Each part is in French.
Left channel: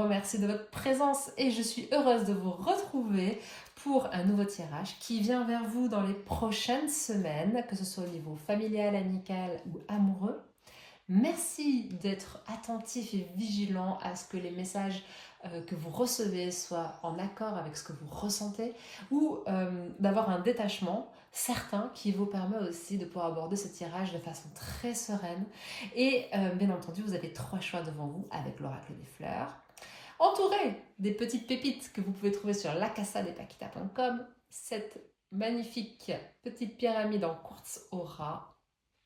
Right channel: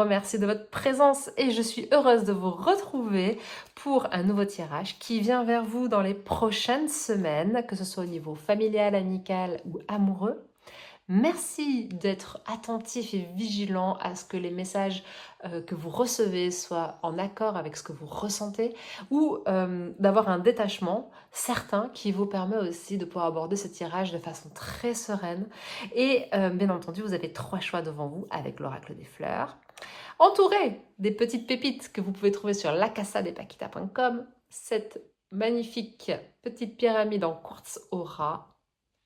remercie de votre présence et je suis heureuse de vous retrouver pour un nouveau tirage qui vient vers vous dans les prochaines semaines, que ce soit au niveau familial, amical ou amoureux. Merci d'être attentif et vigilant à ce que les messages que vous recevez soient en accord avec ce que vous ressentez ou d'avoir un détachement certain qui vous permet aussi de pouvoir aborder ce tirage de façon très sereine. Et bien entendu, vous avez 3 choix devant vous avec l'oracle des fleurs, entouré des petites pépites que vous pouvez trouver sur lacasadepaquita.com, cette magnifique petite pyramide en quartz aura,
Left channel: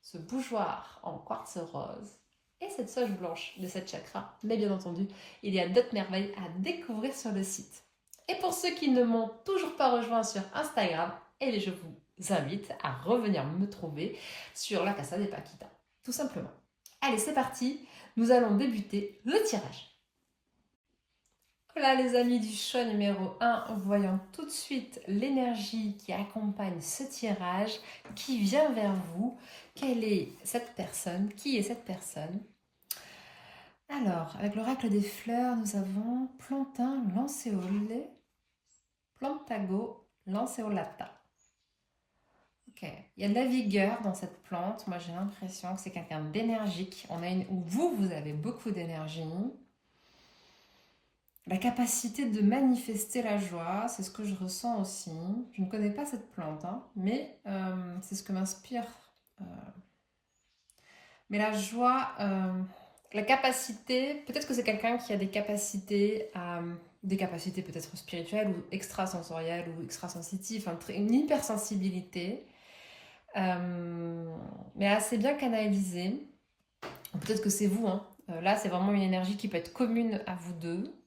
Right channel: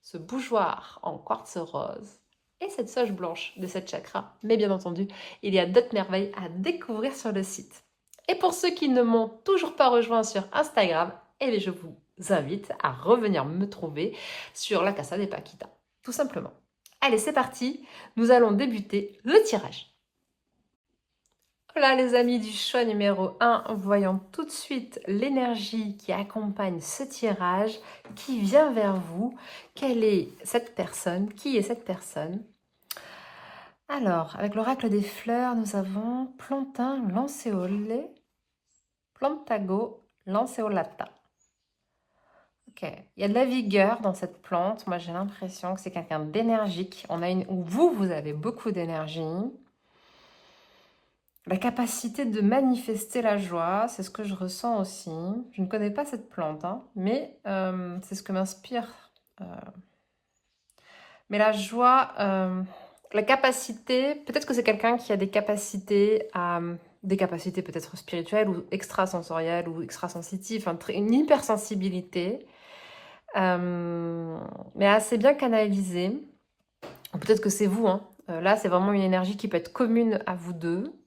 ce bougeoir en quartz rose et cette soge blanche de cette chakra. Mais bien entendu, il y a d'autres merveilles à découvrir sur le site. Et pour ceux qui ne m'ont toujours pas rejoint sur Instagram, je vous invite à revenir me trouver sur la Casa de Paquita, tout simplement. Allez, c'est parti, nous allons débuter le tirage. Voilà les amis du choix numéro 1, voyons tout de suite l'énergie qui accompagne ce tirage, qui vient vers vous. Quelle est cette personne? Qui est cette personne? Alors, avec l'oracle des fleurs, nous avons Plantin Lanceolé, Plantago Lanceolata. Ok, il y a de la vigueur dans cette plante. Moi, j'ai l'impression que c'est quelqu'un d'énergique. Vous avez beaucoup d'énergie. La capacité de manifester la joie, c'est ce que je ressens aussi. Je ne connais pas cette plante, hein, mais c'est ce que m'inspire. Mais la joie, la capacité, peut-être que c'est quelqu'un qui a des capacités peut-être spirituelles ou extrasensorielles ou extrasensitives, une hypersensibilité, mais assez bien canalisée. Peut-être que c'est vous, hein. Là, c'est vraiment une énergie qui peut être commune à vous deux.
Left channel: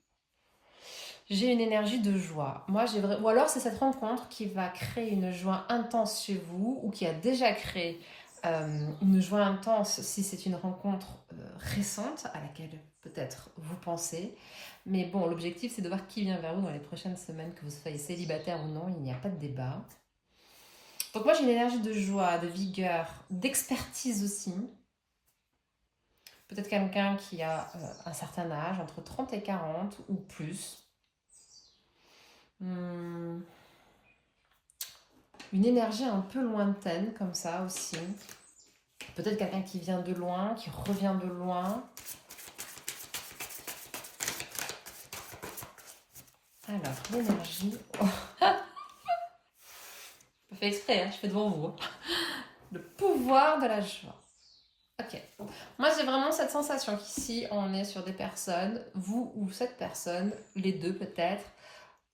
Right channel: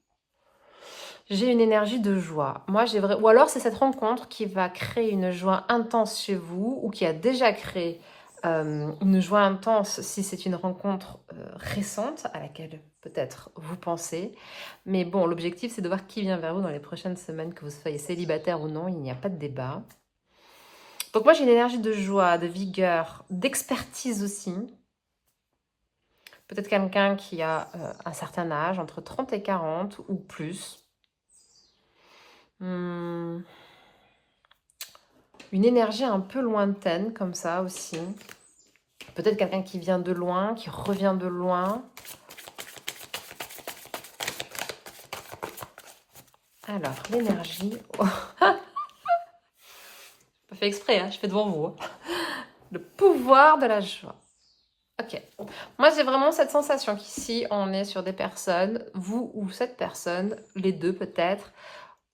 J'ai une énergie de joie. Ou alors c'est cette rencontre qui va créer une joie intense chez vous ou qui a déjà créé une joie intense si c'est une rencontre récente à laquelle peut-être vous pensez. Mais bon, l'objectif c'est de voir qui vient vers vous dans les prochaines semaines, que vous soyez célibataire ou non, il n'y a pas de débat. Donc moi j'ai une énergie de joie, de vigueur, d'expertise aussi. Peut-être quelqu'un qui a un certain âge, entre 30 et 40 ou plus. Une énergie un peu lointaine comme ça aussi. Peut-être quelqu'un qui vient de loin, qui revient de loin. Alors, l'énergie... Oh. Pas fait exprès, hein, je fais devant vous. Le pouvoir de la joie. Ok. Moi, j'ai vraiment cette sensation qu'ici, on est sur des personnes, vous ou cette personne, les deux peut-être,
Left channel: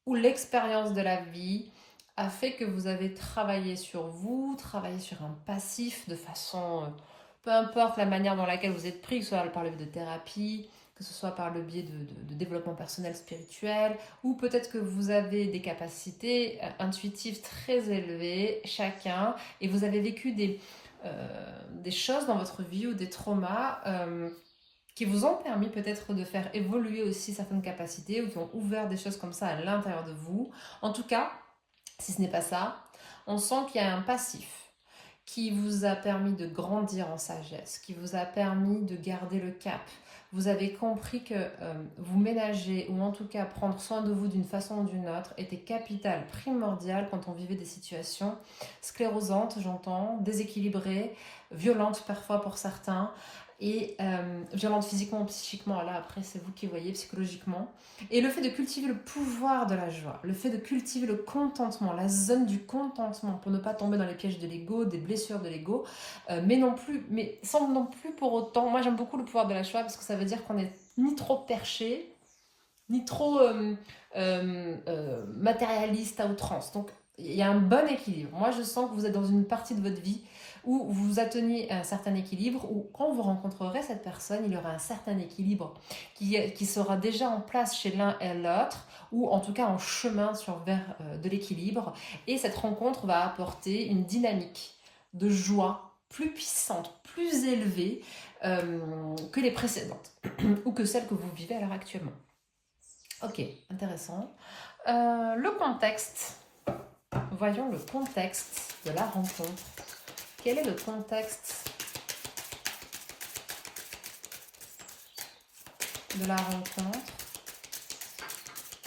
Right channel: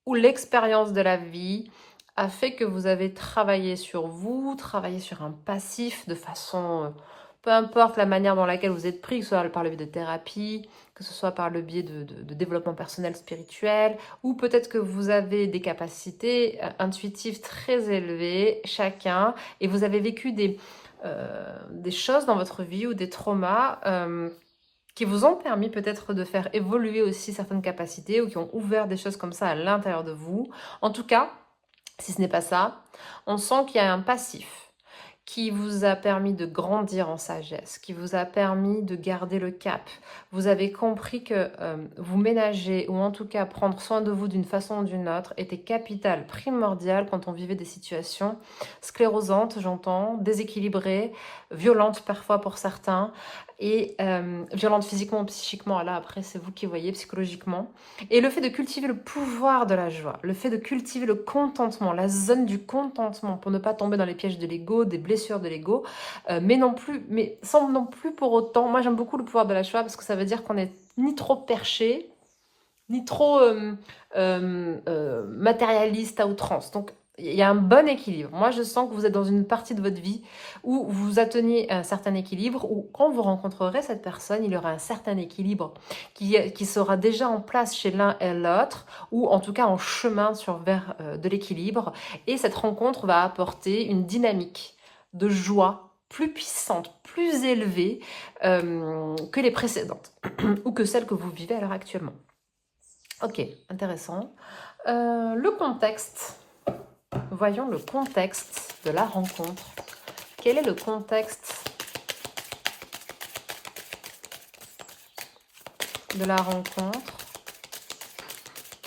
où l'expérience de la vie a fait que vous avez travaillé sur vous, travaillé sur un passif de façon, peu importe la manière dans laquelle vous êtes pris, que ce soit par le biais de thérapie, que ce soit par le biais de développement personnel spirituel, ou peut-être que vous avez des capacités intuitives très élevées, chacun, et vous avez vécu des choses dans votre vie ou des traumas qui vous ont permis peut-être de faire évoluer aussi certaines capacités ou qui ont ouvert des choses comme ça à l'intérieur de vous. En tout cas, si ce n'est pas ça, on sent qu'il y a un passif qui vous a permis de grandir en sagesse, qui vous a permis de garder le cap. Vous avez compris que vous ménager ou en tout cas prendre soin de vous d'une façon ou d'une autre était capital, primordial quand on vivait des situations sclérosantes, j'entends, déséquilibrées, violentes parfois pour certains, et violentes physiquement ou psychiquement, là après c'est vous qui voyez, psychologiquement. Et le fait de cultiver le pouvoir de la joie, le fait de cultiver le contentement, la zone du contentement pour ne pas tomber dans les pièges de l'ego, des blessures de l'ego, mais sans non plus pour autant, moi j'aime beaucoup le pouvoir de la joie parce que ça veut dire qu'on n'est ni trop perché, ni trop matérialiste à outrance. Donc il y a un bon équilibre. Moi je sens que vous êtes dans une partie de votre vie où vous atteignez un certain équilibre, où quand vous rencontrerez cette personne, il y aura un certain équilibre qui sera déjà en place chez l'un et l'autre, ou en tout cas en chemin vers de l'équilibre. Et cette rencontre va apporter une dynamique de joie plus puissante, plus élevée que les précédentes, ou que celles que vous vivez à l'heure actuellement. Ok, intéressant. Le contexte. Voyons le contexte de la rencontre. Quel est le contexte de la rencontre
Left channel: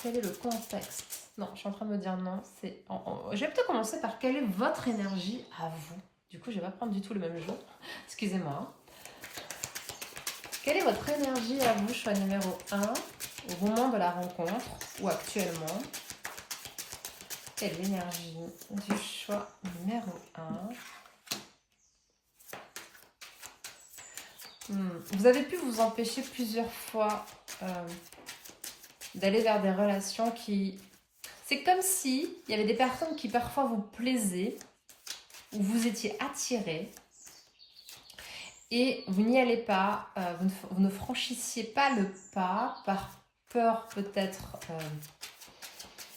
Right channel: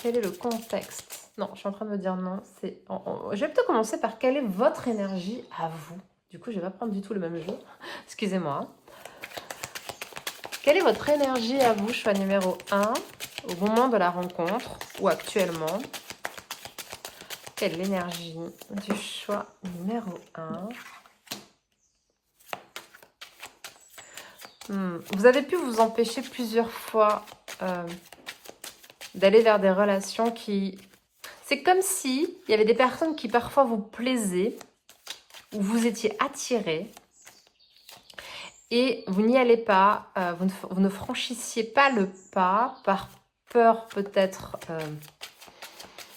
quel est le contexte? Non, je suis en train de me dire non. Je vais peut-être commencer par quelle est votre énergie à vous. Du coup, je ne vais pas prendre du tout le même jeu. Excusez-moi. Quelle est votre énergie à vous, choix numéro 1, au moment de la rencontre ou actuellement? Quelle est l'énergie du choix numéro 1? Vous avez pu vous empêcher plusieurs fois d'aller vers des relations qui... C'est comme si il y avait des personnes qui parfois vous plaisaient, ou vous étiez attiré, et vous n'y allez pas, vous ne franchissiez pas le pas par peur peut-être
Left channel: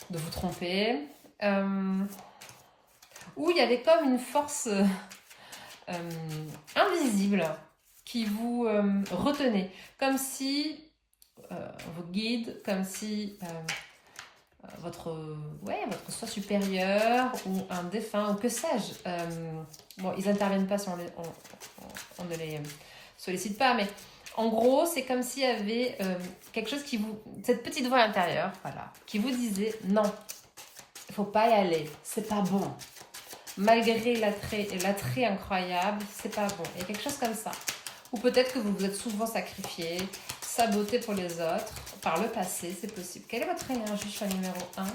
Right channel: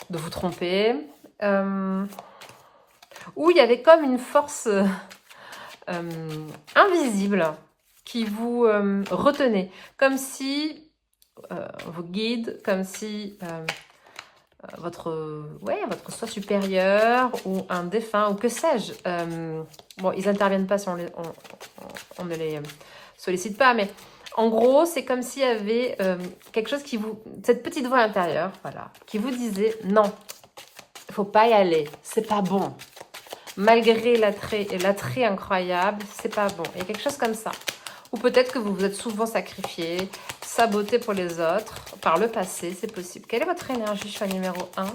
de vous tromper, ou il y avait comme une force invisible qui vous retenait, comme si vos guides, comme si votre soi supérieur ou un défunt, ou que sais-je, bon, ils n'interviennent pas si on ne les sollicite pas, mais en gros, c'est comme s'il y avait quelque chose qui vous... Cette petite voix intérieure, voilà, qui vous disait « Non, il ne faut pas y aller, c'est pas bon. Malgré l'attrait incroyable, c'est pas bon. » Il y a quelque chose comme ça. Ou peut-être que vous vous êtes souvent sacrifié, saboté pour les autres, par le passé, c'est possible. Quelle est votre énergie, choix numéro 1?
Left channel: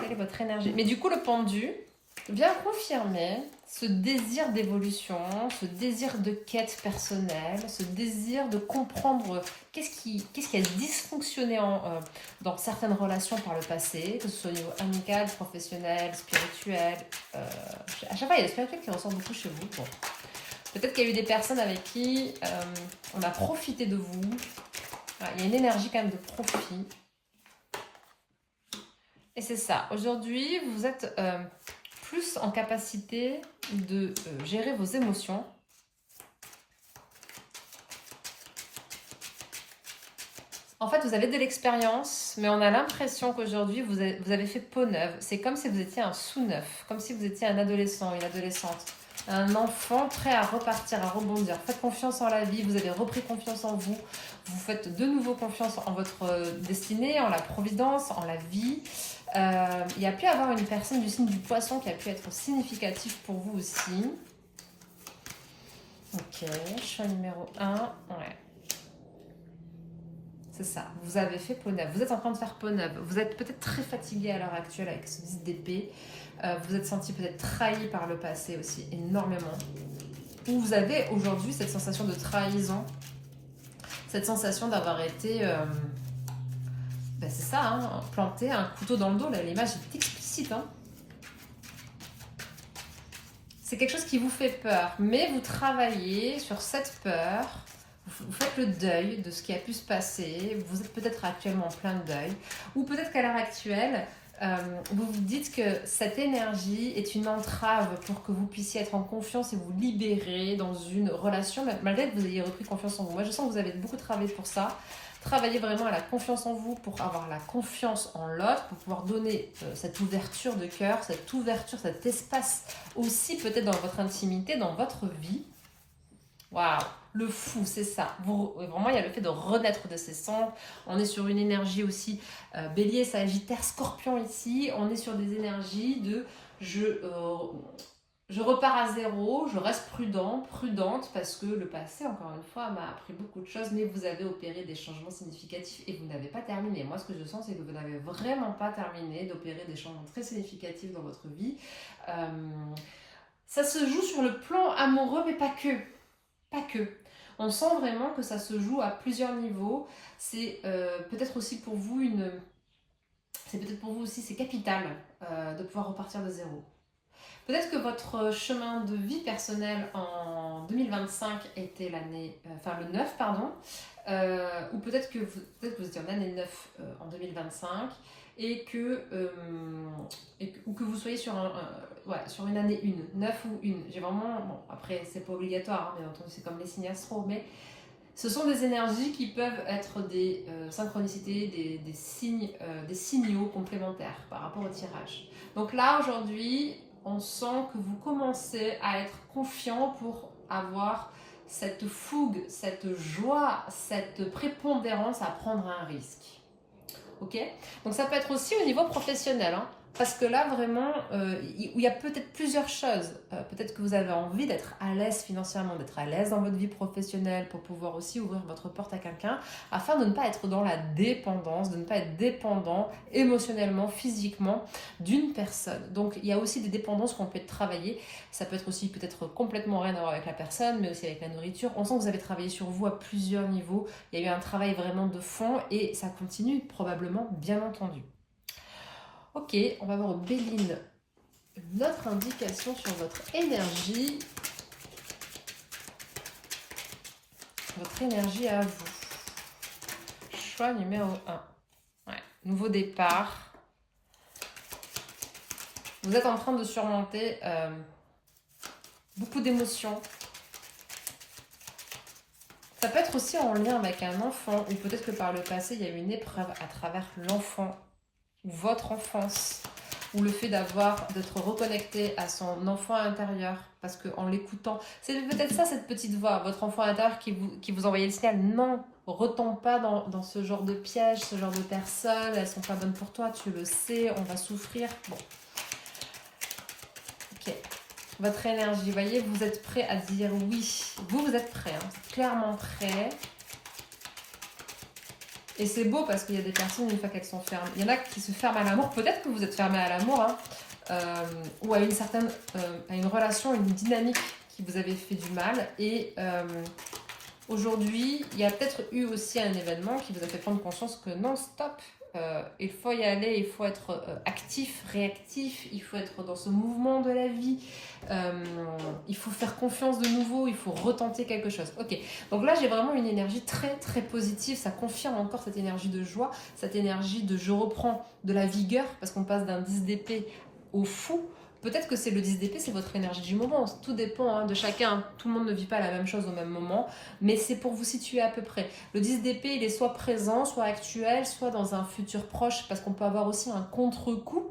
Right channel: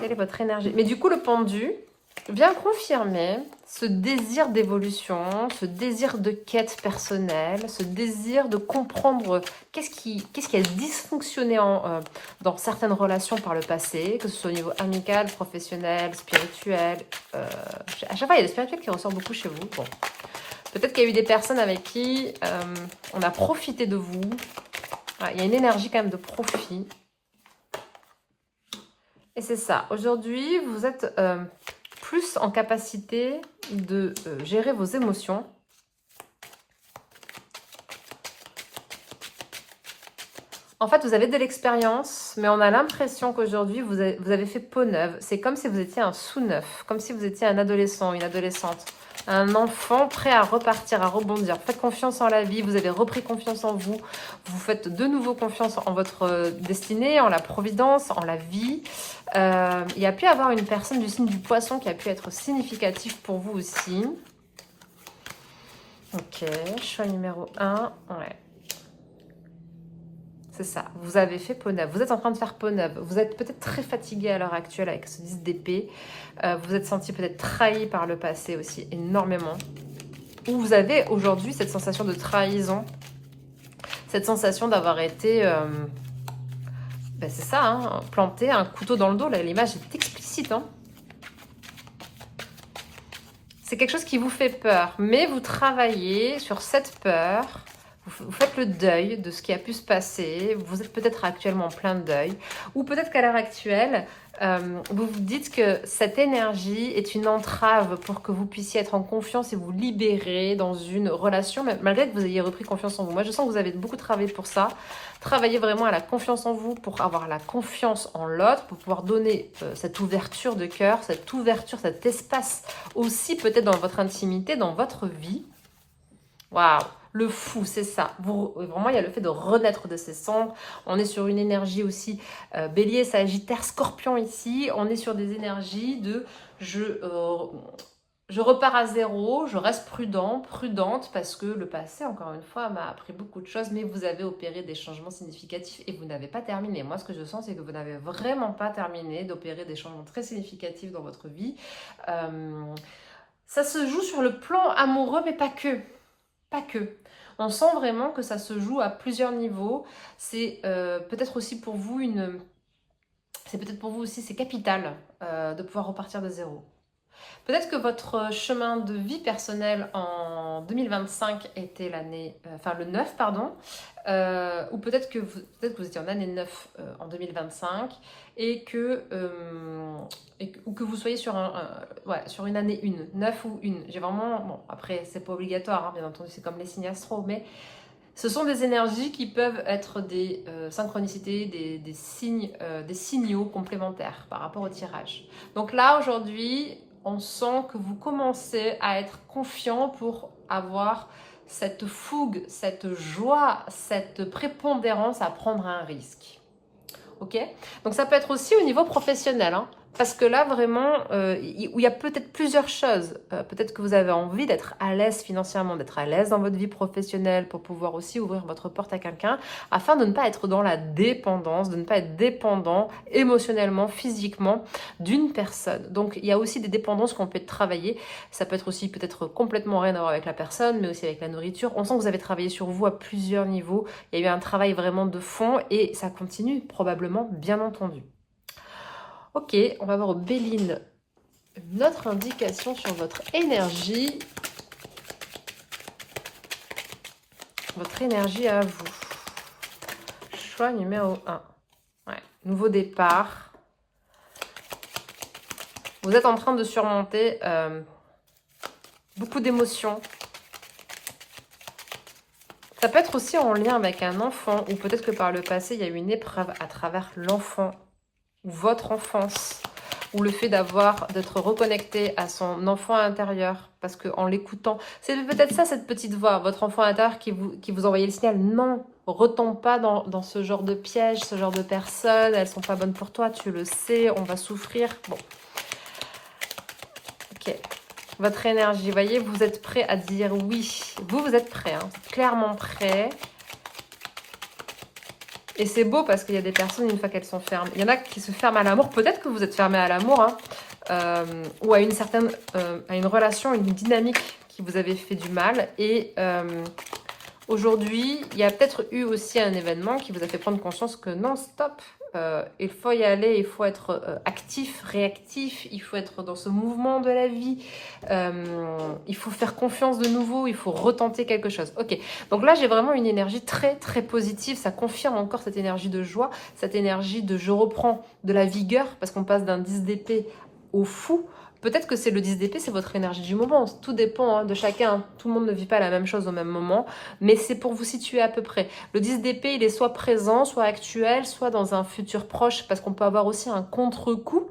Quelle est votre énergie? Mais du coup, le pendu vient confirmer ce désir d'évolution, ce désir de quête personnelle, ce désir de comprendre qu'est-ce qui a dysfonctionné dans certaines relations par le passé, que ce soit au niveau amical, professionnel, spirituel. À chaque fois, il y a le spirituel qui ressort beaucoup chez vous. Bon. Peut-être qu'il y a eu des personnes avec qui on a profité de vous. Voilà, il y a une énergie quand même de profit. Et c'est ça. Aujourd'hui, vous êtes plus en capacité de gérer vos émotions. En fait, vous avez de l'expérience, mais on a l'impression qu'aujourd'hui, vous avez fait peau neuve. C'est comme si vous étiez un sous-neuf, comme si vous étiez un adolescent, une adolescente. Un enfant prêt à repartir, à rebondir. Faites confiance en la vie, vous avez repris confiance en vous. Vous faites de nouveau confiance en votre destinée, en la providence, en la vie. Il y a pu y avoir une personne du signe du poisson qui a pu être significative pour vous aussi. Ok, choix numéro 1. Ouais. C'est ça, vous avez fait peau neuve. Vous êtes en train de faire peau neuve. Vous êtes peut-être très fatigué à l'heure actuelle avec ce 10 d'épée. Vous êtes senti peut-être trahi par le passé aussi, énormément. Ou vous avez aujourd'hui cette sensation de trahison, cette sensation d'avoir été, ben c'est ça, hein, planté un couteau dans le dos. Là, l'image est explicite. Hein. C'est quelque chose qui vous fait peur, mais vous travaillez sur cette peur. Vous faites le deuil de ce qui a pu se passer. Vous êtes peut-être actuellement en plein deuil. Ou peut-être qu'à l'heure actuelle, vous vous dites que cette énergie est une entrave pour que vous puissiez être en confiance et vous libérer dans une relation, malgré que vous ayez repris confiance en vous. Moi, je sens que vous avez beaucoup travaillé pour ça. Travaillez vraiment à la confiance en vous pour avoir la confiance en l'autre, pour pouvoir donner cette ouverture de cœur, cette ouverture, cet espace aussi peut-être dans votre intimité, dans votre vie. Waouh! Le fou, c'est ça. Vraiment, il y a le fait de renaître de ses cendres. On est sur une énergie aussi bélier, sagittaire, scorpion ici. On est sur des énergies de je repars à zéro, je reste prudente, parce que le passé, encore une fois, m'a appris beaucoup de choses, mais vous avez opéré des changements significatifs et vous n'avez pas terminé. Moi, ce que je sens, c'est que vous n'avez vraiment pas terminé d'opérer des changements très significatifs dans votre vie. Ça se joue sur le plan amoureux, mais pas que. Pas que. On sent vraiment que ça se joue à plusieurs niveaux. C'est peut-être aussi pour vous c'est capital de pouvoir repartir de zéro. Peut-être que votre chemin de vie personnel en 2025 était le 9, pardon, ou peut-être que vous étiez en année 9 en 2025 ou que vous soyez sur une année 1, 9 ou 1. J'ai vraiment, bon, après c'est pas obligatoire, hein, bien entendu, c'est comme les signes astro, mais ce sont des énergies qui peuvent être des synchronicités, des signes, des signaux complémentaires par rapport au tirage. Donc là, aujourd'hui, on sent que vous commencez à être confiant pour avoir cette fougue, cette joie, cette prépondérance à prendre un risque. ok? Donc ça peut être aussi au niveau professionnel, hein, parce que là vraiment, il y a peut-être plusieurs choses. Peut-être que vous avez envie d'être à l'aise financièrement, d'être à l'aise dans votre vie professionnelle pour pouvoir aussi ouvrir votre porte à quelqu'un, afin de ne pas être dans la dépendance, de ne pas être dépendant émotionnellement, physiquement d'une personne. Donc il y a aussi des dépendances qu'on peut travailler. Ça peut être aussi peut-être complètement rien à voir avec la personne, mais aussi avec la nourriture. On sent que vous avez travaillé sur vous à plusieurs niveaux. Il y a eu un travail vraiment de fond et ça continue probablement, bien entendu. Ok, on va voir au Béline une autre indication sur votre énergie. Votre énergie à vous. Choix numéro 1. Ouais. Nouveau départ. Vous êtes en train de surmonter beaucoup d'émotions. Ça peut être aussi en lien avec un enfant, ou peut-être que par le passé, il y a eu une épreuve à travers l'enfant, ou votre enfance, ou le fait d'être reconnecté à son enfant intérieur, parce qu'en l'écoutant, c'est peut-être ça, cette petite voix, votre enfant intérieur qui vous envoyait le signal, non, retombe pas dans ce genre de piège, ce genre de personnes, elles sont pas bonnes pour toi, tu le sais, on va souffrir. Bon. Ok. Votre énergie, vous voyez, vous êtes prêt à dire oui. Vous êtes prêt, hein, clairement prêt. Et c'est beau parce qu'il y a des personnes, une fois qu'elles sont fermes, il y en a qui se ferment à l'amour. Peut-être que vous êtes fermé à l'amour, hein, ou à une relation, une dynamique qui vous avait fait du mal. Et aujourd'hui, il y a peut-être eu aussi un événement qui vous a fait prendre conscience que non, stop, il faut y aller, il faut être actif, réactif, il faut être dans ce mouvement de la vie, il faut faire confiance de nouveau, il faut retenter quelque chose. Ok, donc là j'ai vraiment une énergie très très positive, ça confirme encore cette énergie de joie, cette énergie de je reprends de la vigueur, parce qu'on passe d'un 10 d'épée au fou. Peut-être que c'est le 10 d'épée, c'est votre énergie du moment. Tout dépend hein, de chacun. Tout le monde ne vit pas la même chose au même moment. Mais c'est pour vous situer à peu près. Le 10 d'épée, il est soit présent, soit actuel, soit dans un futur proche. Parce qu'on peut avoir aussi un contre-coup.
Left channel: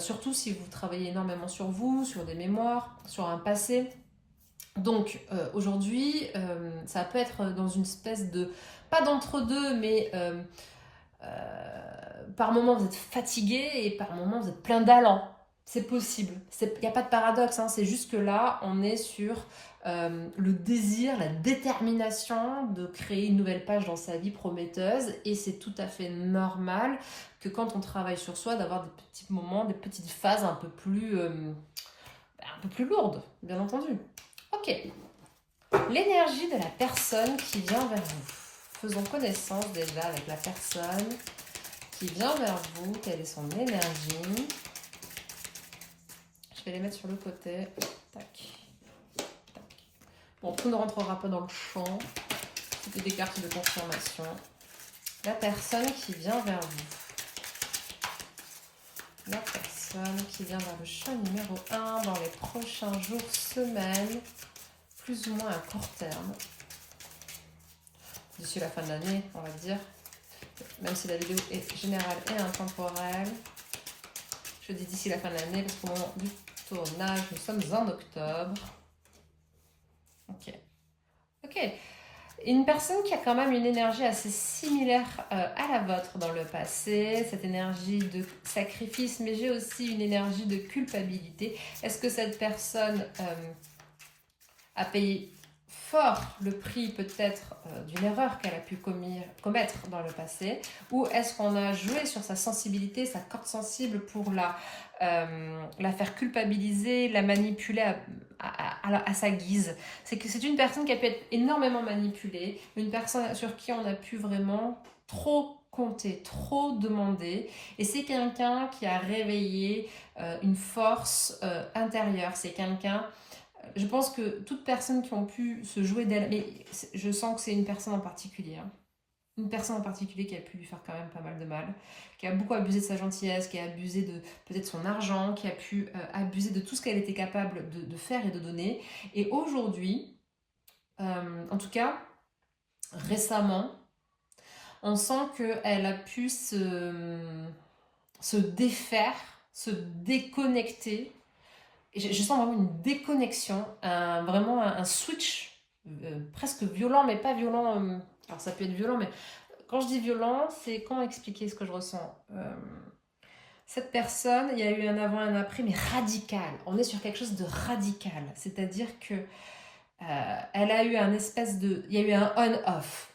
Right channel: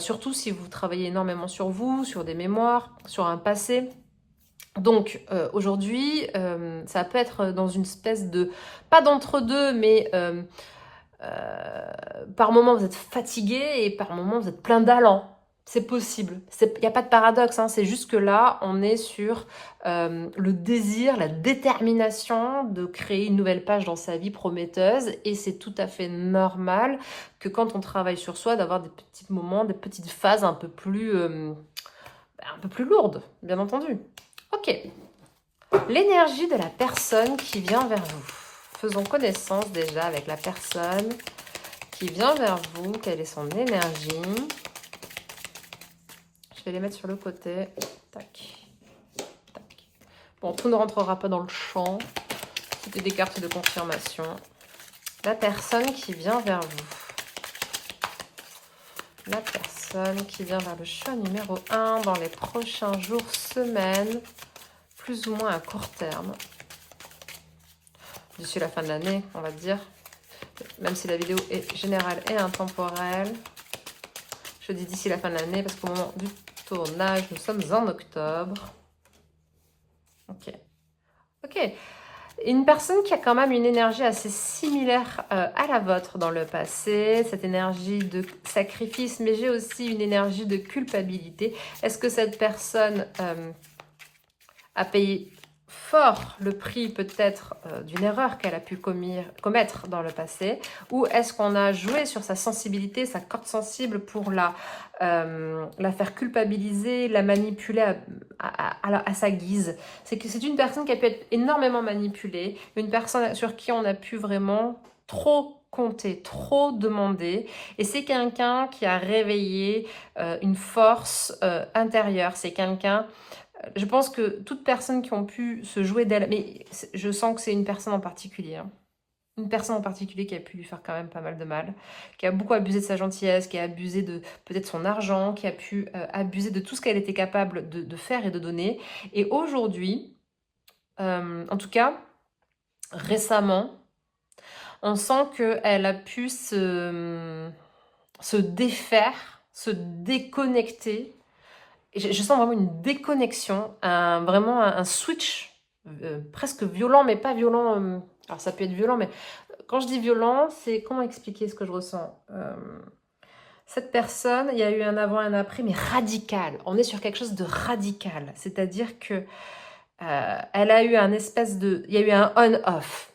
Surtout si vous travaillez énormément sur vous, sur des mémoires, sur un passé. Donc aujourd'hui, ça peut être dans une espèce de... Pas d'entre-deux, mais... par moment vous êtes fatigué et par moment vous êtes plein d'allant. C'est possible. Il n'y a pas de paradoxe. Hein. C'est juste que là, on est sur le désir, la détermination de créer une nouvelle page dans sa vie prometteuse. Et c'est tout à fait normal que quand on travaille sur soi, d'avoir des petits moments, des petites phases un peu plus lourdes, bien entendu. Ok. L'énergie de la personne qui vient vers vous. Faisons connaissance déjà avec la personne qui vient vers vous. Quelle est son énergie? Je vais les mettre sur le côté. Tac. Tac. Bon, tout ne rentrera pas dans le champ. C'était des cartes de confirmation. La personne qui vient vers vous. La personne qui vient vers le choix numéro 1 dans les prochains jours, semaines, plus ou moins à court terme. D'ici la fin de l'année, on va dire. Même si la vidéo est générale et intemporelle. Je dis d'ici la fin de l'année parce qu'au moment du tournage, nous sommes en octobre. Ok. Ok. Une personne qui a quand même une énergie assez similaire à la vôtre dans le passé. Cette énergie de sacrifice, mais j'ai aussi une énergie de culpabilité. Est-ce que cette personne a payé fort le prix peut-être d'une erreur qu'elle a pu commettre dans le passé, ou est-ce qu'on a joué sur sa sensibilité, sa corde sensible pour la faire culpabiliser, la manipuler à sa guise. C'est une personne qui a pu être énormément manipulée, une personne sur qui on a pu vraiment trop compter, trop demander, et c'est quelqu'un qui a réveillé une force intérieure, c'est quelqu'un... Je pense que toute personne qui ont pu se jouer d'elle, mais je sens que c'est une personne en particulier, hein. Une personne en particulier qui a pu lui faire quand même pas mal de mal, qui a beaucoup abusé de sa gentillesse, qui a abusé de peut-être son argent, qui a pu abuser de tout ce qu'elle était capable de faire et de donner. Et aujourd'hui, en tout cas, récemment, on sent qu'elle a pu se défaire, se déconnecter. Je sens vraiment une déconnexion, vraiment un switch presque violent, mais pas violent. Alors ça peut être violent, mais quand je dis violent, c'est comment expliquer ce que je ressens. Cette personne, il y a eu un avant et un après, mais radical. On est sur quelque chose de radical. C'est-à-dire que elle a eu un espèce de... Il y a eu un on-off.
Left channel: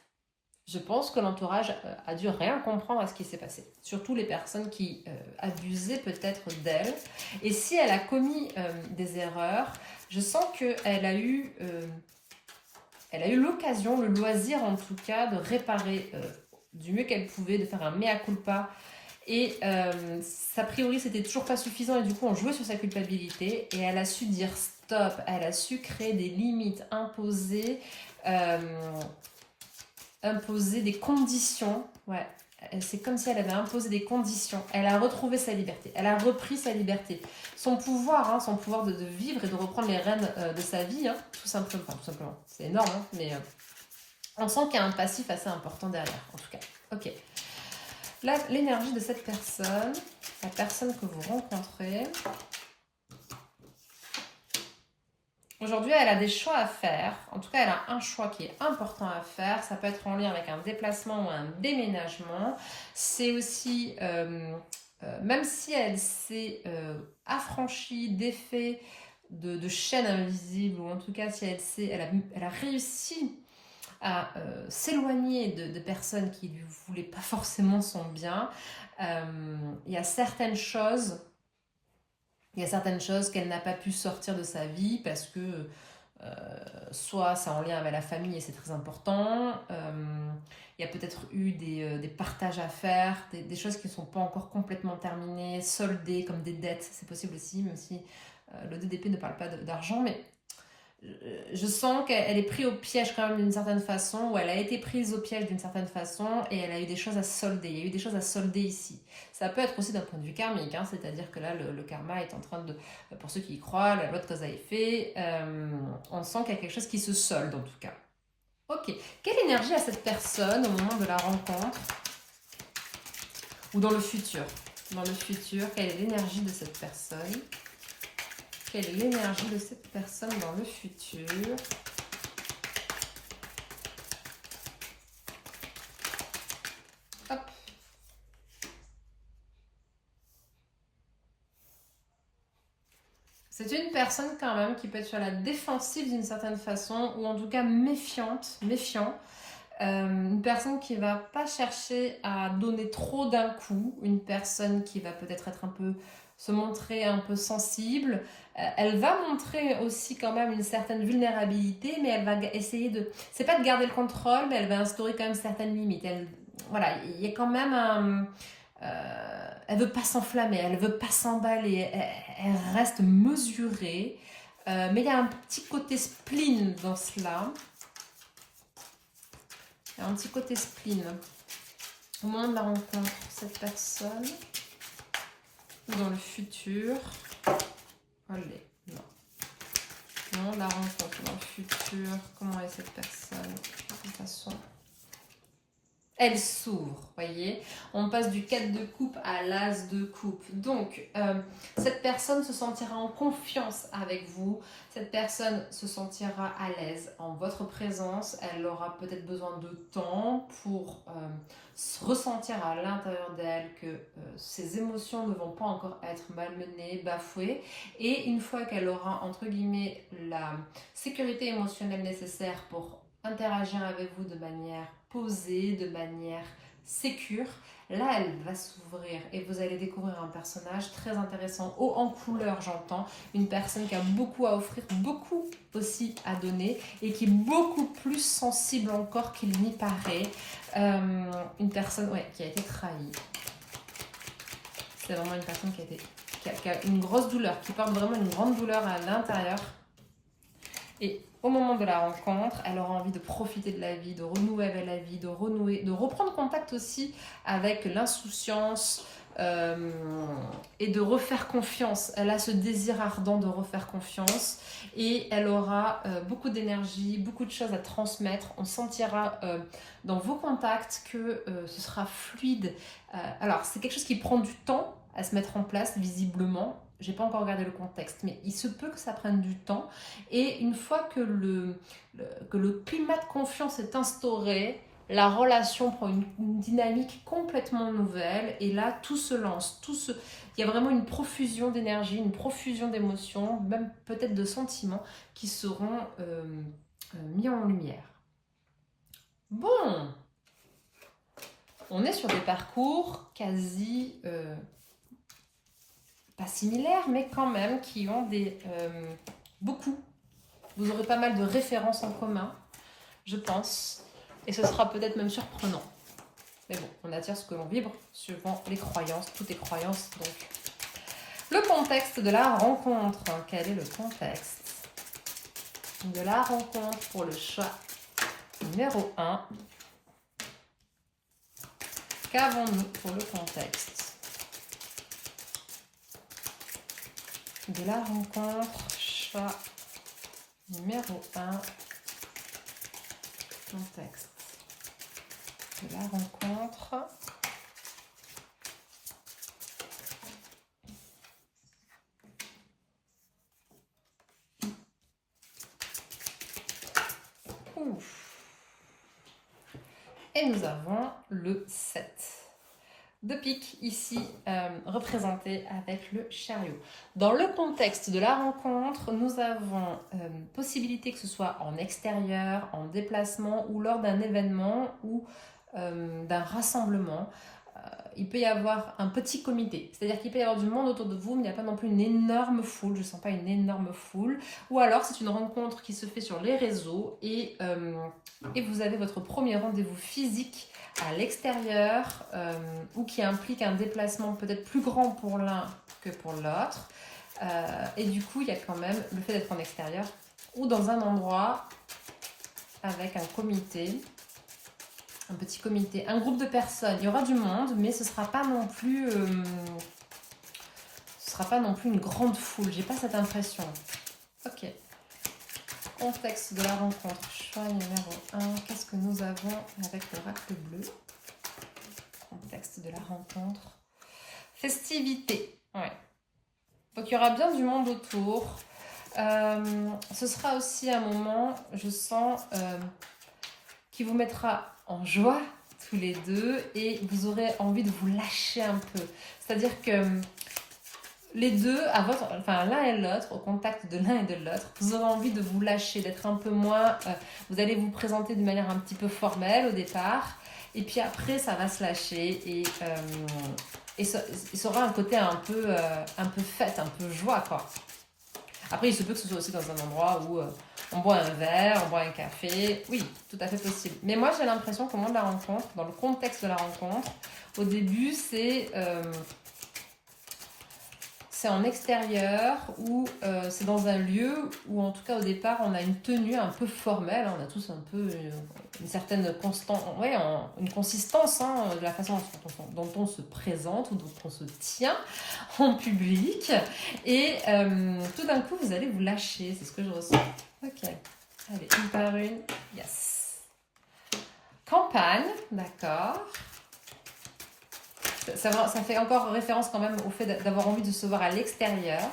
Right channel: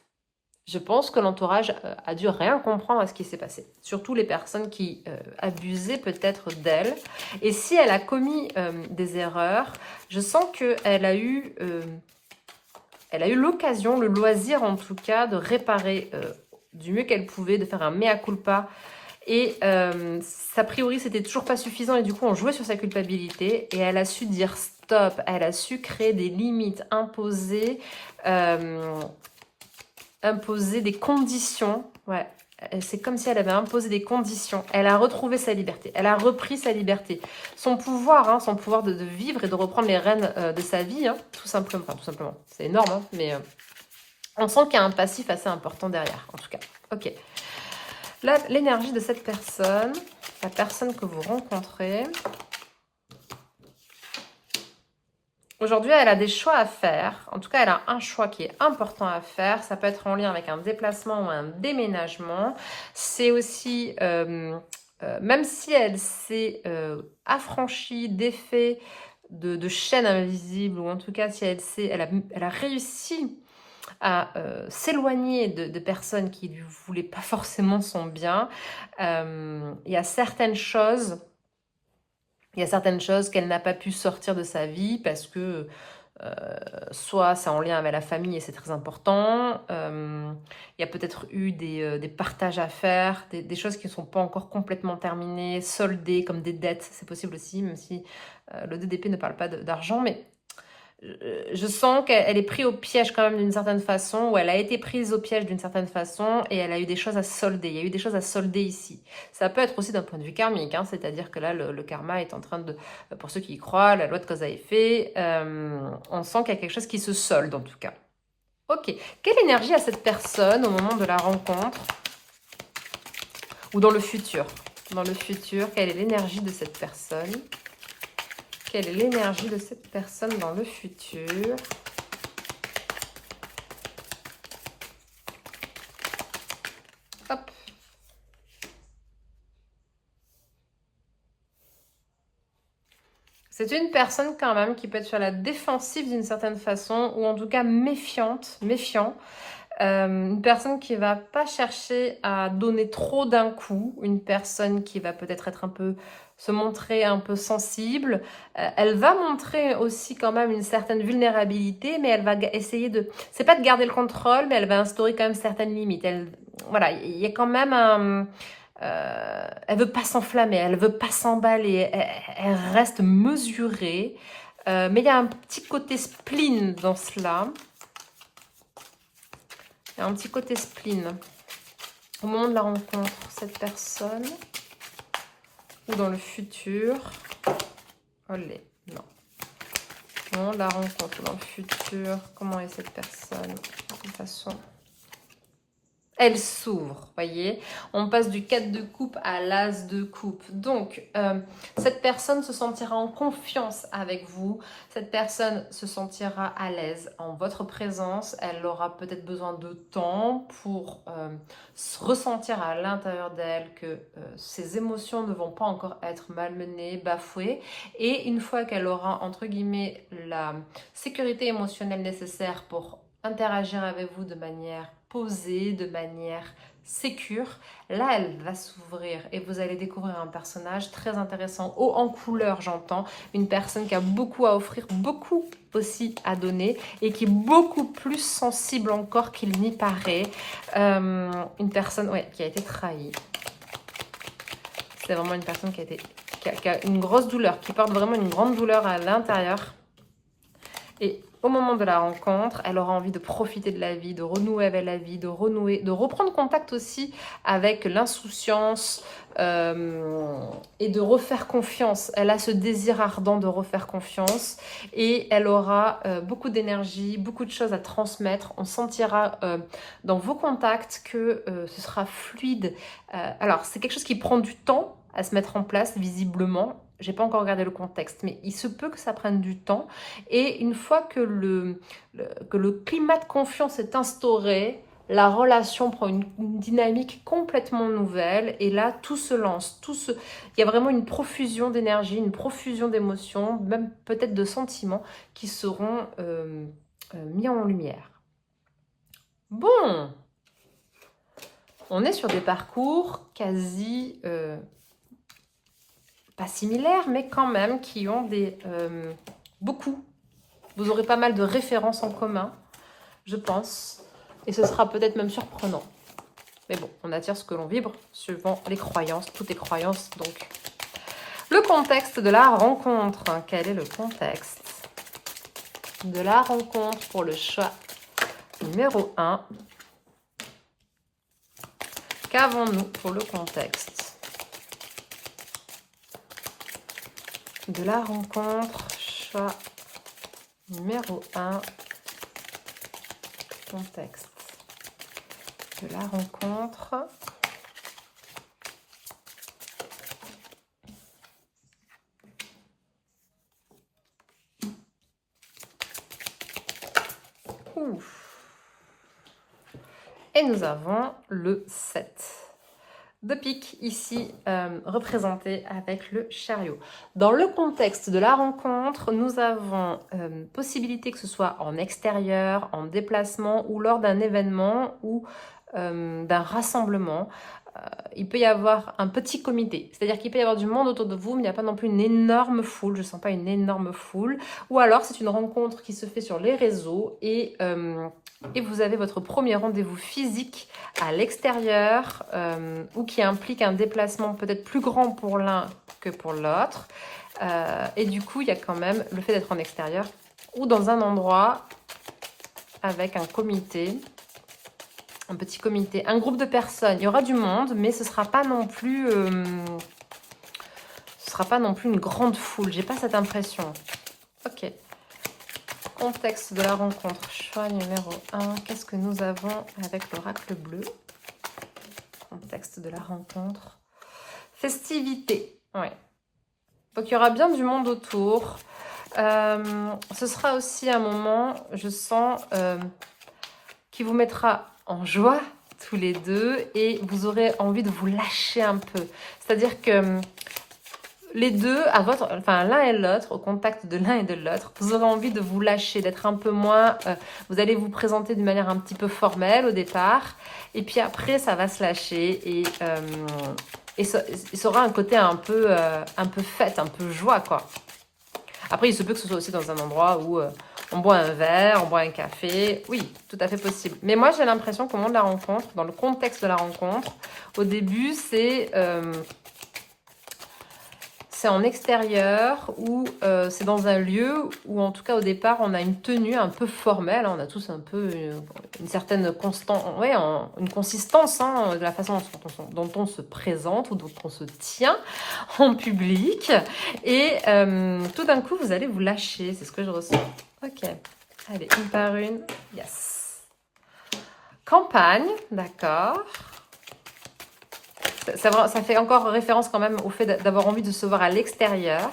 Je pense que l'entourage a dû rien comprendre à ce qui s'est passé. Surtout les personnes qui abusaient peut-être d'elle. Et si elle a commis des erreurs, je sens qu'elle a eu... elle a eu l'occasion, le loisir en tout cas, de réparer du mieux qu'elle pouvait, de faire un mea culpa. Et a priori, c'était toujours pas suffisant et du coup, on jouait sur sa culpabilité et elle a su dire stop, elle a su créer des limites, imposer des conditions. Ouais, c'est comme si elle avait imposé des conditions. Elle a retrouvé sa liberté, elle a repris sa liberté. Son pouvoir de vivre et de reprendre les rênes de sa vie, hein, tout simplement. Enfin, tout simplement, c'est énorme, hein, mais on sent qu'il y a un passif assez important derrière, en tout cas. Ok. Là, l'énergie de cette personne, la personne que vous rencontrez. Aujourd'hui, elle a des choix à faire. En tout cas, elle a un choix qui est important à faire. Ça peut être en lien avec un déplacement ou un déménagement. C'est aussi, même si elle s'est affranchie, défait de chaînes invisibles, ou en tout cas, si elle a réussi à s'éloigner de personnes qui ne lui voulaient pas forcément son bien. Il y a certaines choses qu'elle n'a pas pu sortir de sa vie parce que soit c'est en lien avec la famille et c'est très important. Il y a peut-être eu des partages à faire, des choses qui ne sont pas encore complètement terminées, soldées comme des dettes, c'est possible aussi, même si le 2 d'épée ne parle pas d'argent, mais je sens qu'elle est prise au piège quand même d'une certaine façon, ou elle a été prise au piège d'une certaine façon, et elle a eu des choses à solder. Il y a eu des choses à solder ici. Ça peut être aussi d'un point de vue karmique, hein, c'est-à-dire que là, le karma est en train de, pour ceux qui y croient, la loi de cause à effet, on sent qu'il y a quelque chose qui se solde en tout cas. Ok, quelle énergie a cette personne au moment de la rencontre, ou dans le futur? Dans le futur, quelle est l'énergie de cette personne? Quelle est l'énergie de cette personne dans le futur? Hop. C'est une personne quand même qui peut être sur la défensive d'une certaine façon, ou en tout cas méfiant. Une personne qui va pas chercher à donner trop d'un coup, une personne qui va peut-être être un peu se montrer un peu sensible. Elle va montrer aussi quand même une certaine vulnérabilité, mais elle va essayer de... C'est pas de garder le contrôle, mais elle va instaurer quand même certaines limites. Voilà, il y a quand même un... elle veut pas s'enflammer, elle veut pas s'emballer, elle reste mesurée. Mais il y a un petit côté spleen dans cela. Il y a un petit côté spleen. Au moment de la rencontre, cette personne... ou dans le futur. Olé, non. Non, la rencontre dans le futur. Comment est cette personne? De toute façon, elle s'ouvre, voyez. On passe du 4 de coupe à l'as de coupe. Donc, cette personne se sentira en confiance avec vous. Cette personne se sentira à l'aise en votre présence. Elle aura peut-être besoin de temps pour se ressentir à l'intérieur d'elle que ses émotions ne vont pas encore être malmenées, bafouées. Et une fois qu'elle aura, entre guillemets, la sécurité émotionnelle nécessaire pour interagir avec vous de manière posée, de manière sécure, là elle va s'ouvrir et vous allez découvrir un personnage très intéressant, haut en couleur j'entends, une personne qui a beaucoup à offrir, beaucoup aussi à donner et qui est beaucoup plus sensible encore qu'il n'y paraît, une personne qui a été trahie. C'est vraiment une personne qui a une grosse douleur, qui porte vraiment une grande douleur à l'intérieur. Et au moment de la rencontre, elle aura envie de profiter de la vie, de renouer avec la vie, de reprendre contact aussi avec l'insouciance et de refaire confiance. Elle a ce désir ardent de refaire confiance et elle aura beaucoup d'énergie, beaucoup de choses à transmettre. On sentira dans vos contacts que ce sera fluide. Alors, c'est quelque chose qui prend du temps à se mettre en place, visiblement. J'ai pas encore regardé le contexte, mais il se peut que ça prenne du temps. Et une fois que le climat de confiance est instauré, la relation prend une dynamique complètement nouvelle et là tout se lance, il y a vraiment une profusion d'énergie, une profusion d'émotions, même peut-être de sentiments qui seront mis en lumière. Bon, on est sur des parcours quasi pas similaires, mais quand même qui ont beaucoup. Vous aurez pas mal de références en commun, je pense. Et ce sera peut-être même surprenant. Mais bon, on attire ce que l'on vibre, suivant les croyances. Tout est croyance, donc. Le contexte de la rencontre. Quel est le contexte de la rencontre pour le choix numéro 1? Qu'avons-nous pour le contexte de la rencontre? Choix numéro 1. Contexte de la rencontre. Ouf. Et nous avons le 7 de pique ici représenté avec le chariot. Dans le contexte de la rencontre, nous avons possibilité que ce soit en extérieur, en déplacement ou lors d'un événement ou d'un rassemblement. Il peut y avoir un petit comité, c'est-à-dire qu'il peut y avoir du monde autour de vous, mais il n'y a pas non plus une énorme foule, je ne sens pas une énorme foule, ou alors c'est une rencontre qui se fait sur les réseaux et vous avez votre premier rendez-vous physique à l'extérieur ou qui implique un déplacement peut-être plus grand pour l'un que pour l'autre. Et du coup, il y a quand même le fait d'être en extérieur ou dans un endroit avec un comité, un petit comité, un groupe de personnes. Il y aura du monde, mais ce ne sera pas non plus, une grande foule. J'ai pas cette impression. Ok. Contexte de la rencontre, choix numéro 1. Qu'est-ce que nous avons avec l'oracle bleu? Contexte de la rencontre. Festivité. Ouais. Donc il y aura bien du monde autour. Ce sera aussi un moment, je sens, qui vous mettra en joie tous les deux et vous aurez envie de vous lâcher un peu. C'est-à-dire que les deux, l'un et l'autre, au contact de l'un et de l'autre, vous aurez envie de vous lâcher, d'être un peu moins... vous allez vous présenter d'une manière un petit peu formelle au départ, et puis après, ça va se lâcher, et ça aura un côté un peu fête, un peu joie, quoi. Après, il se peut que ce soit aussi dans un endroit où on boit un verre, on boit un café. Oui, tout à fait possible. Mais moi, j'ai l'impression qu'au moment de la rencontre, dans le contexte de la rencontre, au début, c'est en extérieur ou c'est dans un lieu où en tout cas au départ on a une tenue un peu formelle, on a tous un peu une certaine une consistance de la façon dont on se présente ou dont on se tient en public et tout d'un coup vous allez vous lâcher, c'est ce que je ressens. Ok, allez, une par une, yes. Campagne, d'accord. Ça fait encore référence quand même au fait d'avoir envie de se voir à l'extérieur.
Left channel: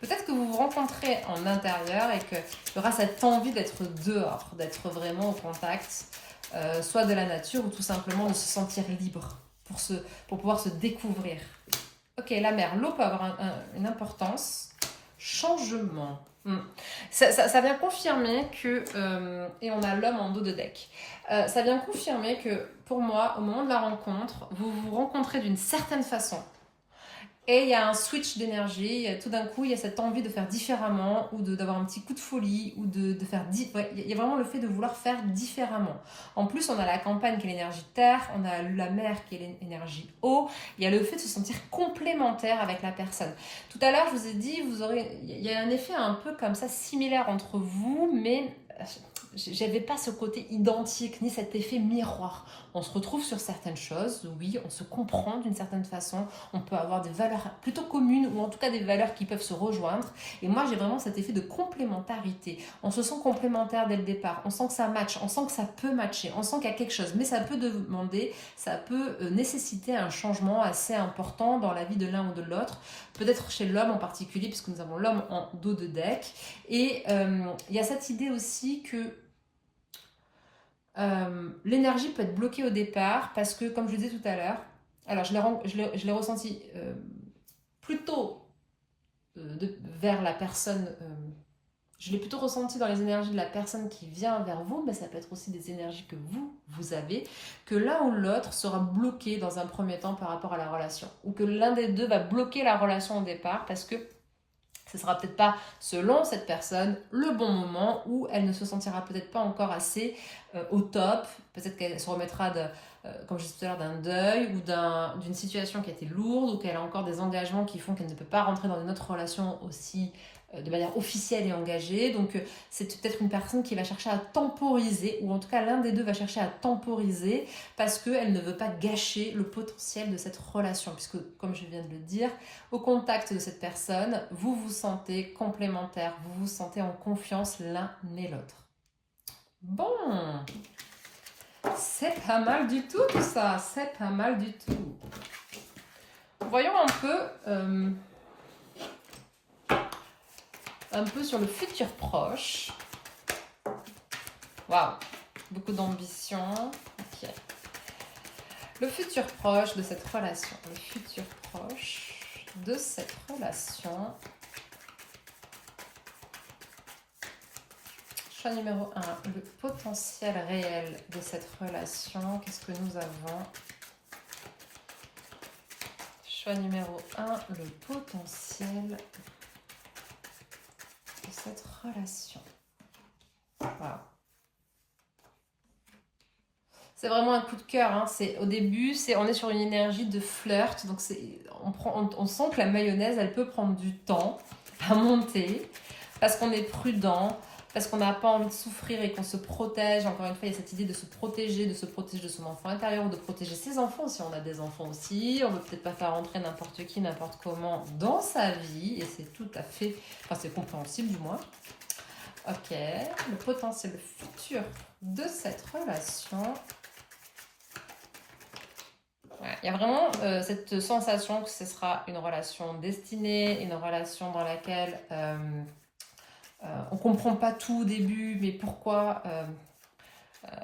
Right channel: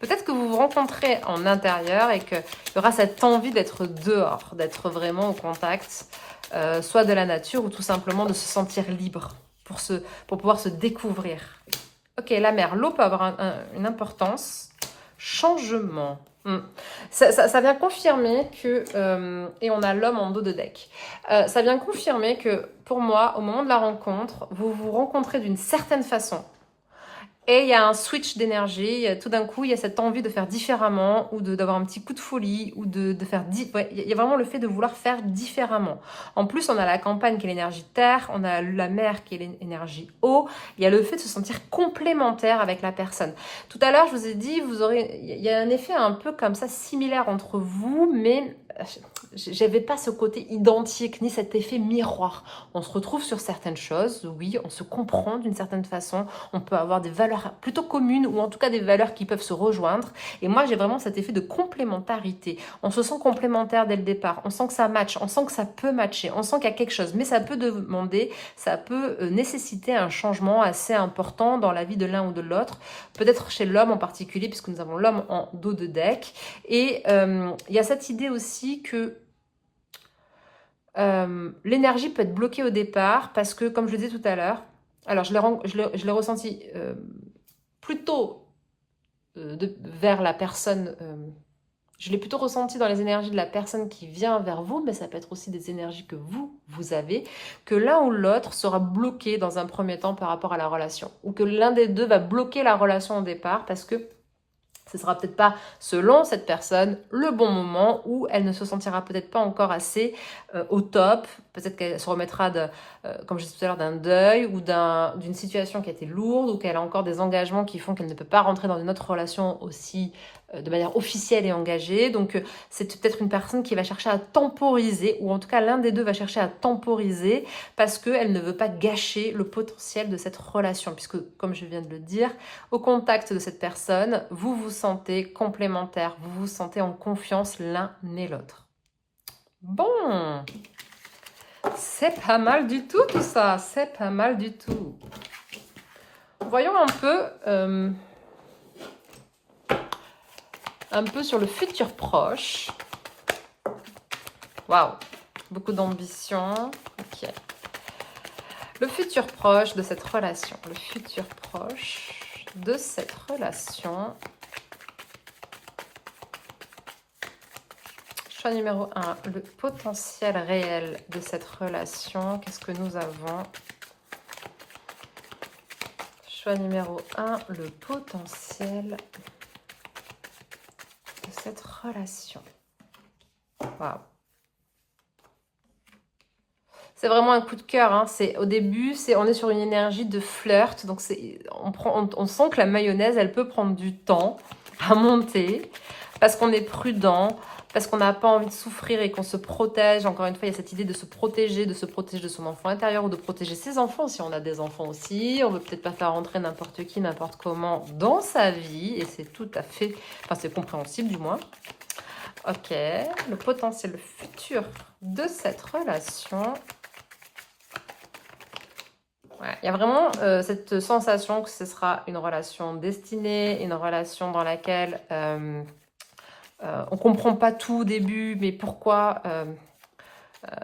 Peut-être que vous vous rencontrez en intérieur et qu'il y aura cette envie d'être dehors, d'être vraiment au contact, soit de la nature ou tout simplement de se sentir libre pour pouvoir se découvrir. Ok, la mer, l'eau peut avoir une importance. Changement. Ça vient confirmer que, et on a l'homme en dos de deck, ça vient confirmer que pour moi, au moment de la rencontre, vous vous rencontrez d'une certaine façon. Et il y a un switch d'énergie, tout d'un coup, il y a cette envie de faire différemment ou d'avoir un petit coup de folie ou de faire... il y a vraiment le fait de vouloir faire différemment. En plus, on a la campagne qui est l'énergie terre, on a la mer qui est l'énergie eau, il y a le fait de se sentir complémentaire avec la personne. Tout à l'heure, je vous ai dit, il y a un effet un peu comme ça similaire entre vous, mais j'avais pas ce côté identique ni cet effet miroir. On se retrouve sur certaines choses, oui, on se comprend d'une certaine façon, on peut avoir des valeurs plutôt communes ou en tout cas des valeurs qui peuvent se rejoindre. Et moi, j'ai vraiment cet effet de complémentarité. On se sent complémentaire dès le départ, on sent que ça match, on sent que ça peut matcher, on sent qu'il y a quelque chose, mais ça peut demander, ça peut nécessiter un changement assez important dans la vie de l'un ou de l'autre, peut-être chez l'homme en particulier, puisque nous avons l'homme en dos de deck. Et il y a cette idée aussi que l'énergie peut être bloquée au départ parce que, comme je le disais tout à l'heure, alors je l'ai ressenti plutôt vers la personne, je l'ai plutôt ressenti dans les énergies de la personne qui vient vers vous, mais ça peut être aussi des énergies que vous avez, que l'un ou l'autre sera bloqué dans un premier temps par rapport à la relation, ou que l'un des deux va bloquer la relation au départ parce que ce ne sera peut-être pas, selon cette personne, le bon moment où elle ne se sentira peut-être pas encore assez au top. Peut-être qu'elle se remettra, comme je disais tout à l'heure, d'un deuil ou d'une situation qui a été lourde ou qu'elle a encore des engagements qui font qu'elle ne peut pas rentrer dans une autre relation aussi de manière officielle et engagée. Donc c'est peut-être une personne qui va chercher à temporiser, ou en tout cas l'un des deux va chercher à temporiser parce qu'elle ne veut pas gâcher le potentiel de cette relation. Puisque, comme je viens de le dire, au contact de cette personne, vous vous sentez complémentaires, vous vous sentez en confiance l'un et l'autre. Bon, c'est pas mal du tout ça, c'est pas mal du tout. Voyons un peu sur le futur proche. Waouh, beaucoup d'ambition. Ok. Le futur proche de cette relation, le futur proche de cette relation. Choix numéro 1, le potentiel réel de cette relation. Qu'est-ce que nous avons? Choix numéro 1, le potentiel de cette relation. Waouh. C'est vraiment un coup de cœur. Hein. Au début, on est sur une énergie de flirt. Donc, on sent que la mayonnaise, elle peut prendre du temps à monter parce qu'on est prudent, parce qu'on n'a pas envie de souffrir et qu'on se protège. Encore une fois, il y a cette idée de se protéger de son enfant intérieur ou de protéger ses enfants si on a des enfants aussi. On ne veut peut-être pas faire rentrer n'importe qui, n'importe comment dans sa vie. Et c'est tout à fait... Enfin, c'est compréhensible du moins. Ok, le potentiel, le futur de cette relation... Ouais, il y a vraiment cette sensation que ce sera une relation destinée, une relation dans laquelle on ne comprend pas tout au début, mais pourquoi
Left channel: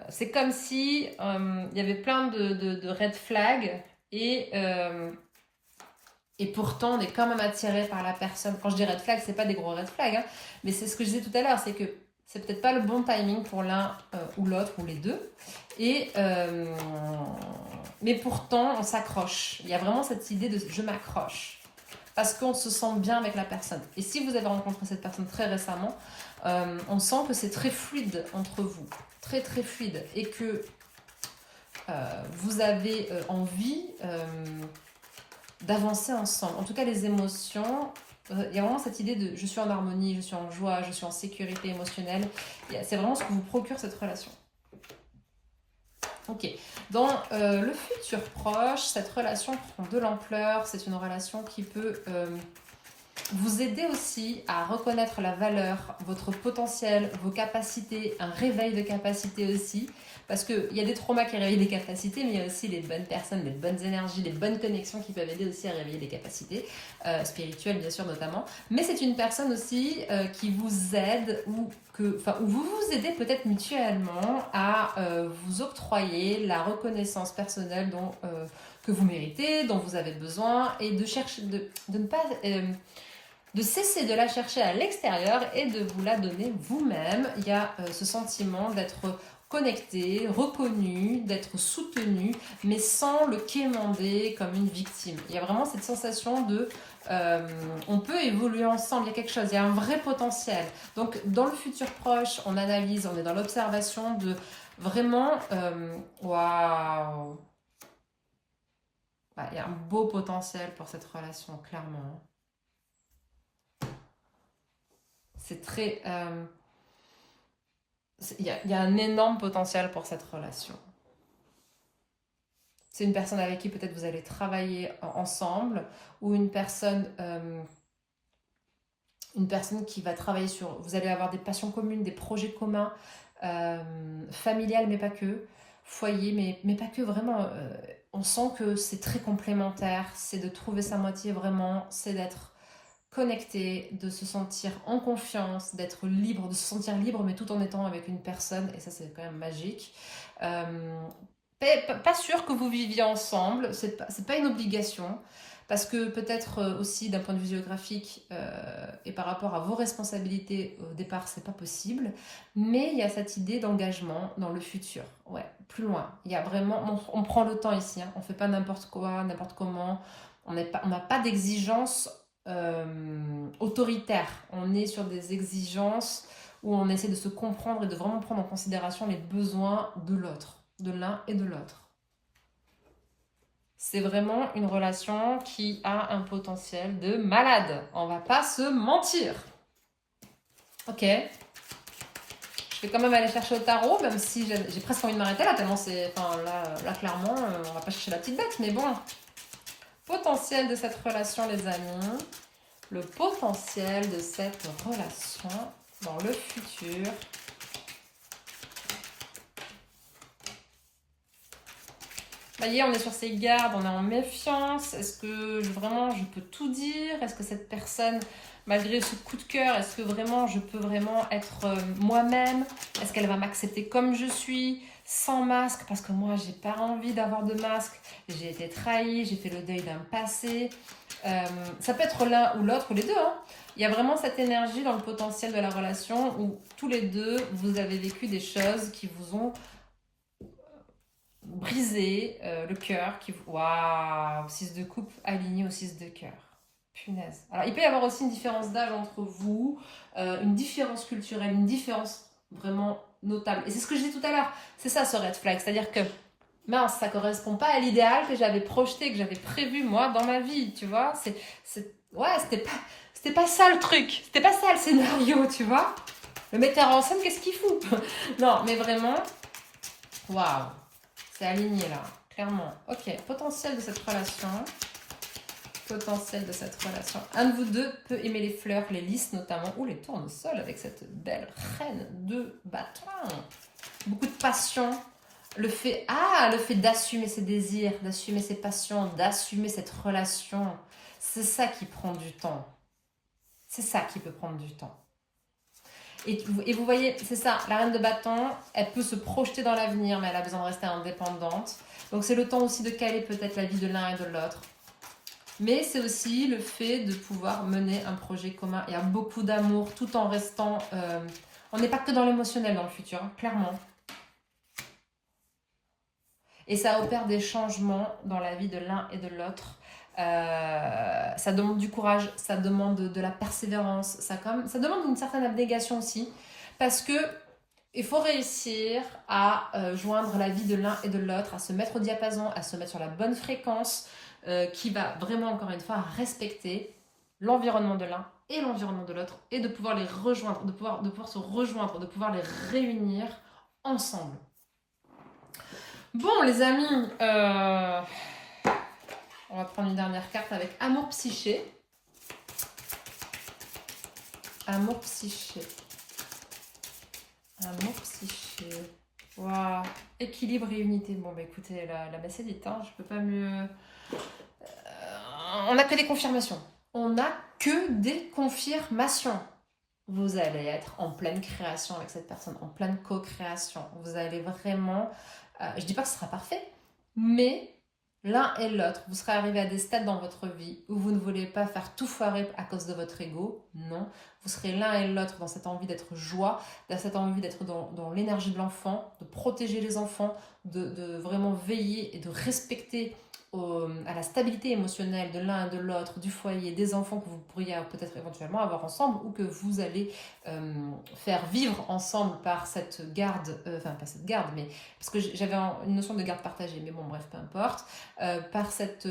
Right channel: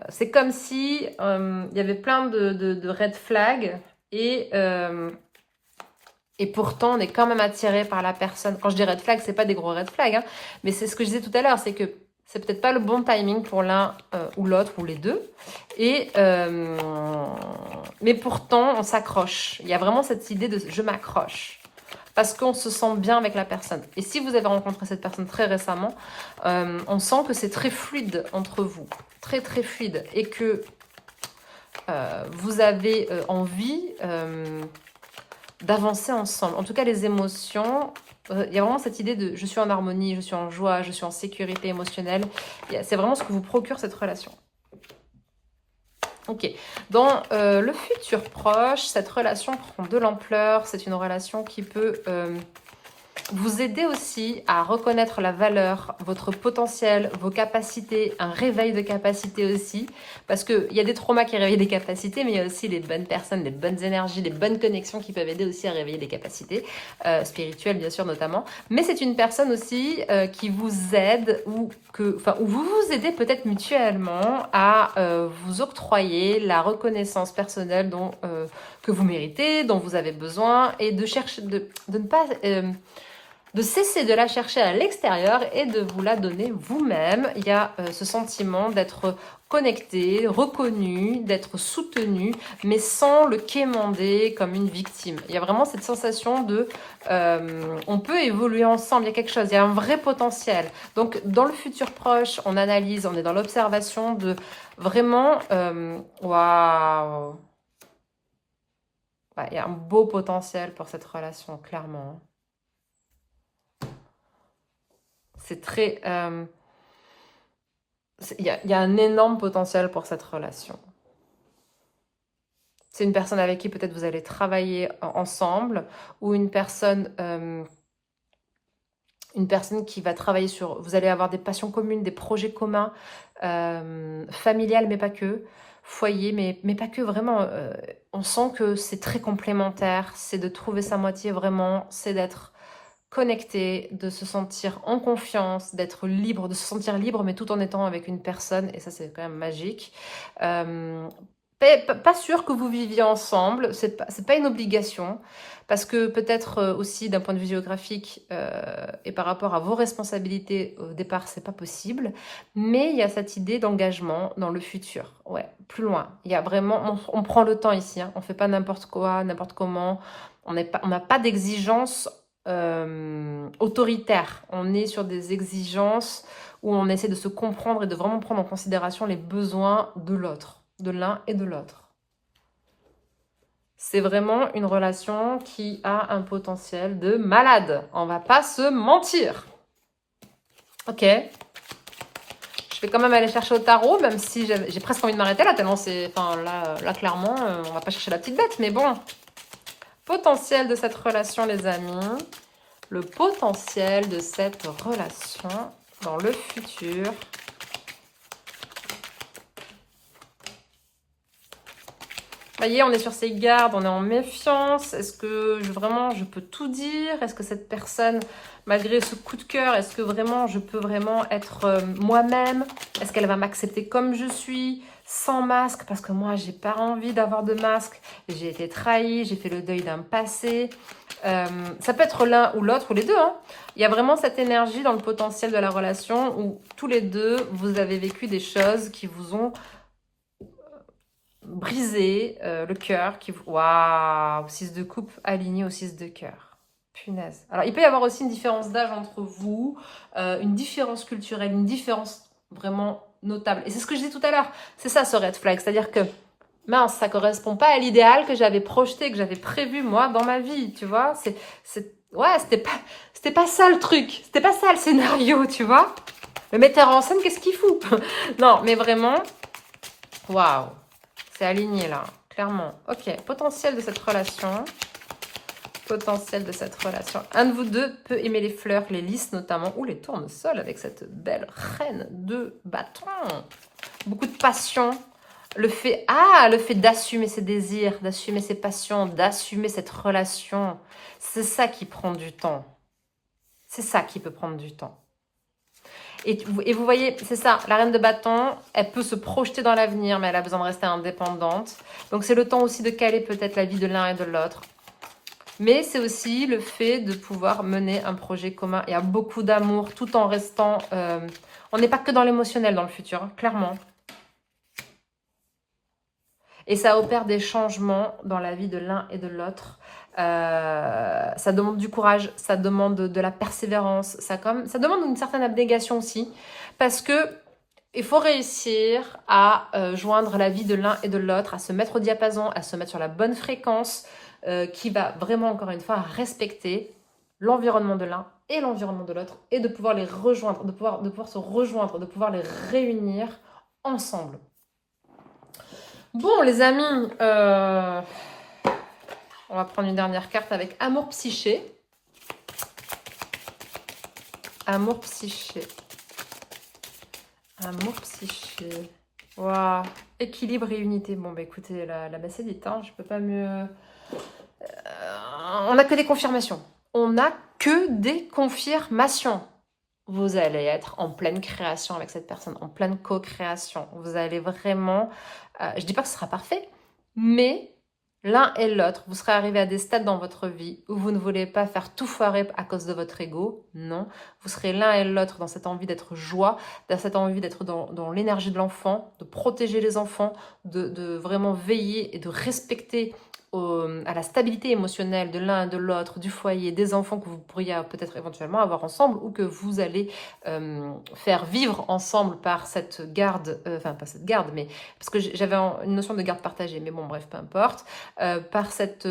c'est comme si il y avait plein de red flags et pourtant on est quand même attiré par la personne. Quand je dis red flag, c'est pas des gros red flags, hein, mais c'est ce que je disais tout à l'heure, c'est que c'est peut-être pas le bon timing pour l'un ou l'autre ou les deux. Mais pourtant, on s'accroche. Il y a vraiment cette idée de je m'accroche. Parce qu'on se sent bien avec la personne. Et si vous avez rencontré cette personne très récemment, on sent que c'est très fluide entre vous. Très, très fluide. Et que vous avez envie d'avancer ensemble. En tout cas, les émotions... Il y a vraiment cette idée de je suis en harmonie, je suis en joie, je suis en sécurité émotionnelle. C'est vraiment ce que vous procure cette relation. Ok, dans le futur proche, cette relation prend de l'ampleur. C'est une relation qui peut vous aider aussi à reconnaître la valeur, votre potentiel, vos capacités, un réveil de capacités aussi. Parce qu'il y a des traumas qui réveillent les capacités, mais il y a aussi les bonnes personnes, les bonnes énergies, les bonnes connexions qui peuvent aider aussi à réveiller les capacités, spirituelles bien sûr notamment. Mais c'est une personne aussi qui vous aide ou vous vous aidez peut-être mutuellement à vous octroyer la reconnaissance personnelle que vous méritez, dont vous avez besoin, et de chercher, de ne pas... de cesser de la chercher à l'extérieur et de vous la donner vous-même. Il y a ce sentiment d'être connecté, reconnu, d'être soutenu, mais sans le quémander comme une victime. Il y a vraiment cette sensation de on peut évoluer ensemble, il y a quelque chose, il y a un vrai potentiel. Donc dans le futur proche, on analyse, on est dans l'observation de vraiment waouh. Ouais, il y a un beau potentiel pour cette relation, clairement. C'est très... il y a un énorme potentiel pour cette relation. C'est une personne avec qui peut-être vous allez travailler ensemble, ou une personne qui va travailler sur... Vous allez avoir des passions communes, des projets communs, familiales, mais pas que, foyer, mais pas que, vraiment. On sent que c'est très complémentaire, c'est de trouver sa moitié vraiment, c'est d'être connecté, de se sentir en confiance, d'être libre, de se sentir libre, mais tout en étant avec une personne, et ça c'est quand même magique. Pas sûr que vous viviez ensemble, c'est pas une obligation, parce que peut-être aussi d'un point de vue géographique et par rapport à vos responsabilités au départ, c'est pas possible, mais il y a cette idée d'engagement dans le futur, ouais, plus loin. Il y a vraiment, on prend le temps ici, hein, on fait pas n'importe quoi, n'importe comment, on n'a pas d'exigence autoritaire, on est sur des exigences où on essaie de se comprendre et de vraiment prendre en considération les besoins de l'autre, de l'un et de l'autre. C'est vraiment une relation qui a un potentiel de malade. On va pas se mentir. Ok. Je vais quand même aller chercher au tarot, même si j'ai presque envie de m'arrêter là, tellement c'est... Enfin, là clairement, on va pas chercher la petite bête, mais bon. Potentiel de cette relation, les amis. Le potentiel de cette relation dans le futur. Ça y est, on est sur ses gardes, on est en méfiance. Est-ce que vraiment je peux tout dire? Est-ce que cette personne, malgré ce coup de cœur, est-ce que vraiment je peux vraiment être moi-même? Est-ce qu'elle va m'accepter comme je suis, sans masque? Parce que moi, j'ai pas envie d'avoir de masque. J'ai été trahie, j'ai fait le deuil d'un passé. Ça peut être l'un ou l'autre, ou les deux, hein. Il y a vraiment cette énergie dans le potentiel de la relation où tous les deux, vous avez vécu des choses qui vous ont brisé le cœur. Waouh, 6 de coupe aligné au 6 de cœur. Punaise. Alors, il peut y avoir aussi une différence d'âge entre vous, une différence culturelle, une différence vraiment notable. Et c'est ce que je disais tout à l'heure. C'est ça, ce red flag. C'est-à-dire que, mince, ça correspond pas à l'idéal que j'avais projeté, que j'avais prévu, moi, dans ma vie, tu vois. Ouais, c'était pas ça le truc. C'était pas ça le scénario, tu vois. Le metteur en scène, qu'est-ce qu'il fout? Non, mais vraiment, waouh. C'est aligné là, clairement. Ok, potentiel de cette relation. Potentiel de cette relation. Un de vous deux peut aimer les fleurs, les lys notamment, ou les tournesols avec cette belle reine de bâton. Beaucoup de passion. Le fait d'assumer ses désirs, d'assumer ses passions, d'assumer cette relation. C'est ça qui prend du temps. C'est ça qui peut prendre du temps. Et vous voyez, c'est ça, la reine de bâton, elle peut se projeter dans l'avenir, mais elle a besoin de rester indépendante. Donc c'est le temps aussi de caler peut-être la vie de l'un et de l'autre. Mais c'est aussi le fait de pouvoir mener un projet commun. Il y a beaucoup d'amour tout en restant... on n'est pas que dans l'émotionnel dans le futur, hein, clairement. Et ça opère des changements dans la vie de l'un et de l'autre. Ça demande du courage, ça demande de la persévérance, ça demande une certaine abnégation aussi, parce que il faut réussir à joindre la vie de l'un et de l'autre, à se mettre au diapason, à se mettre sur la bonne fréquence, qui va vraiment, encore une fois, respecter l'environnement de l'un et l'environnement de l'autre, et de pouvoir les rejoindre, de pouvoir se rejoindre, de pouvoir les réunir ensemble. Bon, les amis, on va prendre une dernière carte avec Amour Psyché. Amour Psyché. Amour Psyché. Waouh. Équilibre et unité. Bon, bah écoutez, la messe est dite, hein. Je peux pas mieux... on n'a que des confirmations. On n'a que des confirmations. Vous allez être en pleine création avec cette personne, en pleine co-création. Vous allez vraiment... je dis pas que ce sera parfait, mais... L'un et l'autre, vous serez arrivé à des stades dans votre vie où vous ne voulez pas faire tout foirer à cause de votre ego. Non, vous serez l'un et l'autre dans cette envie d'être joie, dans cette envie d'être dans l'énergie de l'enfant, de protéger les enfants, de vraiment veiller et de respecter à la stabilité émotionnelle de l'un et de l'autre, du foyer, des enfants que vous pourriez peut-être éventuellement avoir ensemble ou que vous allez faire vivre ensemble par cette garde, enfin pas cette garde, mais parce que j'avais une notion de garde partagée, mais bon bref, peu importe, par cette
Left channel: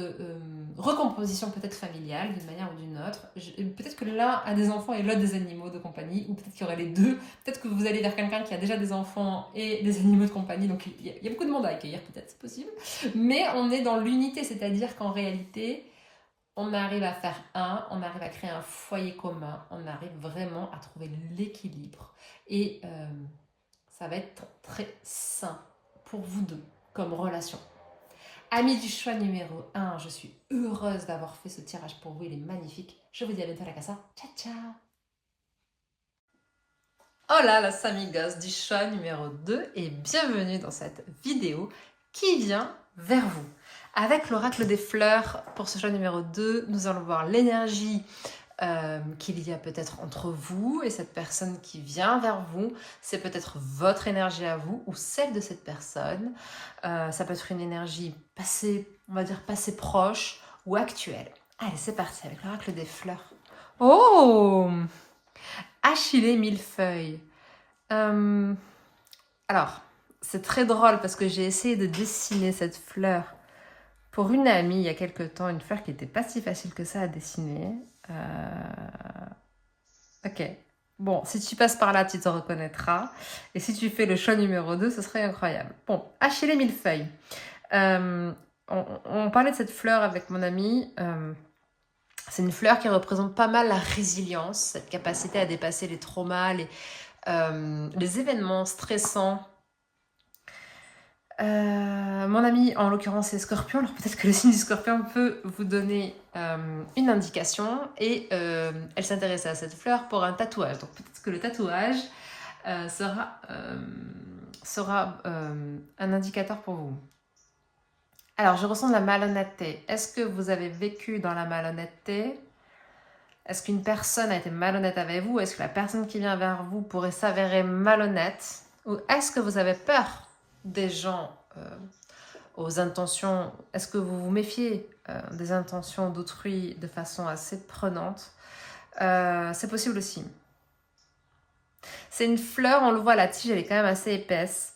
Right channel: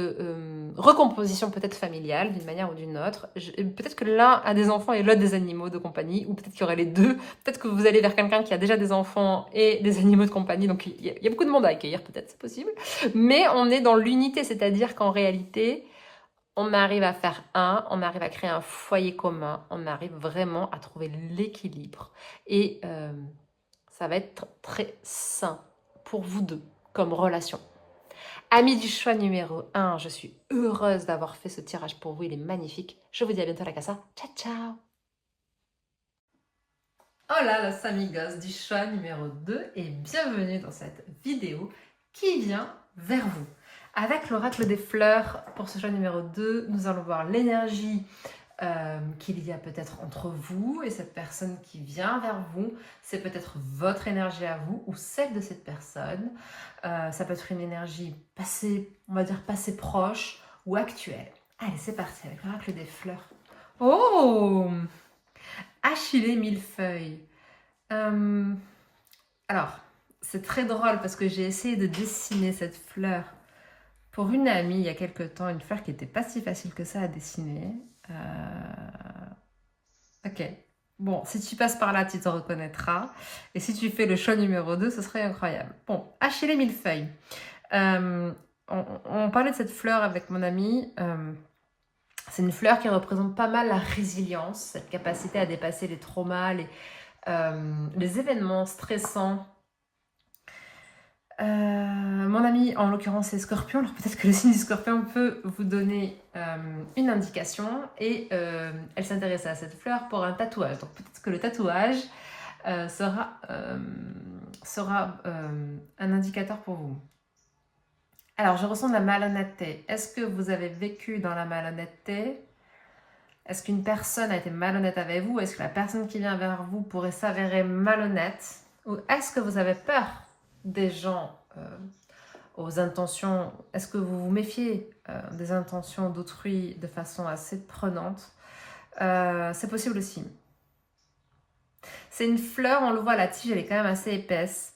recomposition peut-être familiale d'une manière ou d'une autre. Peut-être que l'un a des enfants et l'autre des animaux de compagnie, ou peut-être qu'il y aurait les deux, peut-être que vous allez vers quelqu'un qui a déjà des enfants et des animaux de compagnie, donc il y a beaucoup de monde à accueillir, peut-être, c'est possible, mais on est dans l'unité, c'est-à-dire qu'en réalité, on arrive à faire on arrive à créer un foyer commun, on arrive vraiment à trouver l'équilibre. Et ça va être très sain pour vous deux comme relation. Amis du choix numéro 1, je suis heureuse d'avoir fait ce tirage pour vous, il est magnifique. Je vous dis à bientôt à la casa. Ciao, ciao. Hola los amigos du choix numéro 2 et bienvenue dans cette vidéo qui vient vers vous. Avec l'oracle des fleurs, pour ce choix numéro 2, nous allons voir l'énergie qu'il y a peut-être entre vous et cette personne qui vient vers vous. C'est peut-être votre énergie à vous ou celle de cette personne. Ça peut être une énergie passée, on va dire passée proche ou actuelle. Allez, c'est parti avec l'oracle des fleurs. Oh, Achillée millefeuille. Alors, c'est très drôle parce que j'ai essayé de dessiner cette fleur pour une amie il y a quelque temps, une fleur qui n'était pas si facile que ça à dessiner. Ok. Bon, si tu passes par là, tu te reconnaîtras. Et si tu fais le choix numéro 2, ce serait incroyable. Bon, Achillée millefeuille. On parlait de cette fleur avec mon ami. C'est une fleur qui représente pas mal la résilience, cette capacité à dépasser les traumas, les événements stressants. Mon ami, en l'occurrence, c'est Scorpion. Alors peut-être que le signe du Scorpion peut vous donner une indication. Et elle s'intéressait à cette fleur pour un tatouage. Donc peut-être que le tatouage sera un indicateur pour vous. Alors, je ressens de la malhonnêteté. Est-ce que vous avez vécu dans la malhonnêteté? Est-ce qu'une personne a été malhonnête avec vous? Est-ce que la personne qui vient vers vous pourrait s'avérer malhonnête? Ou est-ce que vous avez peur des gens aux intentions? Est-ce que vous vous méfiez des intentions d'autrui de façon assez prenante? C'est possible aussi. C'est une fleur, on le voit, la tige, elle est quand même assez épaisse.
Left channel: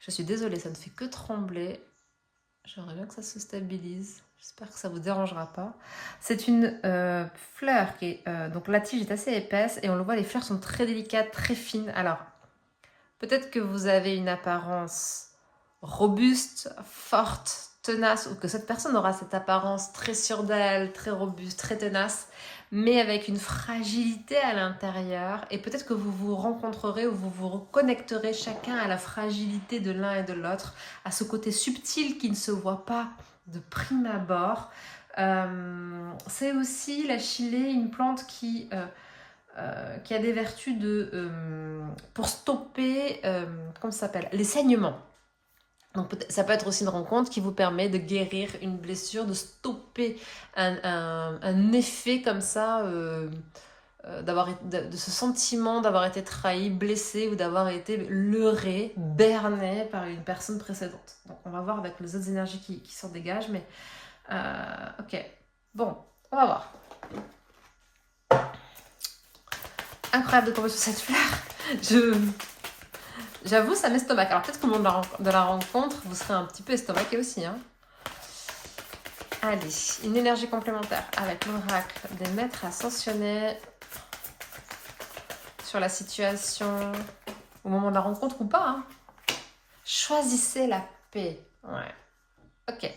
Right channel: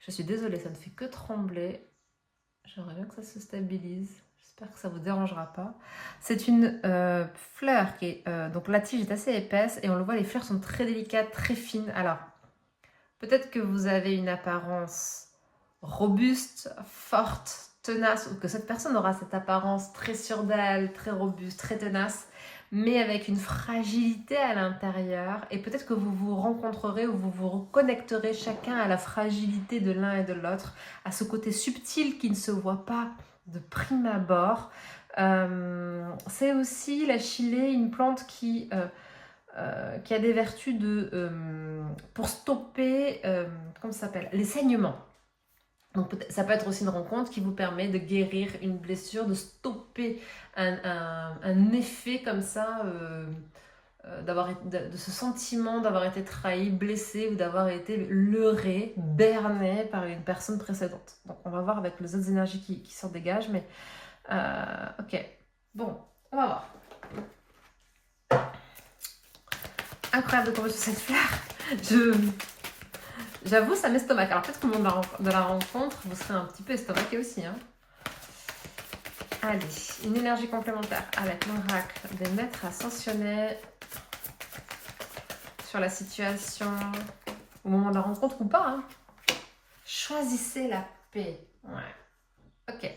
Je suis désolée, ça ne fait que trembler. J'aimerais bien que ça se stabilise. J'espère que ça ne vous dérangera pas. C'est une fleur qui est... donc la tige est assez épaisse et on le voit, les fleurs sont très délicates, très fines. Alors, peut-être que vous avez une apparence robuste, forte, tenace, ou que cette personne aura cette apparence très sûre d'elle, très robuste, très tenace, mais avec une fragilité à l'intérieur. Et peut-être que vous vous rencontrerez ou vous vous reconnecterez chacun à la fragilité de l'un et de l'autre, à ce côté subtil qui ne se voit pas de prime abord. C'est aussi l'achillée, une plante qui a des vertus pour stopper, comment ça s'appelle, les saignements. Donc ça peut être aussi une rencontre qui vous permet de guérir une blessure, de stopper un effet comme ça, de ce sentiment d'avoir été trahi, blessé ou d'avoir été leurré, berné par une personne précédente. Donc on va voir avec les autres énergies qui s'en dégagent, mais ok. Bon, on va voir. Incroyable de tomber sur cette fleur. J'avoue, ça m'estomaque. Alors peut-être qu'au moment de la rencontre, vous serez un petit peu estomaqué aussi. Hein. Allez, une énergie complémentaire avec l'oracle des maîtres ascensionnés sur la situation au moment de la rencontre ou pas. Hein. Choisissez la paix. Ouais. Ok.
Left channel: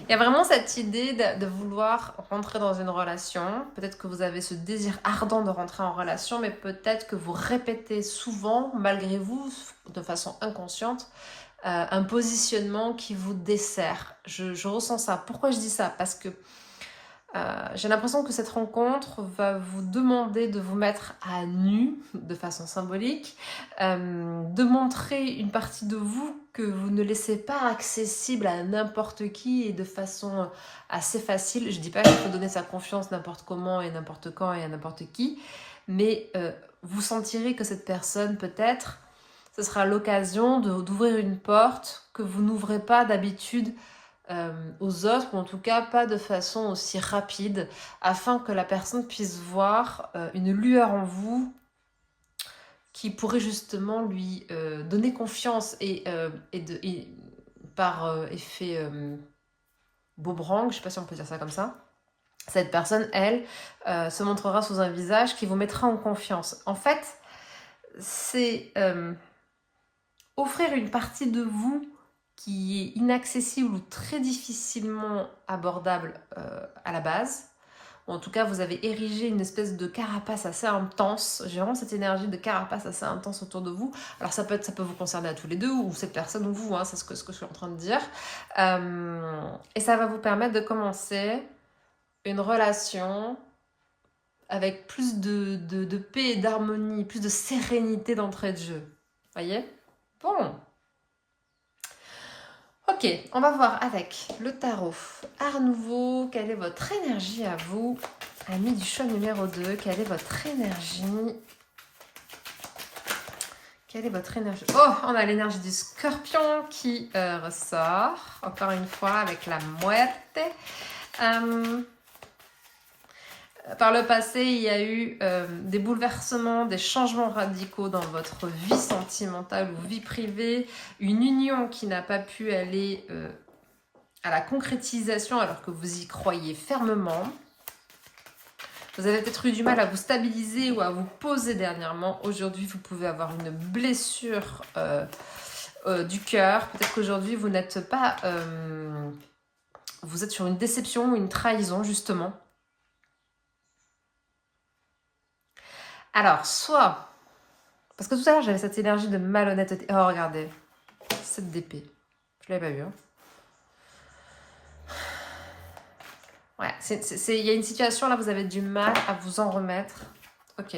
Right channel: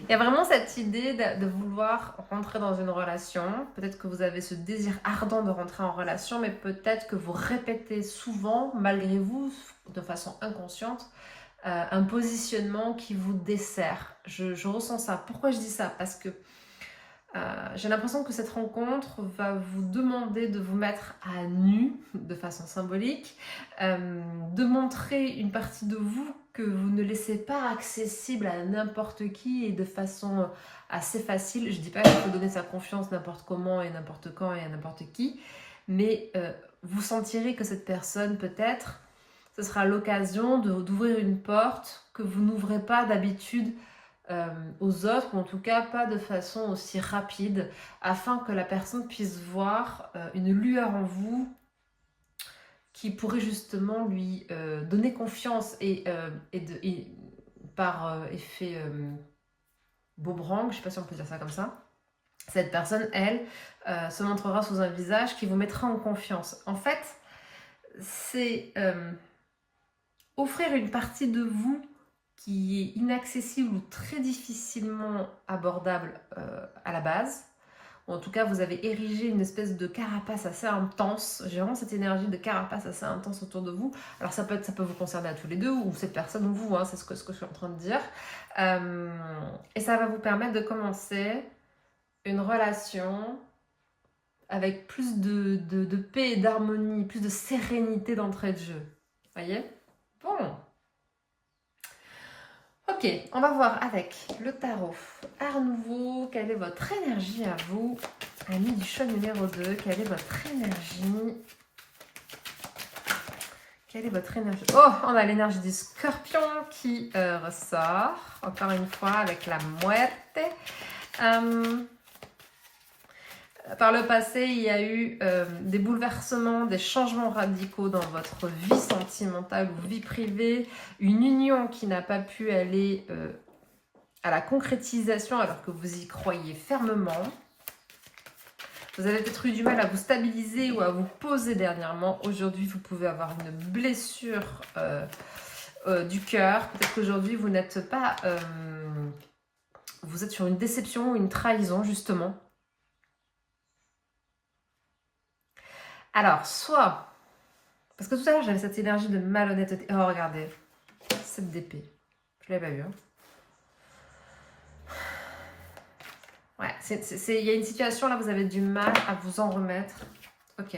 Il y a vraiment cette idée de vouloir rentrer dans une relation. Peut-être que vous avez ce désir ardent de rentrer en relation, mais peut-être que vous répétez souvent, malgré vous, de façon inconsciente, un positionnement qui vous dessert. Je ressens ça. Pourquoi je dis ça? Parce que j'ai l'impression que cette rencontre va vous demander de vous mettre à nu, de façon symbolique, de montrer une partie de vous que vous ne laissez pas accessible à n'importe qui et de façon assez facile. Je ne dis pas qu'il faut donner sa confiance n'importe comment et n'importe quand et à n'importe qui, mais vous sentirez que cette personne, peut-être, ce sera l'occasion d'ouvrir une porte que vous n'ouvrez pas d'habitude aux autres, ou en tout cas pas de façon aussi rapide, afin que la personne puisse voir une lueur en vous qui pourrait justement lui donner confiance et par effet boomerang, je sais pas si on peut dire ça comme ça, cette personne, elle, se montrera sous un visage qui vous mettra en confiance. En fait, c'est offrir une partie de vous qui est inaccessible ou très difficilement abordable à la base, ou en tout cas vous avez érigé une espèce de carapace assez intense. J'ai vraiment cette énergie de carapace assez intense autour de vous. Alors ça peut vous concerner à tous les deux, ou cette personne ou vous, hein, c'est ce que je suis en train de dire. Et ça va vous permettre de commencer une relation avec plus de paix et d'harmonie, plus de sérénité d'entrée de jeu. Voyez? Bon. Ok, on va voir avec le tarot Art Nouveau, quelle est votre énergie à vous? Ami du choix numéro 2, quelle est votre énergie? Quelle est votre énergie? Oh, on a l'énergie du Scorpion qui ressort, encore une fois, avec la muerte. Par le passé, il y a eu des bouleversements, des changements radicaux dans votre vie sentimentale ou vie privée, une union qui n'a pas pu aller à la concrétisation alors que vous y croyez fermement. Vous avez peut-être eu du mal à vous stabiliser ou à vous poser dernièrement. Aujourd'hui, vous pouvez avoir une blessure du cœur. Peut-être qu'aujourd'hui, vous n'êtes pas... vous êtes sur une déception ou une trahison, justement. Alors, soit... Parce que tout à l'heure, j'avais cette énergie de malhonnêteté. Oh, regardez. 7 d'épée. Je ne l'avais pas vu. Hein. Ouais, il y a une situation, là, vous avez du mal à vous en remettre. Ok.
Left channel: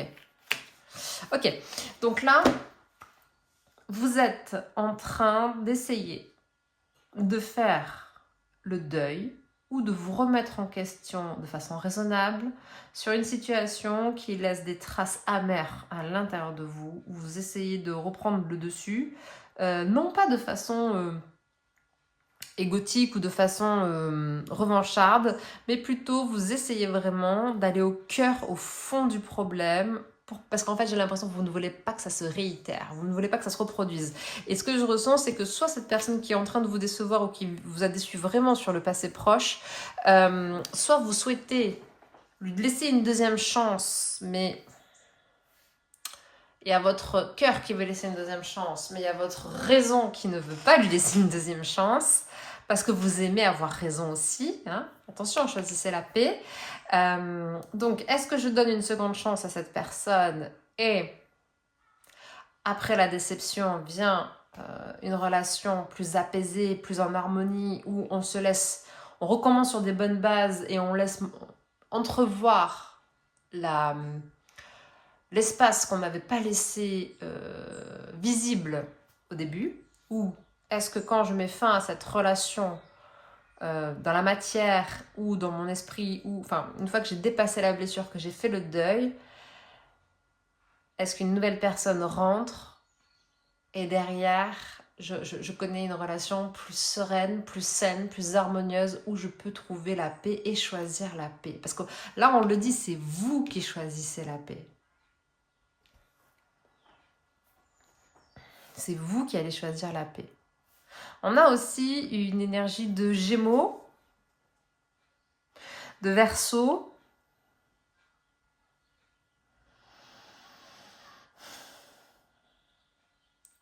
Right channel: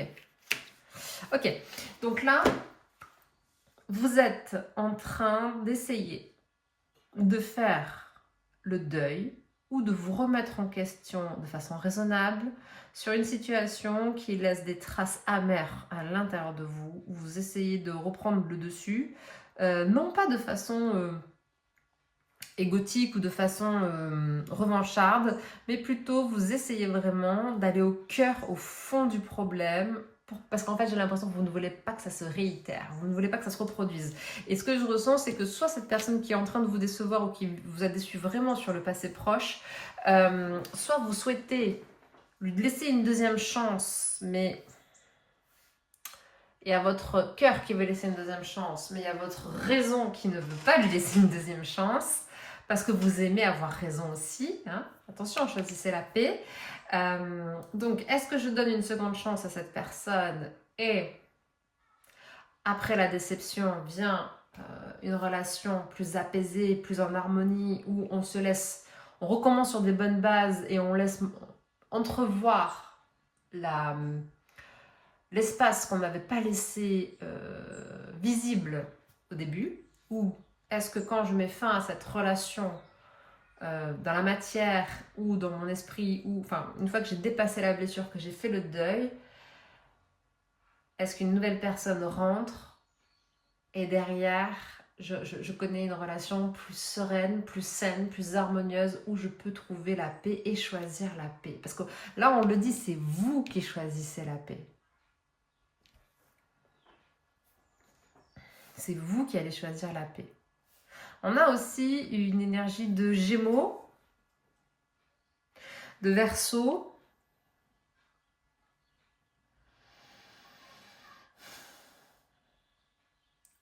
Ok. Donc là, vous êtes en train d'essayer de faire le deuil ou de vous remettre en question de façon raisonnable sur une situation qui laisse des traces amères à l'intérieur de vous, où vous essayez de reprendre le dessus, non pas de façon égotique ou de façon revancharde, mais plutôt vous essayez vraiment d'aller au cœur, au fond du problème, parce qu'en fait j'ai l'impression que vous ne voulez pas que ça se réitère, vous ne voulez pas que ça se reproduise. Et ce que je ressens, c'est que soit cette personne qui est en train de vous décevoir ou qui vous a déçu vraiment sur le passé proche, soit vous souhaitez lui laisser une deuxième chance, mais il y a votre cœur qui veut laisser une deuxième chance, mais il y a votre raison qui ne veut pas lui laisser une deuxième chance, parce que vous aimez avoir raison aussi. Hein. Attention, choisissez la paix. Donc, est-ce que je donne une seconde chance à cette personne et après la déception vient une relation plus apaisée, plus en harmonie, où on se laisse, on recommence sur des bonnes bases et on laisse entrevoir l'espace qu'on n'avait pas laissé visible au début, ou est-ce que quand je mets fin à cette relation dans la matière ou dans mon esprit, ou enfin une fois que j'ai dépassé la blessure, que j'ai fait le deuil, est-ce qu'une nouvelle personne rentre et derrière je connais une relation plus sereine, plus saine, plus harmonieuse, où je peux trouver la paix et choisir la paix? Parce que là on le dit, c'est vous qui choisissez la paix. C'est vous qui allez choisir la paix. On a aussi une énergie de Gémeaux, de Verseau.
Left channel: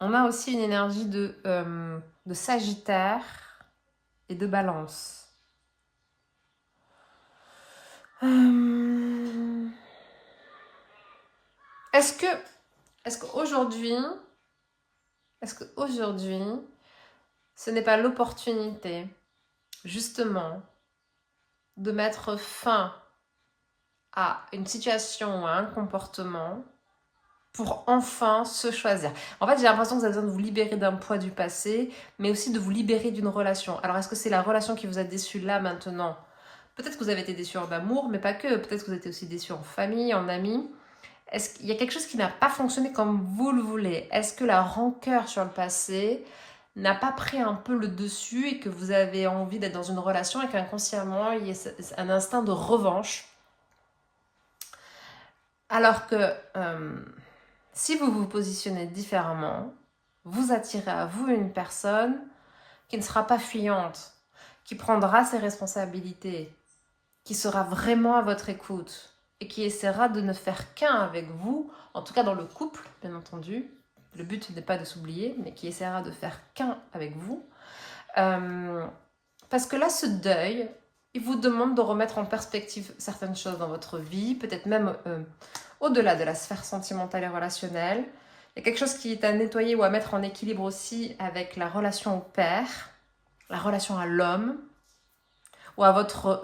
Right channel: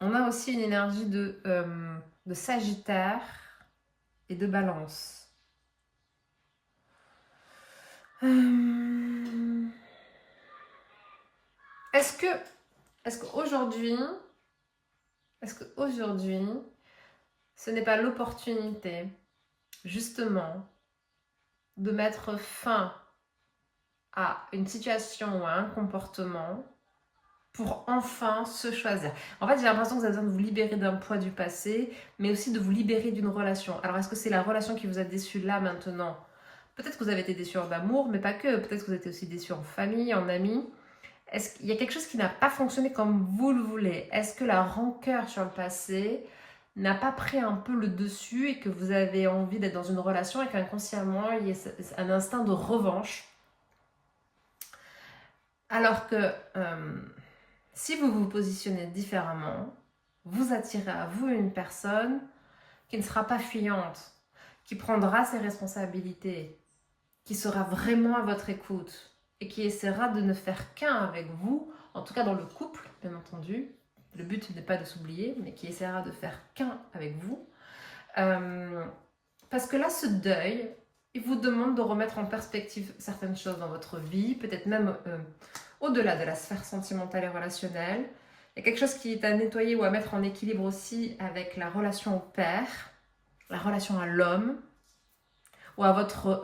On a aussi une énergie de Sagittaire et de Balance. Est-ce qu'aujourd'hui, ce n'est pas l'opportunité, justement, de mettre fin à une situation ou à un comportement pour enfin se choisir? En fait, j'ai l'impression que vous avez besoin de vous libérer d'un poids du passé, mais aussi de vous libérer d'une relation. Alors, est-ce que c'est la relation qui vous a déçu là, maintenant? Peut-être que vous avez été déçu en amour, mais pas que. Peut-être que vous avez été aussi déçu en famille, en amis. Est-ce qu'il y a quelque chose qui n'a pas fonctionné comme vous le voulez? Est-ce que la rancœur sur le passé n'a pas pris un peu le dessus et que vous avez envie d'être dans une relation et qu'inconsciemment, il y a un instinct de revanche? Alors que si vous vous positionnez différemment, vous attirez à vous une personne qui ne sera pas fuyante, qui prendra ses responsabilités, qui sera vraiment à votre écoute et qui essaiera de ne faire qu'un avec vous, en tout cas dans le couple, bien entendu. Le but n'est pas de s'oublier, mais qui essaiera de faire qu'un avec vous. Parce que là, ce deuil, il vous demande de remettre en perspective certaines choses dans votre vie, peut-être même au-delà de la sphère sentimentale et relationnelle. Il y a quelque chose qui est à nettoyer ou à mettre en équilibre aussi avec la relation au père, la relation à l'homme, ou à votre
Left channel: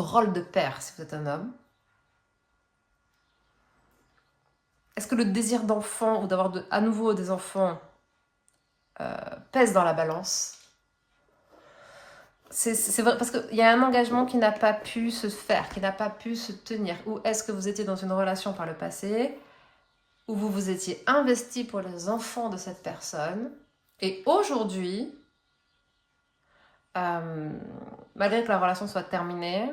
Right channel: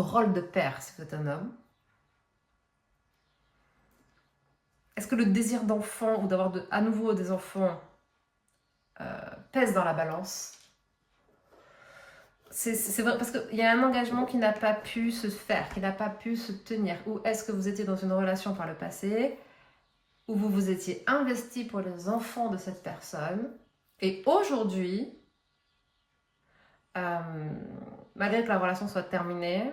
rôle de père si vous êtes un homme. Est-ce que le désir d'enfant ou d'avoir à nouveau des enfants pèse dans la balance? C'est vrai, parce qu'il y a un engagement qui n'a pas pu se faire, qui n'a pas pu se tenir. Ou est-ce que vous étiez dans une relation par le passé où vous vous étiez investi pour les enfants de cette personne et aujourd'hui, malgré que la relation soit terminée,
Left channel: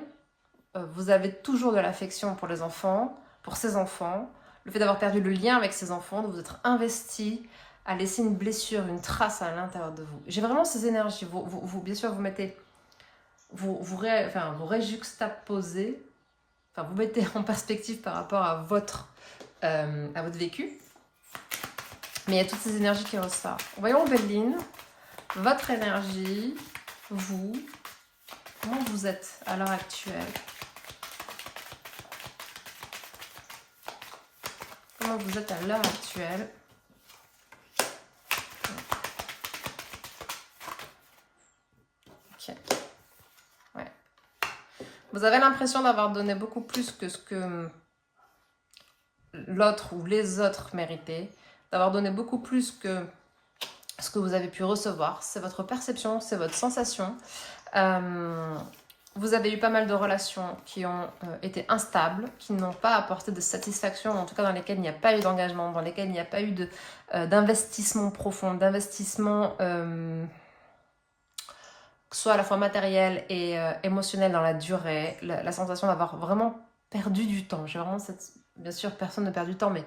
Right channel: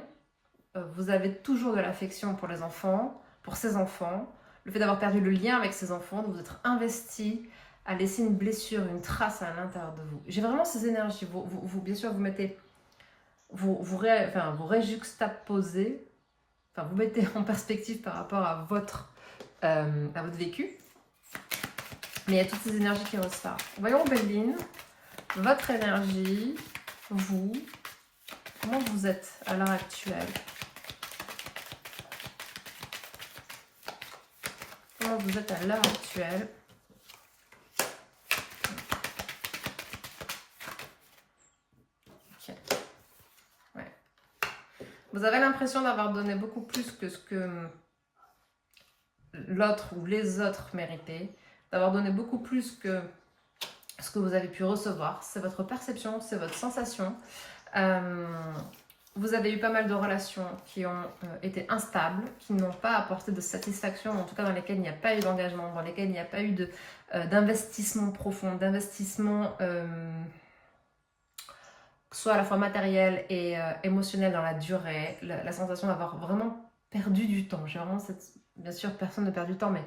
vous avez toujours de l'affection pour les enfants, pour ces enfants. Le fait d'avoir perdu le lien avec ces enfants, de vous être investi à laisser une blessure, une trace à l'intérieur de vous. J'ai vraiment ces énergies. Bien sûr, vous mettez... Vous réjuxtaposez, enfin vous mettez en perspective par rapport à votre vécu. Mais il y a toutes ces énergies qui ressortent. Voyons Béline, votre énergie, vous, comment vous êtes à l'heure actuelle? Comment vous êtes à l'heure actuelle? Ok. Ouais. Vous avez l'impression d'avoir donné beaucoup plus que ce que l'autre ou les autres méritaient, d'avoir donné beaucoup plus que ce que vous avez pu recevoir. C'est votre perception, c'est votre sensation. Vous avez eu pas mal de relations qui ont été instables, qui n'ont pas apporté de satisfaction, en tout cas dans lesquelles il n'y a pas eu d'engagement, dans lesquelles il n'y a pas eu d'investissement profond, d'investissement soit à la fois matériel et émotionnel dans la durée, la sensation d'avoir vraiment perdu du temps. J'ai vraiment cette... Bien sûr, personne ne perd du temps, mais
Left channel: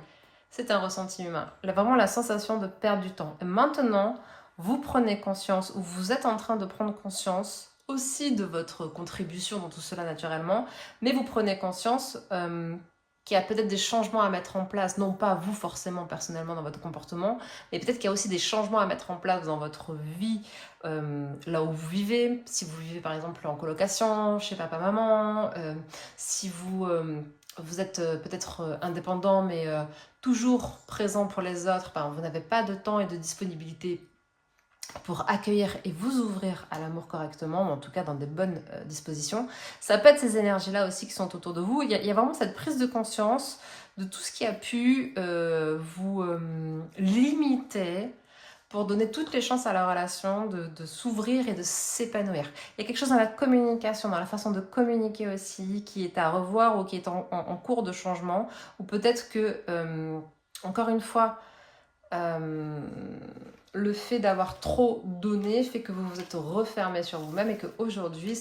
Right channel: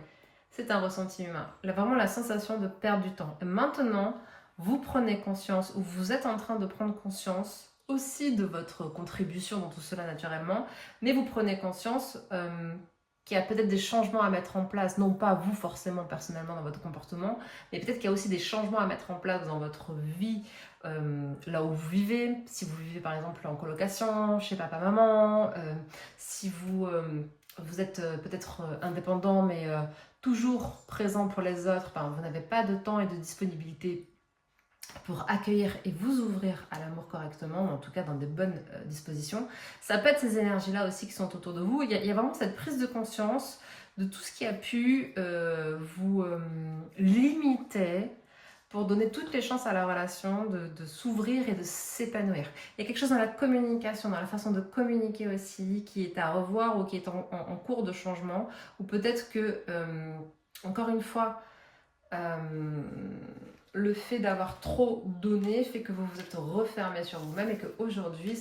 c'est un ressenti humain. Vraiment la sensation de perdre du temps. Et maintenant, vous prenez conscience, ou vous êtes en train de prendre conscience aussi de votre contribution dans tout cela naturellement, mais vous prenez conscience qu'il y a peut-être des changements à mettre en place, non pas vous forcément personnellement dans votre comportement, mais peut-être qu'il y a aussi des changements à mettre en place dans votre vie, là où vous vivez, si vous vivez par exemple en colocation, chez papa-maman, si vous êtes peut-être indépendant mais toujours présent pour les autres, vous n'avez pas de temps et de disponibilité pour accueillir et vous ouvrir à l'amour correctement, ou en tout cas dans des bonnes dispositions. Ça peut être ces énergies-là aussi qui sont autour de vous. Il y a vraiment cette prise de conscience de tout ce qui a pu vous limiter pour donner toutes les chances à la relation de s'ouvrir et de s'épanouir. Il y a quelque chose dans la communication, dans la façon de communiquer aussi, qui est à revoir ou qui est en cours de changement, ou peut-être que, encore une fois, le fait d'avoir trop donné fait que vous vous êtes refermé sur vous-même et qu'aujourd'hui,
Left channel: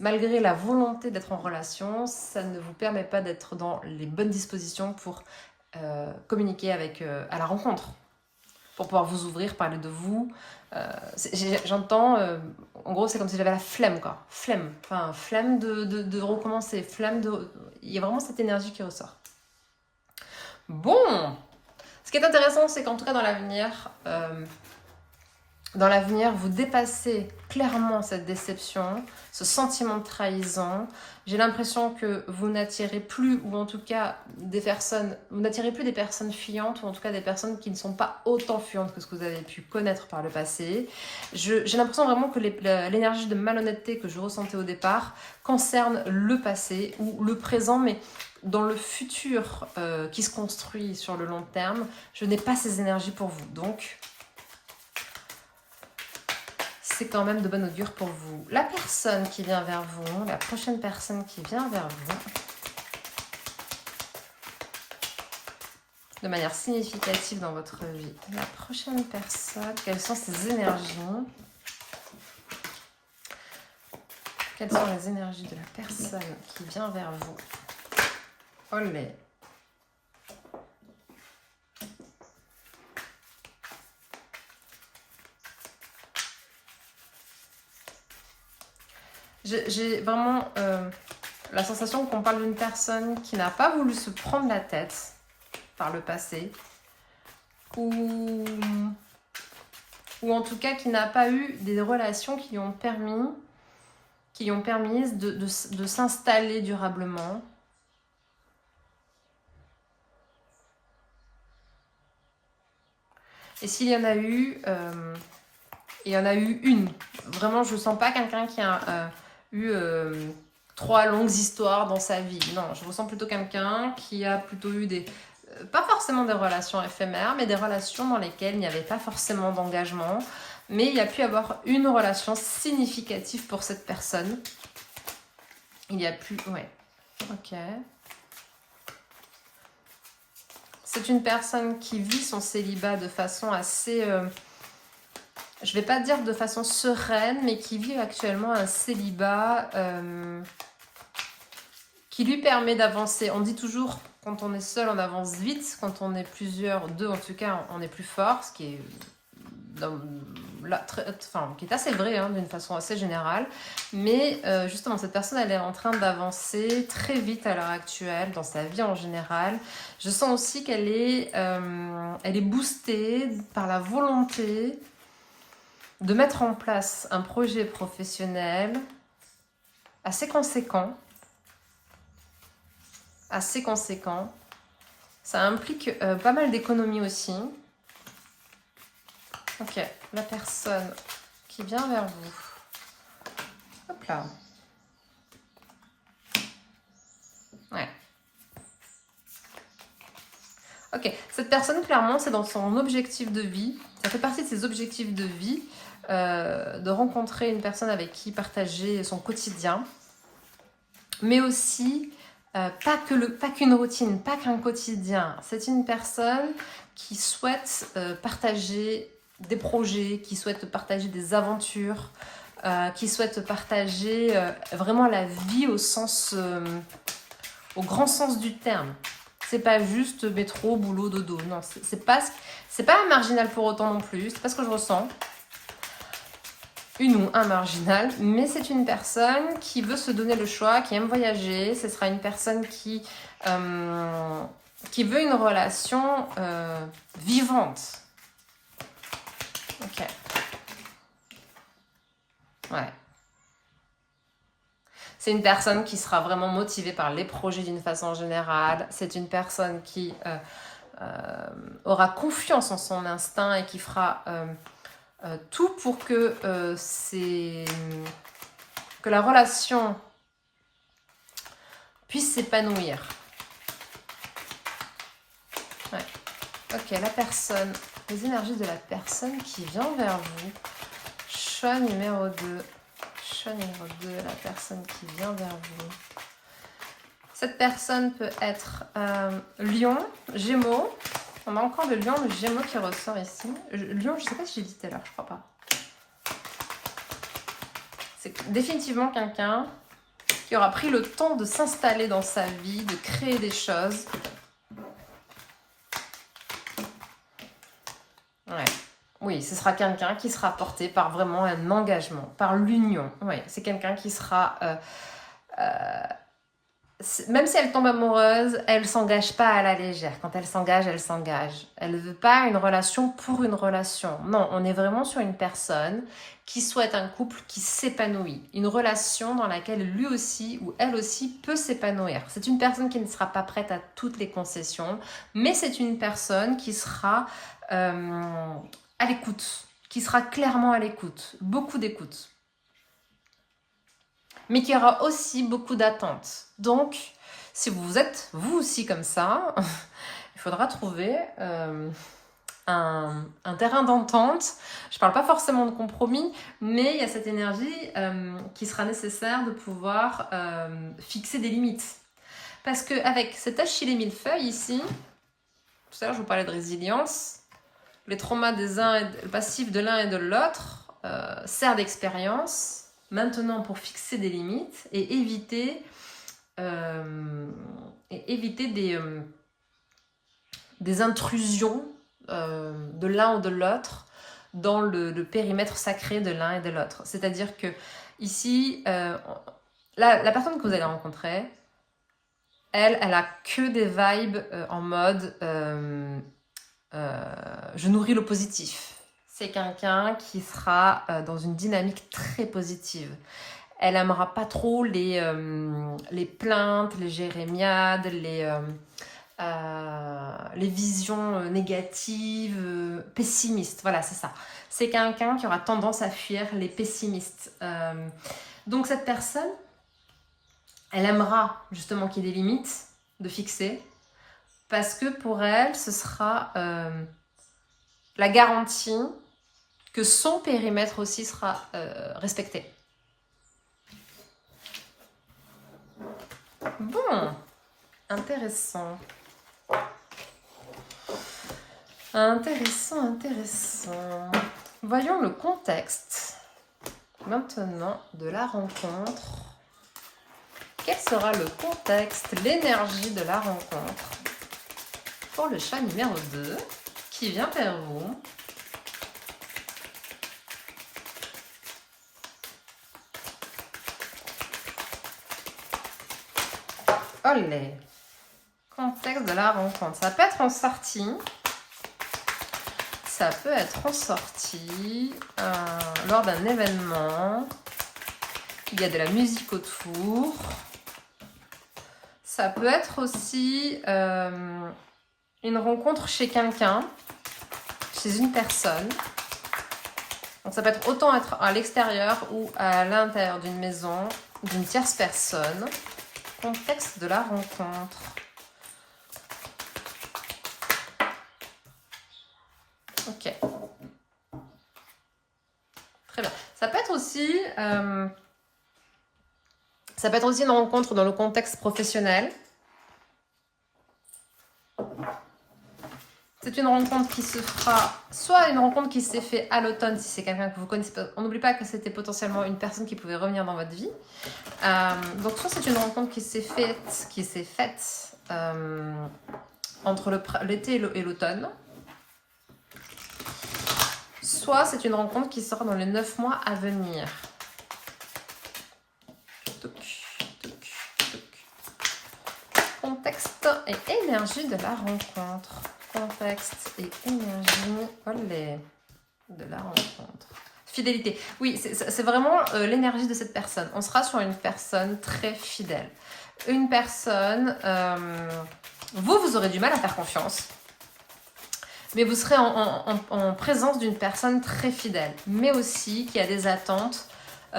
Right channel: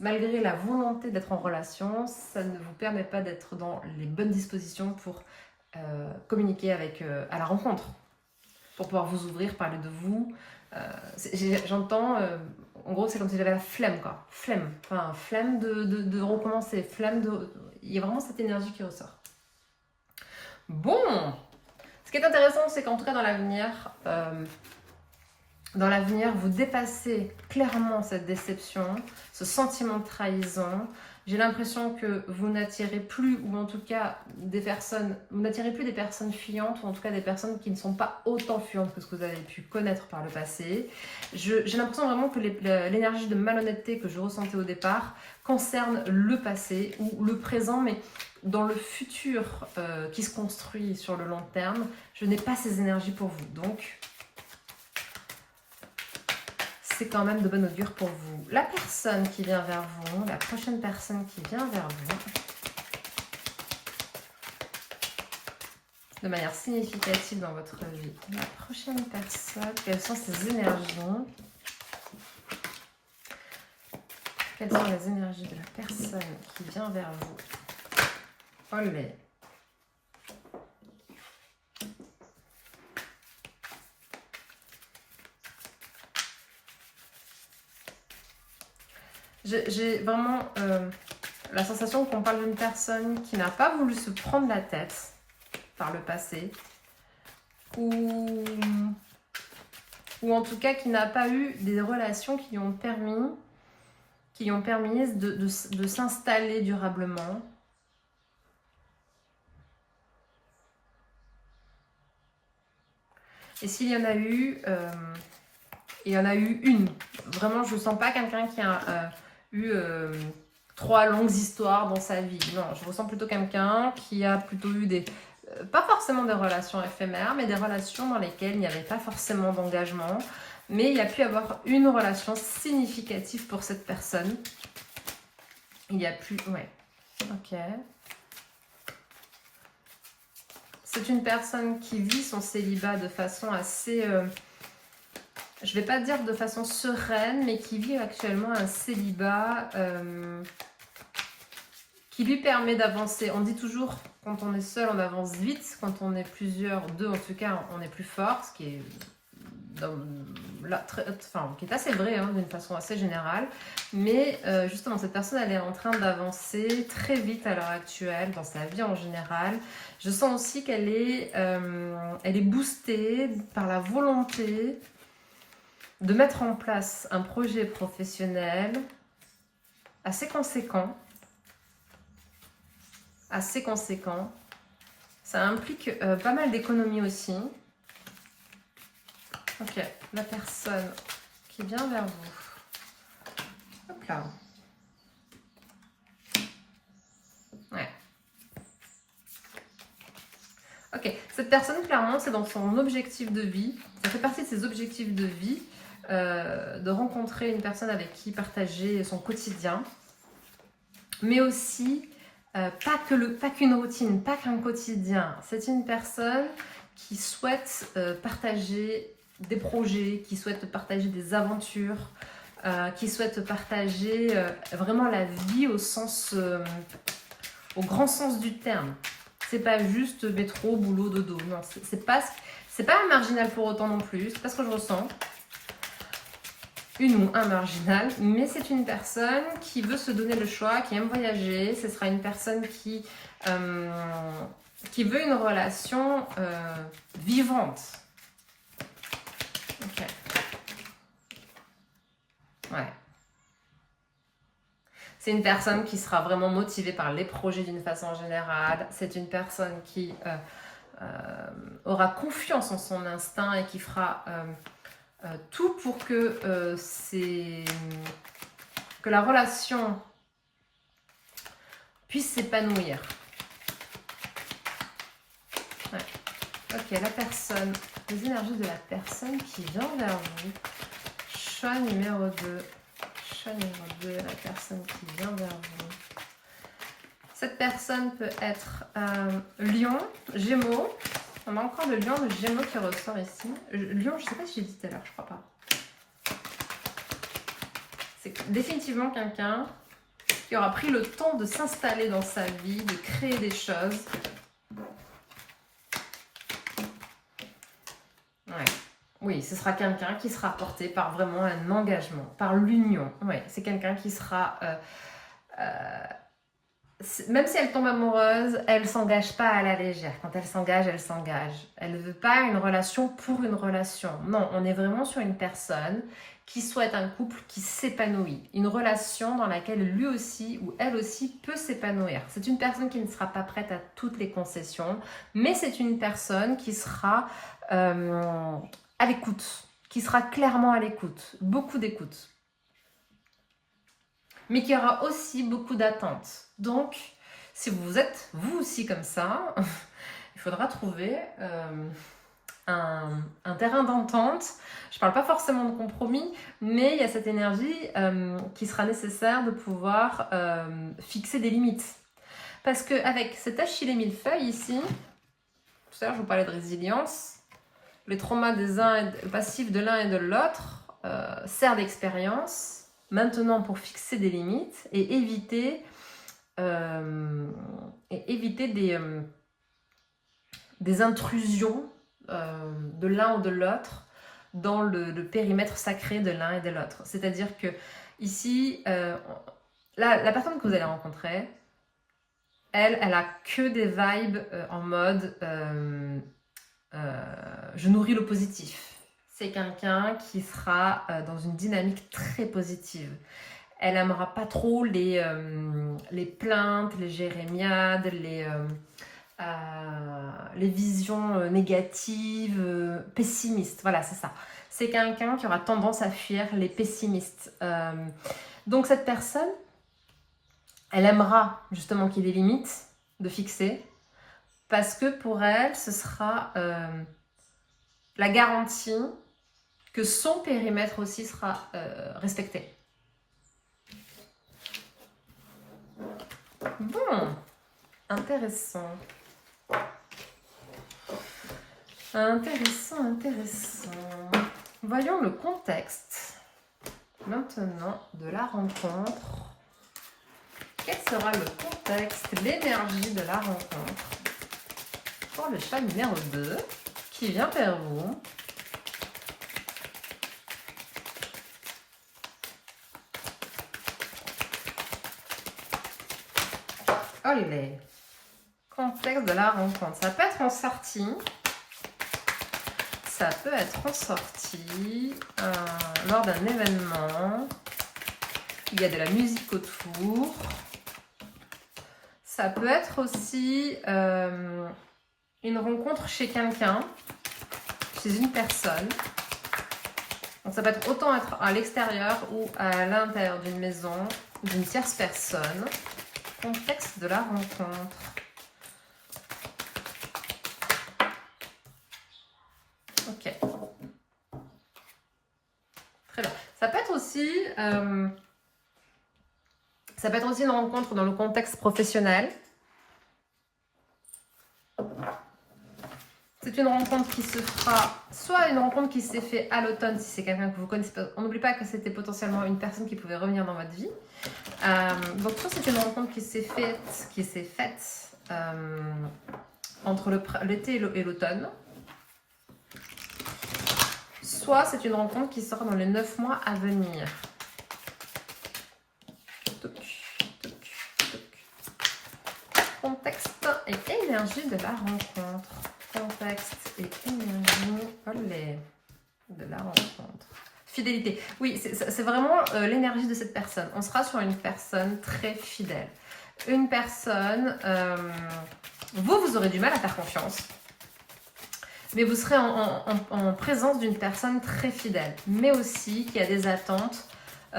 malgré la volonté d'être en relation, ça ne vous permet pas d'être dans les bonnes dispositions pour communiquer à la rencontre, pour pouvoir vous ouvrir, parler de vous. J'entends, en gros, c'est comme si j'avais la flemme, quoi. Flemme, enfin, flemme de recommencer, flemme de... Il y a vraiment cette énergie qui ressort. Bon, ce qui est intéressant, c'est qu'en tout cas, dans l'avenir, vous dépassez clairement cette déception, ce sentiment de trahison. J'ai l'impression que vous n'attirez plus, ou en tout cas vous n'attirez plus des personnes fuyantes, ou en tout cas des personnes qui ne sont pas autant fuyantes que ce que vous avez pu connaître par le passé. J'ai l'impression vraiment que l'énergie de malhonnêteté que je ressentais au départ concerne le passé ou le présent, mais dans le futur qui se construit sur le long terme, je n'ai pas ces énergies pour vous. Donc, c'est quand même de bon augure pour vous. La personne qui vient vers vous, la prochaine personne qui vient vers vous, de manière significative dans votre vie. La prochaine personne, quelles sont ses énergies? Quelles sont les énergies de la personne qui vient vers vous? Olé. J'ai vraiment la sensation qu'on parle d'une personne qui n'a pas voulu se prendre la tête par le passé, ou en tout cas qui n'a pas eu des relations qui lui ont permis qui lui ont permis de s'installer durablement. Et s'il y en a eu, il y en a eu une. Vraiment, je ne sens pas quelqu'un qui a eu 3 longues histoires dans sa vie. Non, je ressens plutôt quelqu'un qui a plutôt eu des... pas forcément des relations éphémères, mais des relations dans lesquelles il n'y avait pas forcément d'engagement. Mais il y a pu y avoir une relation significative pour cette personne. Il y a plus... Ouais. Ok. C'est une personne qui vit son célibat de façon assez... je ne vais pas dire de façon sereine, mais qui vit actuellement un célibat qui lui permet d'avancer. On dit toujours, quand on est seul, on avance vite. Quand on est plusieurs, deux en tout cas, on est plus fort, ce qui est... qui est assez vrai hein, d'une façon assez générale, mais justement cette personne elle est en train d'avancer très vite à l'heure actuelle dans sa vie en général. Je sens aussi qu'elle est, elle est boostée par la volonté de mettre en place un projet professionnel assez conséquent. Ça implique pas mal d'économies aussi. Ok, la personne qui vient vers vous. Hop là. Ouais. Ok, cette personne, clairement, c'est dans son objectif de vie. Ça fait partie de ses objectifs de vie, de rencontrer une personne avec qui partager son quotidien. Mais aussi, pas qu'une routine, pas qu'un quotidien. C'est une personne qui souhaite partager des projets, qui souhaite partager des aventures, qui souhaite partager vraiment la vie au grand sens du terme. C'est pas juste métro, boulot, dodo. Non, c'est pas un marginal pour autant non plus. C'est pas ce que je ressens. Une ou un marginal, mais c'est une personne qui veut se donner le choix, qui aime voyager. Ce sera une personne qui veut une relation vivante. Ok. Ouais. C'est une personne qui sera vraiment motivée par les projets d'une façon générale. C'est une personne qui aura confiance en son instinct et qui fera tout pour que la relation puisse s'épanouir. Ouais. Ok, la personne, les énergies de la personne qui vient vers vous. Choix numéro 2. Choix numéro 2, la personne qui vient vers vous. Cette personne peut être Lion, Gémeaux. On a encore le Lion, le Gémeaux qui ressort ici. Lion, je ne sais pas si j'ai dit tout à l'heure, je crois pas. C'est définitivement quelqu'un qui aura pris le temps de s'installer dans sa vie, de créer des choses. Ouais. Oui, ce sera quelqu'un qui sera porté par vraiment un engagement, par l'union. Oui, c'est quelqu'un qui sera... même si elle tombe amoureuse, elle ne s'engage pas à la légère. Quand elle s'engage, elle s'engage. Elle ne veut pas une relation pour une relation. Non, on est vraiment sur une personne qui souhaite un couple qui s'épanouit. Une relation dans laquelle lui aussi ou elle aussi peut s'épanouir. C'est une personne qui ne sera pas prête à toutes les concessions, mais c'est une personne qui sera à l'écoute, qui sera clairement à l'écoute. Beaucoup d'écoute. Mais qui aura aussi beaucoup d'attentes. Donc, si vous êtes vous aussi comme ça, il faudra trouver un terrain d'entente. Je ne parle pas forcément de compromis, mais il y a cette énergie qui sera nécessaire de pouvoir fixer des limites. Parce qu'avec cet Achille et millefeuille ici, tout à l'heure je vous parlais de résilience, les traumas le passif de l'un et de l'autre sert d'expérience. Maintenant, pour fixer des limites et éviter des intrusions de l'un ou de l'autre dans le périmètre sacré de l'un et de l'autre. C'est-à-dire que ici, la personne que vous allez rencontrer, elle a que des vibes en mode je nourris le positif. C'est quelqu'un qui sera dans une dynamique très positive. Elle aimera pas trop les plaintes, les jérémiades, les visions négatives, pessimistes. Voilà, c'est ça. C'est quelqu'un qui aura tendance à fuir les pessimistes. Donc cette personne, elle aimera justement qu'il y ait des limites de fixer, parce que pour elle, ce sera la garantie que son périmètre aussi sera respecté. Bon, intéressant. Intéressant. Voyons le contexte maintenant de la rencontre. Quel sera le contexte, l'énergie de la rencontre pour le chat numéro 2 qui vient vers vous? Olé. Contexte de la rencontre. Ça peut être en sortie. Ça peut être en sortie lors d'un événement. Il y a de la musique autour. Ça peut être aussi une rencontre chez quelqu'un, chez une personne. Donc ça peut être autant être à l'extérieur ou à l'intérieur d'une maison, d'une tierce personne. Contexte de la rencontre. Ok. Très bien. Ça peut être aussi une rencontre dans le contexte professionnel. C'est une rencontre qui se fera, soit une rencontre qui s'est faite à l'automne, si c'est quelqu'un que vous connaissez pas. On n'oublie pas que c'était potentiellement une personne qui pouvait revenir dans votre vie. Donc soit c'est une rencontre qui s'est faite entre l'été et l'automne. Soit c'est une rencontre qui sera dans les 9 mois à venir. Contexte et énergie de la rencontre. Contexte et énergie de la rencontre. Fidélité. Oui, c'est vraiment l'énergie de cette personne. On sera sur une personne très fidèle. Une personne... vous aurez du mal à faire confiance. Mais vous serez en présence d'une personne très fidèle. Mais aussi qui a des attentes.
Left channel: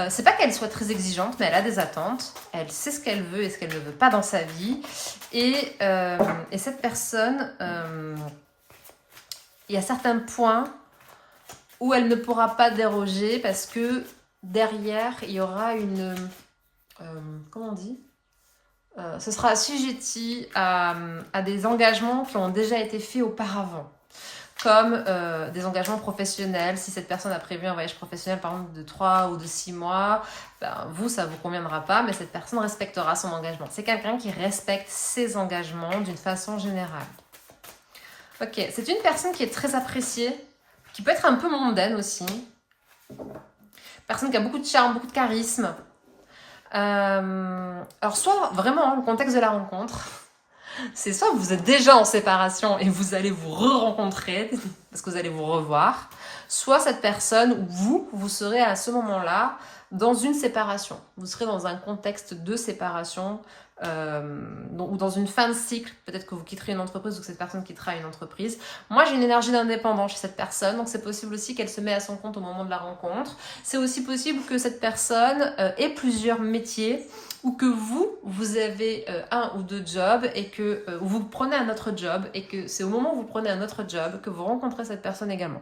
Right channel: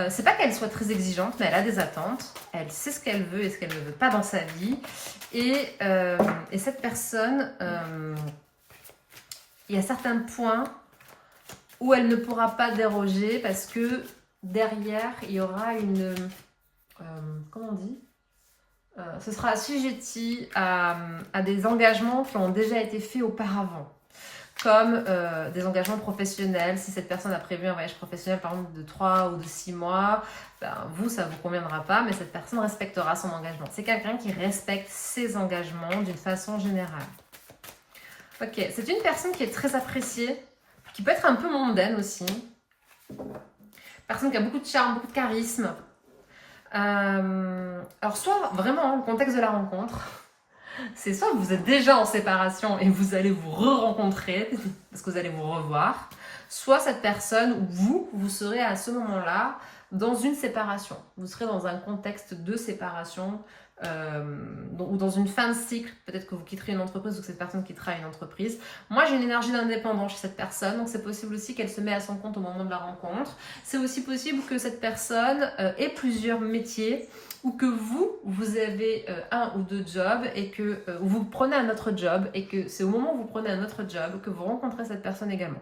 C'est pas qu'elle soit très exigeante, mais elle a des attentes. Elle sait ce qu'elle veut et ce qu'elle ne veut pas dans sa vie. Et cette personne, il y a certains points où elle ne pourra pas déroger parce que derrière, il y aura une... comment on dit ? Ce sera assujetti à des engagements qui ont déjà été faits auparavant. Comme des engagements professionnels. Si cette personne a prévu un voyage professionnel, par exemple, de 3 ou de 6 mois, ben, vous, ça ne vous conviendra pas, mais cette personne respectera son engagement. C'est quelqu'un qui respecte ses engagements d'une façon générale. Ok, c'est une personne qui est très appréciée, qui peut être un peu mondaine aussi. Personne qui a beaucoup de charme, beaucoup de charisme. Alors, soit vraiment, le contexte de la rencontre... C'est soit vous êtes déjà en séparation et vous allez vous re-rencontrer parce que vous allez vous revoir, soit cette personne ou vous serez à ce moment-là dans une séparation. Vous serez dans un contexte de séparation ou dans une fin de cycle. Peut-être que vous quitterez une entreprise ou que cette personne quittera une entreprise. Moi, j'ai une énergie d'indépendant chez cette personne, donc c'est possible aussi qu'elle se met à son compte au moment de la rencontre. C'est aussi possible que cette personne ait plusieurs métiers ou que vous avez un ou deux jobs et que vous prenez un autre job et que c'est au moment où vous prenez un autre job que vous rencontrez cette personne également.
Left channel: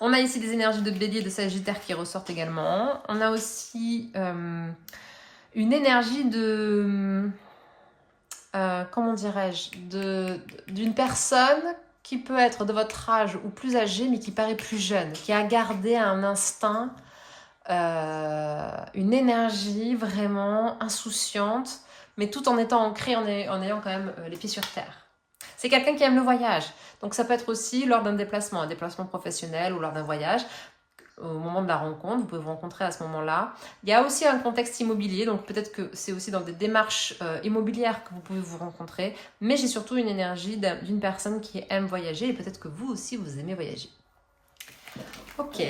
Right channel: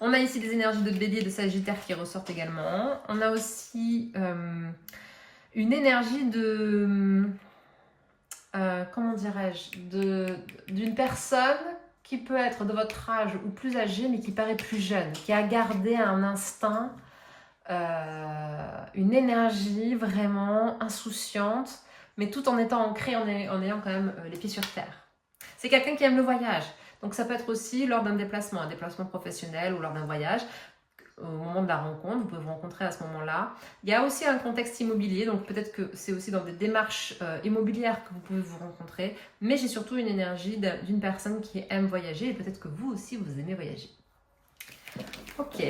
On a ici des énergies de Bélier et de Sagittaire qui ressortent également. On a aussi une énergie de... comment dirais-je, d'une personne qui peut être de votre âge ou plus âgée mais qui paraît plus jeune, qui a gardé un instinct, une énergie vraiment insouciante, mais tout en étant ancré, en ayant quand même les pieds sur terre. C'est quelqu'un qui aime le voyage, donc ça peut être aussi lors d'un déplacement, un déplacement professionnel ou lors d'un voyage. Au moment de la rencontre, vous pouvez vous rencontrer à ce moment-là. Il y a aussi un contexte immobilier, donc peut-être que c'est aussi dans des démarches immobilières que vous pouvez vous rencontrer, mais j'ai surtout une énergie d'une personne qui aime voyager et peut-être que vous aussi vous aimez voyager. Ok.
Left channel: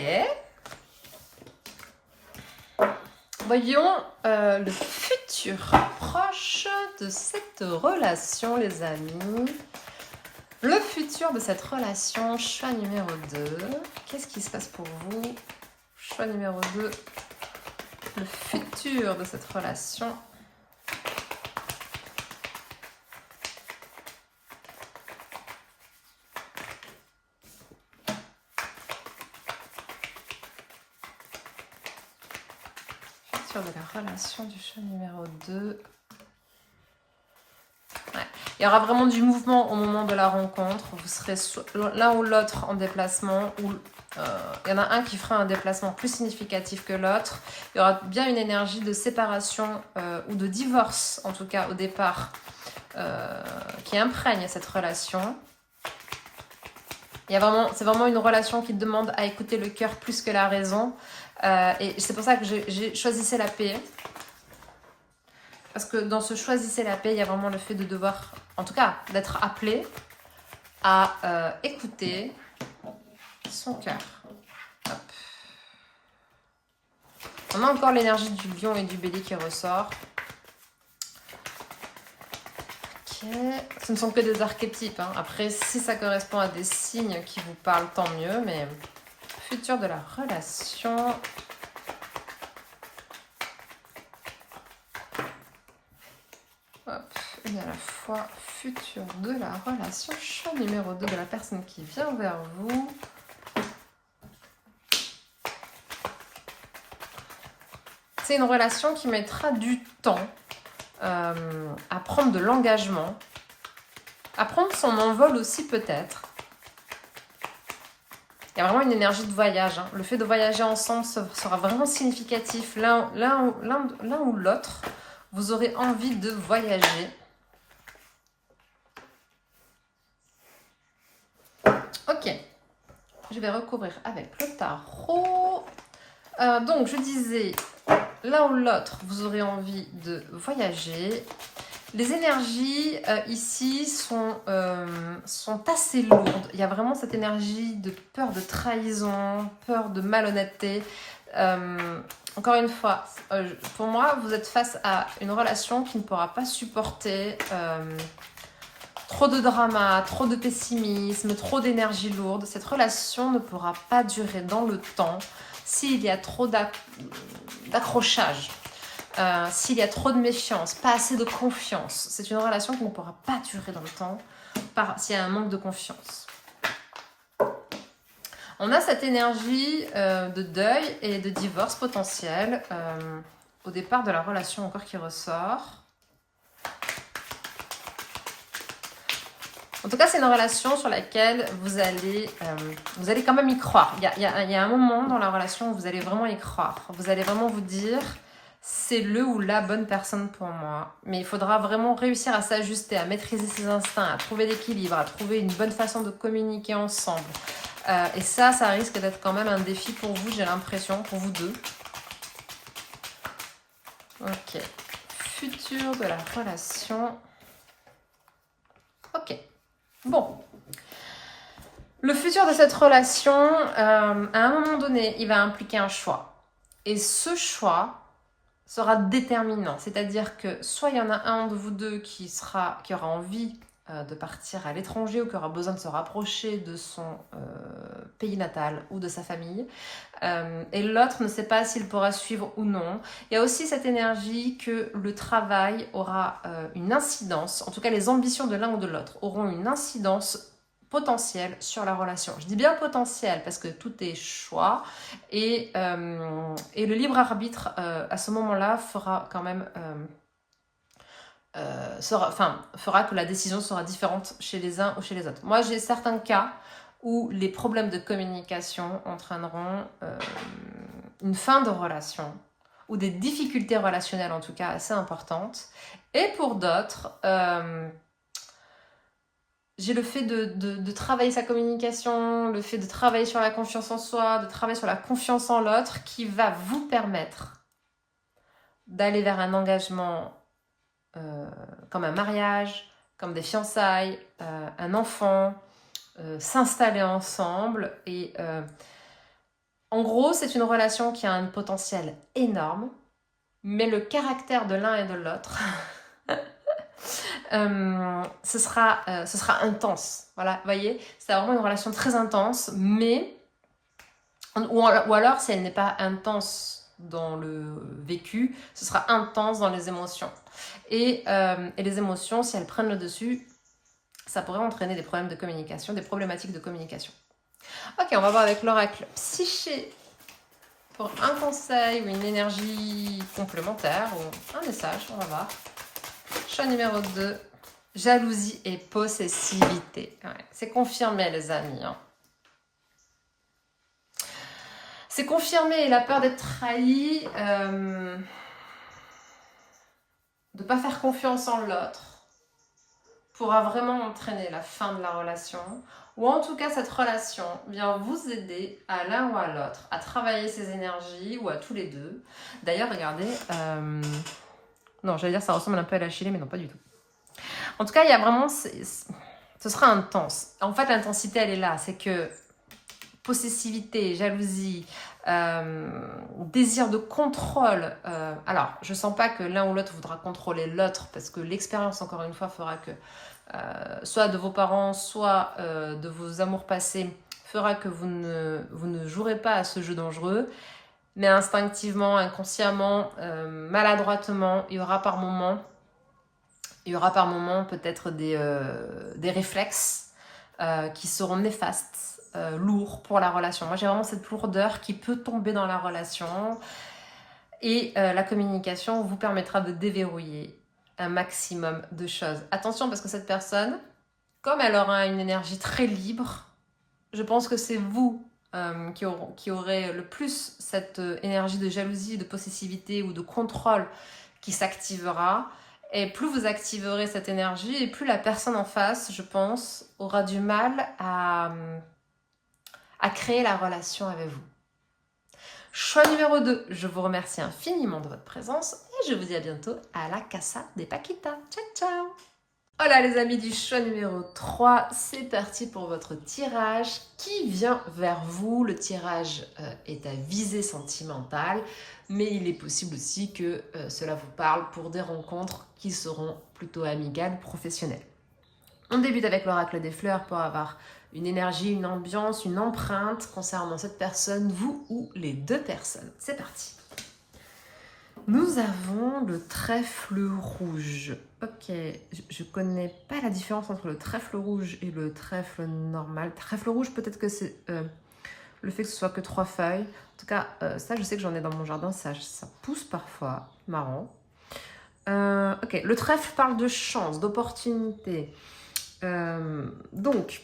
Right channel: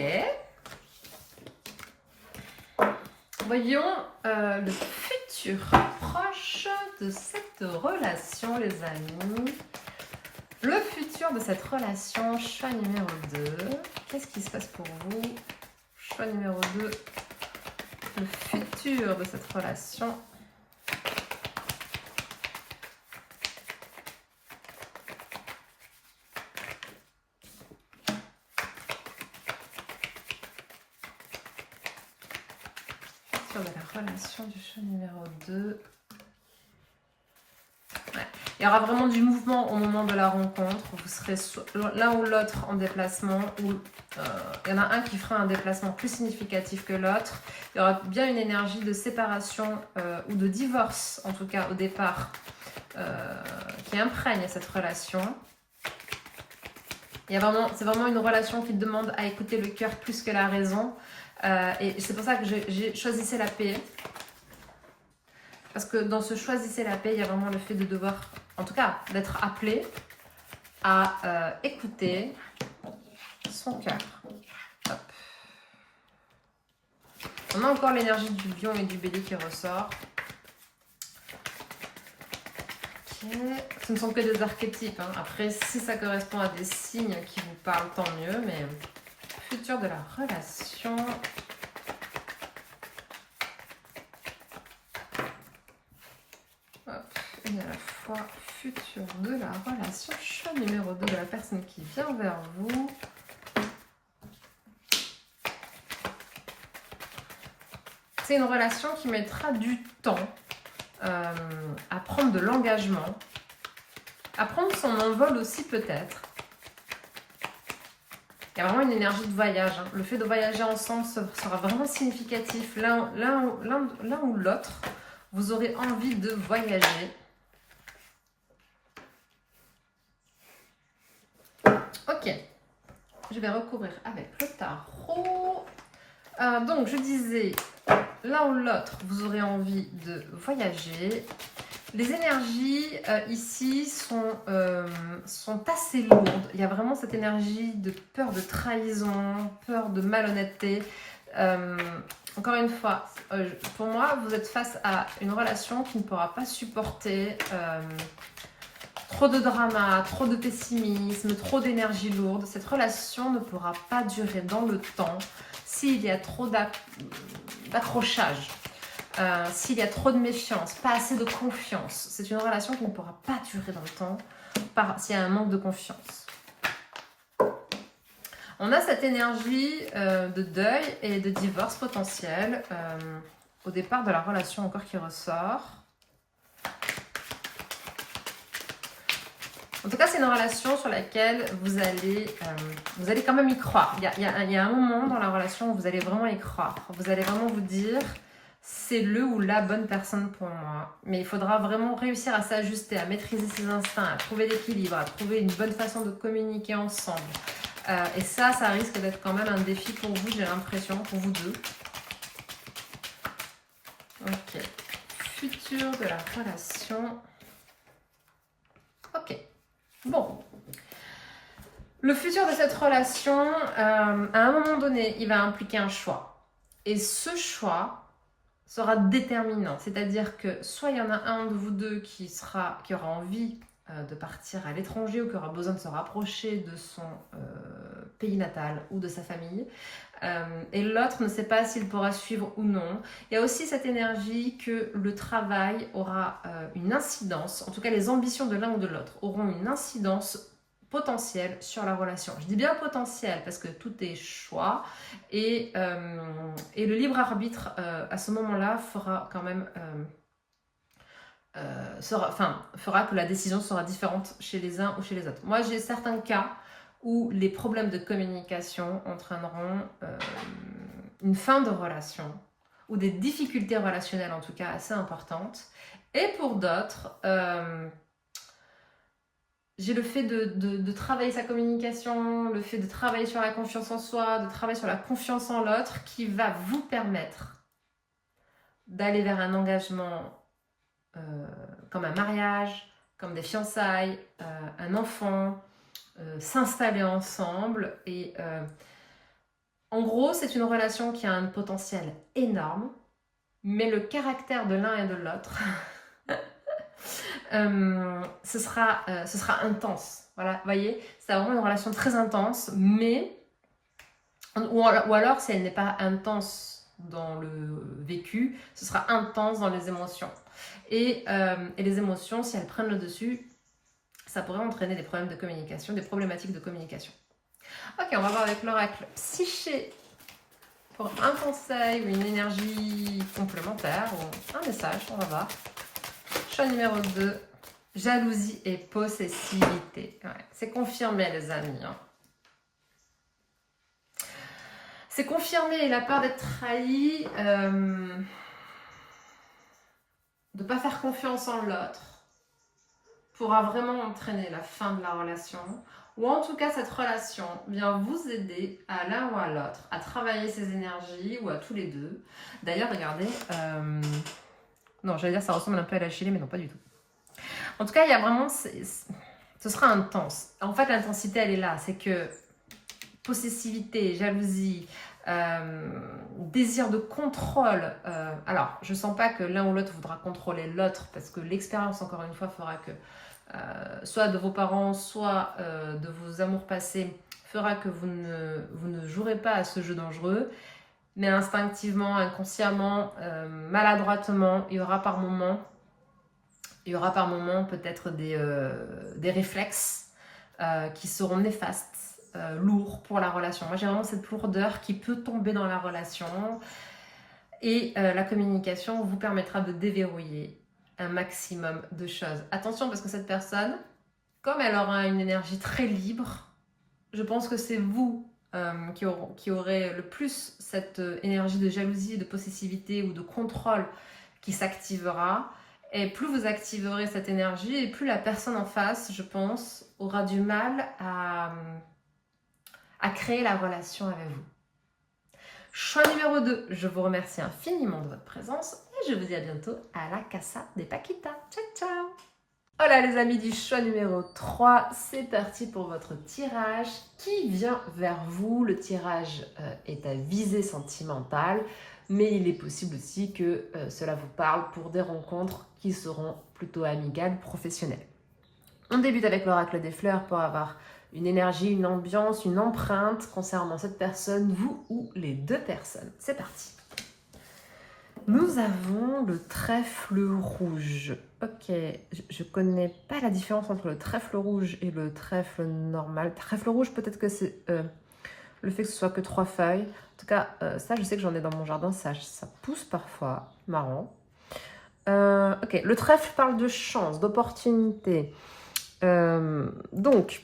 Voyons le futur proche de cette relation, les amis. Le futur de cette relation, choix numéro 2. Qu'est-ce qui se passe pour vous? Choix numéro 2. Le futur de cette relation. Futur de la relation du choix numéro 2. Ouais. Il y aura vraiment du mouvement au moment de la rencontre. Vous serez l'un ou l'autre en déplacement, ou il y en a un qui fera un déplacement plus significatif que l'autre. Il y aura bien une énergie de séparation ou de divorce, en tout cas au départ, qui imprègne cette relation. C'est vraiment une relation qui demande à écouter le cœur plus que la raison. Et c'est pour ça que j'ai choisi la paix. Parce que dans ce choisissez la paix, il y a vraiment le fait de devoir, en tout cas, d'être appelé à écouter son cœur. Hop. On a encore l'énergie du lion et du bélier qui ressort. Ok. Ce ne sont que des archétypes. Hein. Après, si ça correspond à des signes qui vous parlent, tant mieux. Mais futur de la relation... Et à la fois futur de la relation, choix numéro 2 de la personne qui vient vers vous. C'est une relation qui mettra du temps à prendre de l'engagement, à prendre son envol aussi peut-être. Il y a vraiment une énergie de voyage. Hein. Le fait de voyager ensemble sera vraiment significatif. L'un ou l'autre, vous aurez envie de voyager. Ok, je vais recouvrir avec le tarot. Donc, je disais, l'un ou l'autre, vous aurez envie de voyager. Les énergies ici sont assez lourdes. Il y a vraiment cette énergie de peur de trahison, peur de malhonnêteté. Encore une fois, pour moi, vous êtes face à une relation qui ne pourra pas supporter trop de drama, trop de pessimisme, trop d'énergie lourde. Cette relation ne pourra pas durer dans le temps s'il y a trop d'accrochage. S'il y a trop de méfiance, pas assez de confiance, c'est une relation qui ne pourra pas durer dans le temps s'il y a un manque de confiance. On a cette énergie de deuil et de divorce potentiel au départ de la relation encore qui ressort. En tout cas, c'est une relation sur laquelle vous allez quand même y croire. Il y a un moment dans la relation où vous allez vraiment y croire. Vous allez vraiment vous dire... c'est le ou la bonne personne pour moi. Mais il faudra vraiment réussir à s'ajuster, à maîtriser ses instincts, à trouver l'équilibre, à trouver une bonne façon de communiquer ensemble. Et ça risque d'être quand même un défi pour vous, j'ai l'impression, pour vous deux. Ok. Futur de la relation. Ok. Bon. Le futur de cette relation, à un moment donné, il va impliquer un choix. Et ce choix sera déterminant. C'est-à-dire que soit il y en a un de vous deux qui aura envie de partir à l'étranger ou qui aura besoin de se rapprocher de son pays natal ou de sa famille. Et l'autre ne sait pas s'il pourra suivre ou non. Il y a aussi cette énergie que le travail aura une incidence, en tout cas les ambitions de l'un ou de l'autre auront une incidence potentielle sur la relation. Je dis bien potentiel parce que tout est choix et le libre arbitre à ce moment-là fera quand même fera que la décision sera différente chez les uns ou chez les autres. Moi, j'ai certains cas où les problèmes de communication entraîneront une fin de relation ou des difficultés relationnelles en tout cas assez importantes. Et pour d'autres, j'ai le fait de travailler sa communication, le fait de travailler sur la confiance en soi, de travailler sur la confiance en l'autre qui va vous permettre d'aller vers un engagement comme un mariage, comme des fiançailles, un enfant, s'installer ensemble et En gros, c'est une relation qui a un potentiel énorme, mais le caractère de l'un et de l'autre, ce sera intense. Voilà, vous voyez, c'est vraiment une relation très intense, mais, ou alors si elle n'est pas intense dans le vécu, ce sera intense dans les émotions. Et les émotions, si elles prennent le dessus, ça pourrait entraîner des problèmes de communication, des problématiques de communication. Ok, on va voir avec l'oracle Psyché pour un conseil ou une énergie complémentaire ou un message, on va voir. Choix numéro 2, jalousie et possessivité. Ouais, c'est confirmé les amis. Hein. C'est confirmé, la peur d'être trahi, de ne pas faire confiance en l'autre pourra vraiment entraîner la fin de la relation. Ou en tout cas, cette relation vient vous aider à l'un ou à l'autre à travailler ses énergies ou à tous les deux. D'ailleurs, regardez, non, j'allais dire ça ressemble un peu à la Chili, mais non, pas du tout. En tout cas, il y a vraiment, ce sera intense. En fait, l'intensité, elle est là. C'est que possessivité, jalousie, désir de contrôle. Alors, je ne sens pas que l'un ou l'autre voudra contrôler l'autre parce que l'expérience, encore une fois, fera que soit de vos parents, soit de vos amours passés, fera que vous ne jouerez pas à ce jeu dangereux. Mais instinctivement, inconsciemment, maladroitement, il y aura par moments peut-être des réflexes qui seront néfastes, lourds pour la relation. Moi, j'ai vraiment cette lourdeur qui peut tomber dans la relation. Et la communication vous permettra de déverrouiller un maximum de choses. Attention, parce que cette personne, comme elle aura une énergie très libre, je pense que c'est vous qui aurez le plus cette énergie de jalousie, de possessivité ou de contrôle qui s'activera. Et plus vous activerez cette énergie, et plus la personne en face, je pense, aura du mal à créer la relation avec vous. Choix numéro 2, je vous remercie infiniment de votre présence et je vous dis à bientôt à la Casa des Paquitas. Ciao, ciao! Voilà les amis du choix numéro 3, c'est parti pour votre tirage qui vient vers vous. Le tirage est à visée sentimentale, mais il est possible aussi que cela vous parle pour des rencontres qui seront plutôt amicales, professionnelles. On débute avec l'oracle des fleurs pour avoir une énergie, une ambiance, une empreinte concernant cette personne, vous ou les deux personnes. C'est parti. Nous avons le trèfle rouge. Ok, je connais pas la différence entre le trèfle rouge et le trèfle normal. Trèfle rouge, peut-être que c'est le fait que ce soit que 3 feuilles. En tout cas, ça, je sais que j'en ai dans mon jardin. Ça pousse parfois. Marrant. Ok, le trèfle parle de chance, d'opportunité. Donc,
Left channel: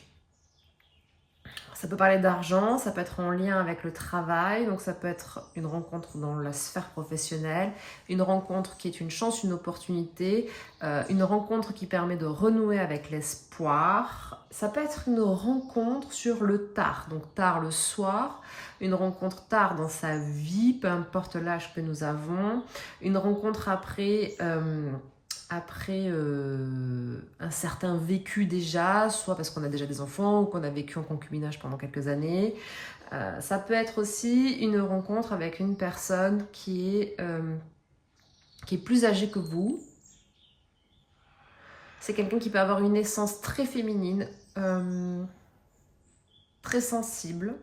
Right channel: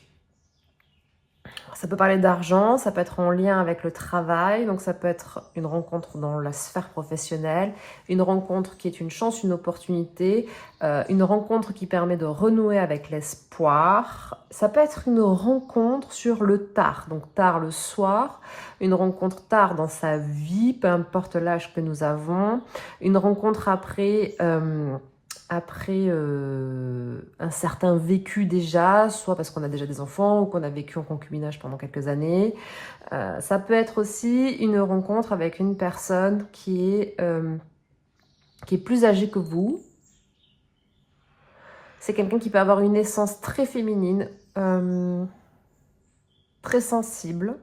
ça peut parler d'argent, ça peut être en lien avec le travail, donc ça peut être une rencontre dans la sphère professionnelle, une rencontre qui est une chance, une opportunité, une rencontre qui permet de renouer avec l'espoir. Ça peut être une rencontre sur le tard, donc tard le soir, une rencontre tard dans sa vie, peu importe l'âge que nous avons, une rencontre après un certain vécu déjà, soit parce qu'on a déjà des enfants ou qu'on a vécu en concubinage pendant quelques années. Ça peut être aussi une rencontre avec une personne qui est plus âgée que vous. C'est quelqu'un qui peut avoir une essence très féminine, très sensible,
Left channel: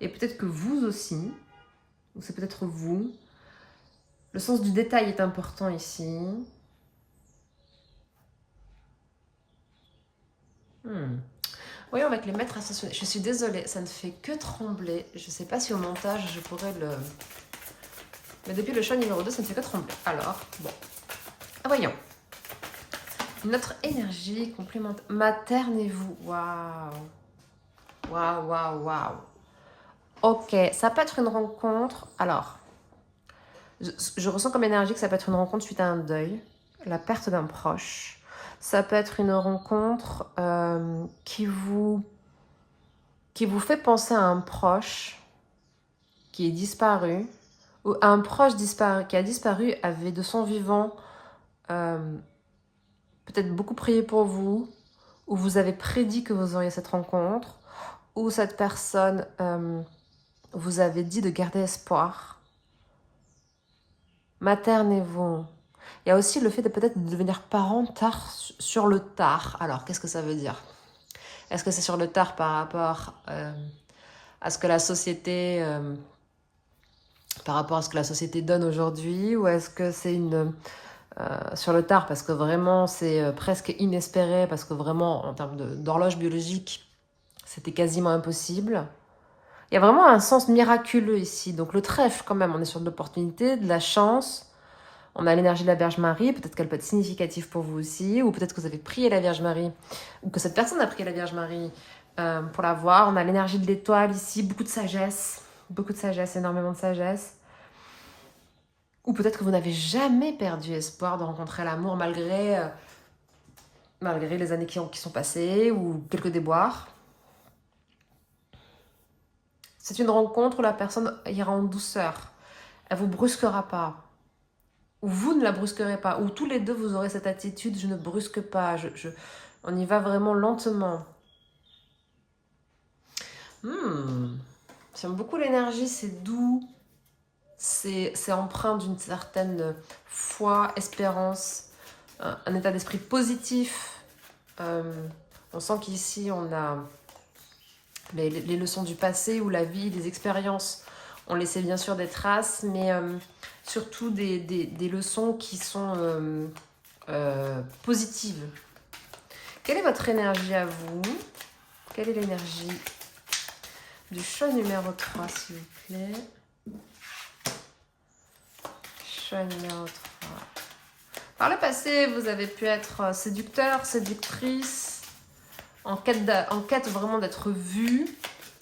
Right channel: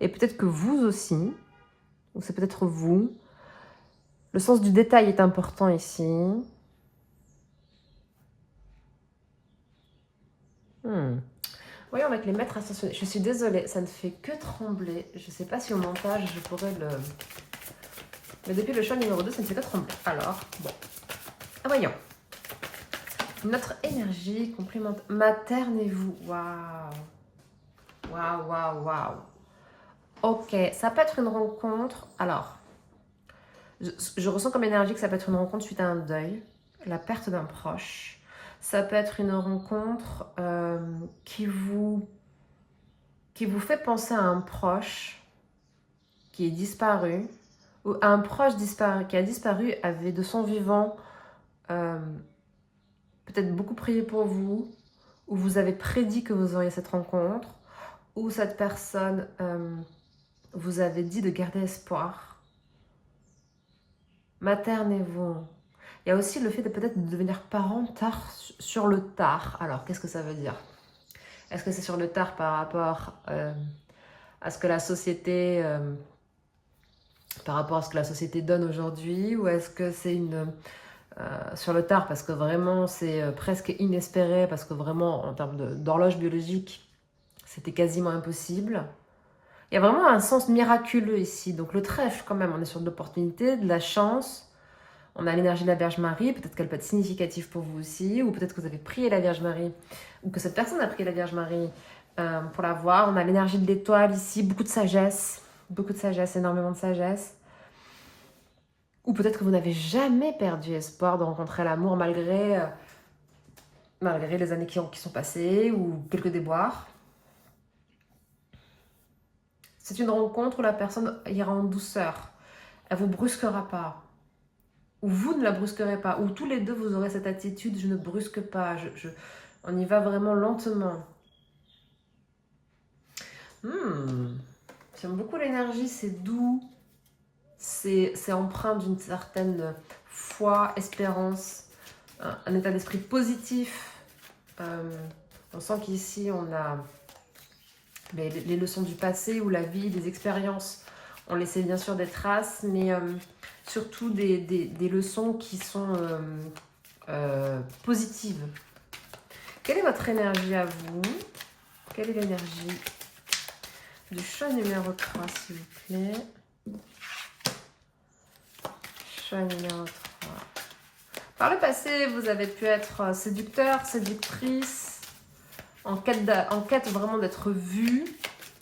et peut-être que vous aussi, ou c'est peut-être vous. Le sens du détail est important ici. Voyons avec les maîtres ascensionnés. Je suis désolée, ça ne fait que trembler. Je ne sais pas si au montage je pourrais le... Mais depuis le choix numéro 2, ça ne fait que trembler. Alors, bon. Voyons. Notre énergie complémentaire. Maternez-vous. Waouh. Waouh, waouh, waouh. Ok, ça peut être une rencontre. Alors, je ressens comme énergie que ça peut être une rencontre suite à un deuil, la perte d'un proche. Ça peut être une rencontre qui vous fait penser à un proche qui est disparu, ou à un proche disparu, qui a disparu, avait de son vivant peut-être beaucoup prié pour vous, ou vous avez prédit que vous auriez cette rencontre, ou cette personne vous avez dit de garder espoir. Maternez-vous. Il y a aussi le fait de peut-être devenir parent tard sur le tard. Alors, qu'est-ce que ça veut dire? Est-ce que c'est sur le tard par rapport à ce que la société... par rapport à ce que la société donne aujourd'hui, ou est-ce que c'est sur le tard parce que vraiment c'est presque inespéré, parce que vraiment en termes d'horloge biologique, c'était quasiment impossible. Il y a vraiment un sens miraculeux ici. Donc le trèfle quand même, on est sur de l'opportunité, de la chance. On a l'énergie de la Vierge Marie, peut-être qu'elle peut être significative pour vous aussi, ou peut-être que vous avez prié la Vierge Marie, ou que cette personne a prié la Vierge Marie pour la voir. On a l'énergie de l'étoile ici, beaucoup de sagesse, énormément de sagesse. Ou peut-être que vous n'avez jamais perdu espoir de rencontrer l'amour malgré les années qui sont passées ou quelques déboires. C'est une rencontre où la personne ira en douceur. Elle ne vous brusquera pas. Ou vous ne la brusquerez pas. Ou tous les deux, vous aurez cette attitude, je ne brusque pas. On y va vraiment lentement. J'aime beaucoup l'énergie, c'est doux. C'est empreint d'une certaine foi, espérance, un état d'esprit positif. On sent qu'ici, on a les leçons du passé ou la vie, des expériences ont laissé bien sûr des traces, mais surtout des leçons qui sont positives. Quelle est votre énergie à vous? Quelle est l'énergie du chat numéro 3, s'il vous plaît? Chat numéro 3. Par le passé, vous avez pu être séducteur, séductrice, en quête vraiment d'être vu.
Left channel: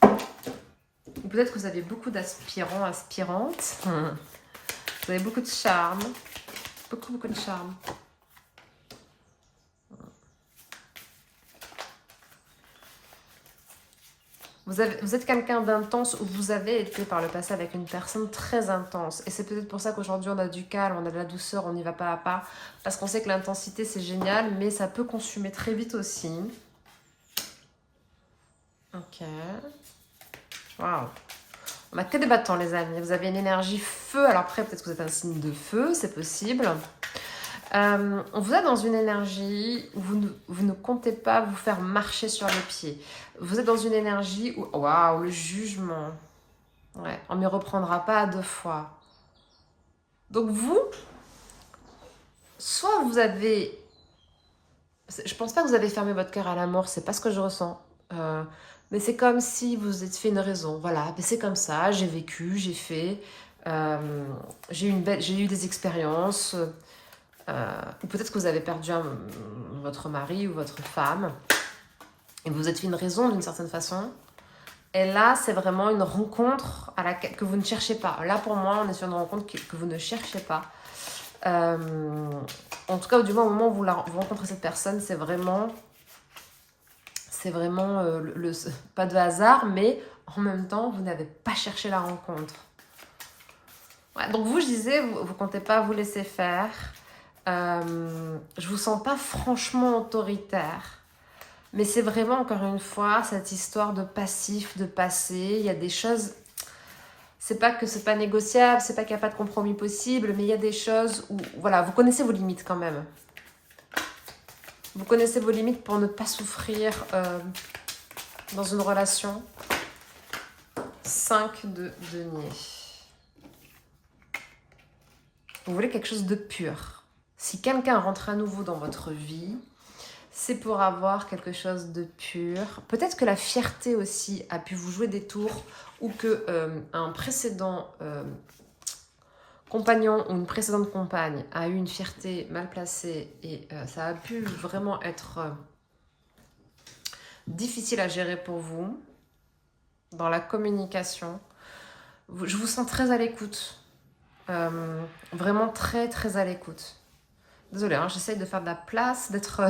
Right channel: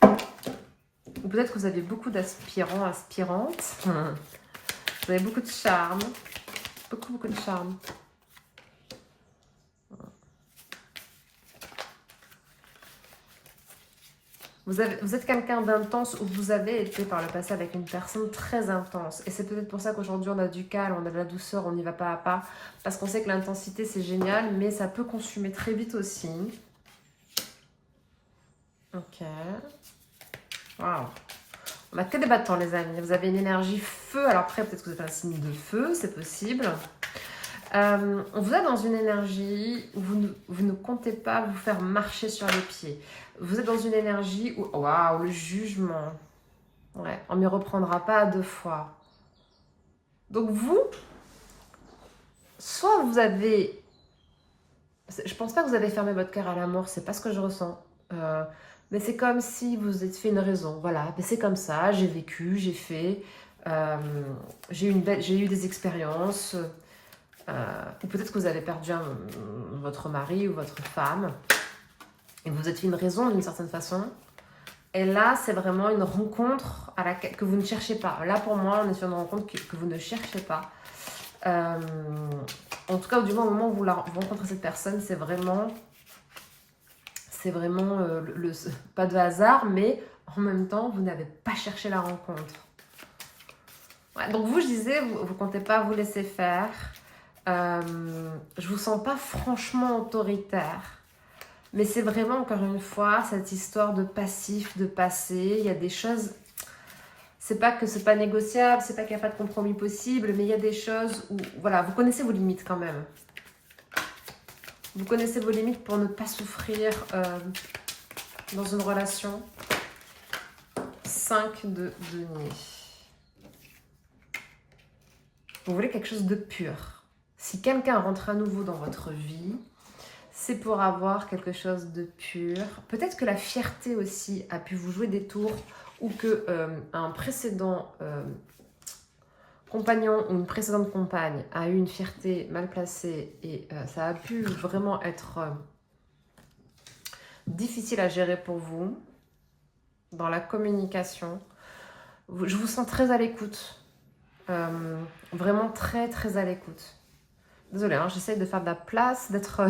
Ou peut-être que vous avez beaucoup d'aspirants, aspirantes. Vous avez beaucoup de charme. Beaucoup de charme. Vous êtes quelqu'un d'intense, ou vous avez été par le passé avec une personne très intense. Et c'est peut-être pour ça qu'aujourd'hui on a du calme, on a de la douceur, on y va pas à pas. Parce qu'on sait que l'intensité c'est génial, mais ça peut consumer très vite aussi. Ok. Waouh. On a que des battants les amis. Vous avez une énergie feu. Alors après peut-être que vous êtes un signe de feu, c'est possible. On vous a dans une énergie où vous ne comptez pas vous faire marcher sur les pieds. Vous êtes dans une énergie où, waouh, le jugement. Ouais, on ne m'y reprendra pas à 2 fois. Donc vous, soit vous avez... Je pense pas que vous avez fermé votre cœur à la mort, c'est pas ce que je ressens. Mais c'est comme si vous êtes fait une raison. Voilà, c'est comme ça, j'ai vécu, j'ai fait... j'ai eu des expériences... ou peut-être que vous avez perdu votre mari ou votre femme et vous êtes fait une raison d'une certaine façon. Et là, c'est vraiment une rencontre que vous ne cherchez pas. Là, pour moi, on est sur une rencontre que vous ne cherchez pas. En tout cas, du moins, au moment où vous rencontrez cette personne, c'est vraiment pas de hasard, mais en même temps, vous n'avez pas cherché la rencontre. Ouais, donc vous, je disais, vous ne comptez pas vous laisser faire. Je vous sens pas franchement autoritaire, mais c'est vraiment encore une fois cette histoire de passif, de passé. Il y a des choses, c'est pas que c'est pas négociable, c'est pas qu'il n'y a pas de compromis possible, mais il y a des choses où, voilà, vous connaissez vos limites quand même. Vous connaissez vos limites pour ne pas souffrir dans une relation. 5 de denier. Vous voulez quelque chose de pur. Si quelqu'un rentre à nouveau dans votre vie, c'est pour avoir quelque chose de pur. Peut-être que la fierté aussi a pu vous jouer des tours, ou que un précédent compagnon ou une précédente compagne a eu une fierté mal placée et ça a pu vraiment être difficile à gérer pour vous dans la communication. Je vous sens très à l'écoute. Vraiment très très à l'écoute. Désolée, hein, j'essaye de faire de la place, d'être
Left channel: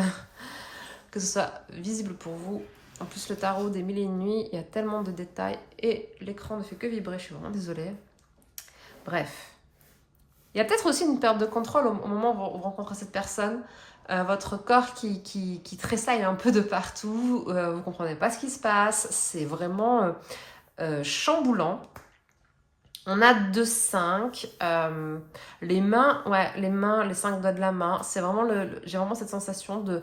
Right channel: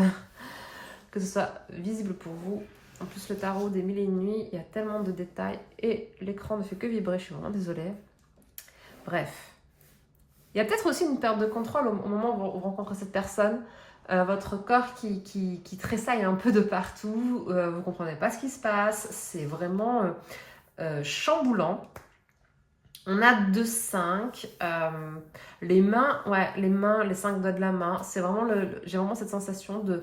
que ce soit visible pour vous. En plus, le tarot des 1001 nuits, il y a tellement de détails et l'écran ne fait que vibrer. Je suis vraiment désolée. Bref. Il y a peut-être aussi une perte de contrôle au moment où vous rencontrez cette personne. Votre corps qui tressaille un peu de partout. Vous ne comprenez pas ce qui se passe. C'est vraiment chamboulant. On a 2-5. Les mains, ouais, les mains, les 5 doigts de la main, c'est vraiment j'ai vraiment cette sensation de...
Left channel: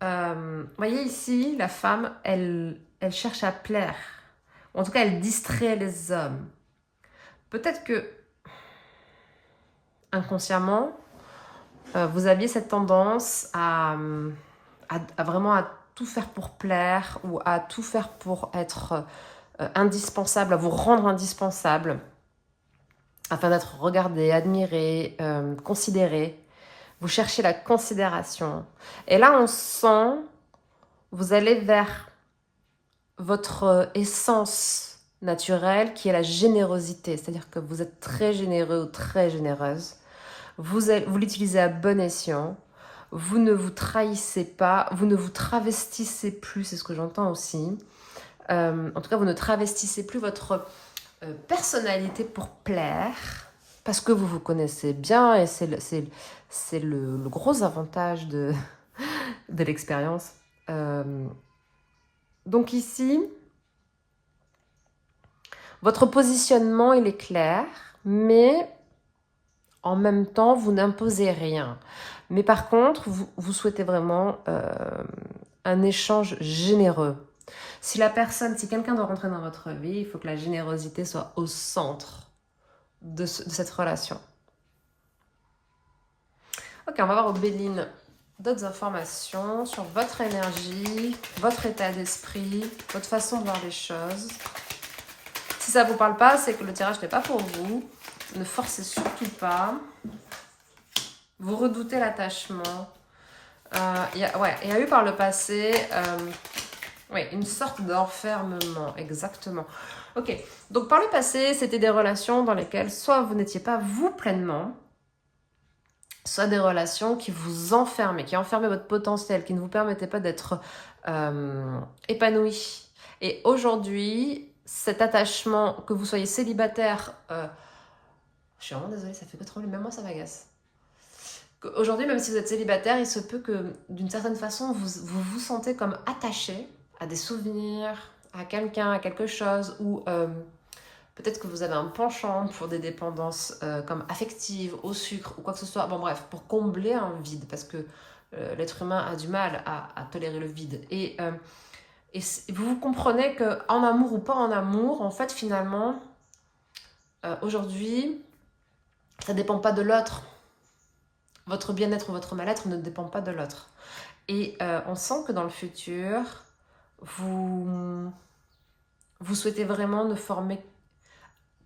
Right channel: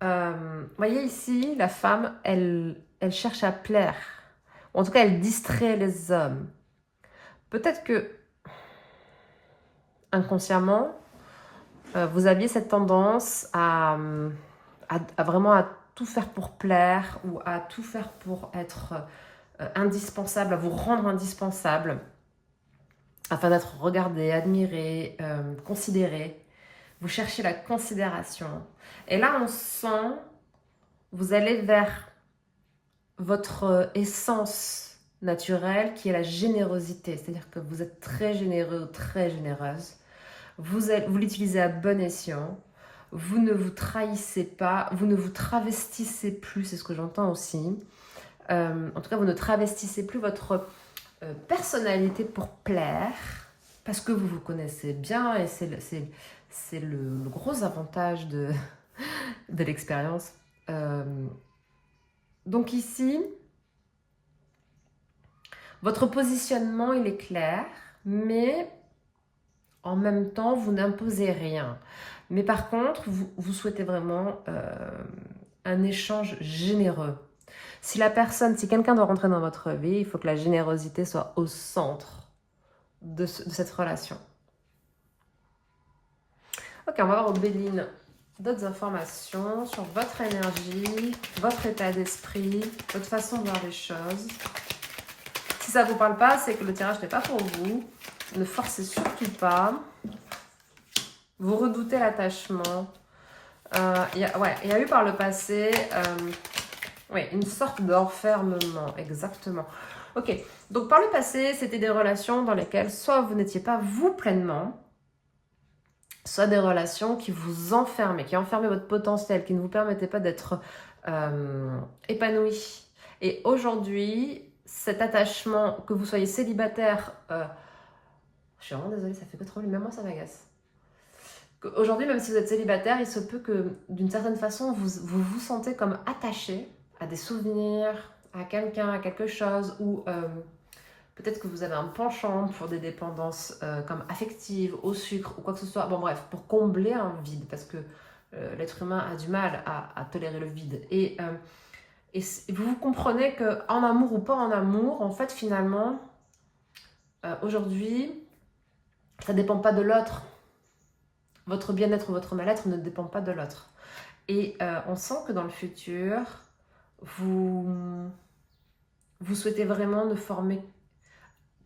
vous voyez ici, la femme, elle cherche à plaire. Ou en tout cas, elle distrait les hommes. Peut-être que, inconsciemment, vous aviez cette tendance à vraiment à tout faire pour plaire ou à tout faire pour être indispensable, à vous rendre indispensable, afin d'être regardé, admiré, considéré. Vous cherchez la considération. Et là, on sent, vous allez vers votre essence naturelle qui est la générosité. C'est-à-dire que vous êtes très généreux ou très généreuse. Vous l'utilisez à bon escient. Vous ne vous trahissez pas. Vous ne vous travestissez plus. C'est ce que j'entends aussi. En tout cas, vous ne travestissez plus votre personnalité pour plaire. Parce que vous vous connaissez bien. Et c'est le gros avantage de l'expérience. Donc ici, votre positionnement, il est clair, mais en même temps, vous n'imposez rien. Mais par contre, vous souhaitez vraiment un échange généreux. Si quelqu'un doit rentrer dans votre vie, il faut que la générosité soit au centre de cette relation. Ok, on va voir au Béline d'autres informations sur votre énergie, votre état d'esprit, votre façon de voir les choses. Si ça ne vous parle pas, c'est que le tirage n'est pas pour vous. Ne forcez surtout pas. Vous redoutez l'attachement. Il y a eu par le passé une sorte d'enfermement, exactement. Ok, donc par le passé, c'était des relations dans lesquelles soit vous n'étiez pas vous pleinement, soit des relations qui vous enfermaient, qui enfermaient votre potentiel, qui ne vous permettaient pas d'être épanoui. Et aujourd'hui, cet attachement, que vous soyez célibataire, je suis vraiment désolée, ça fait que trop, même moi ça m'agace. Aujourd'hui, même si vous êtes célibataire, il se peut que d'une certaine façon, vous sentez comme attaché à des souvenirs, à quelqu'un, à quelque chose, ou peut-être que vous avez un penchant pour des dépendances comme affectives, au sucre ou quoi que ce soit. Bon bref, pour combler un vide, parce que l'être humain a du mal à tolérer le vide. Et vous comprenez qu'en amour ou pas en amour, en fait, finalement, aujourd'hui, ça ne dépend pas de l'autre. Votre bien-être ou votre mal-être ne dépend pas de l'autre. Et on sent que dans le futur, vous souhaitez vraiment ne former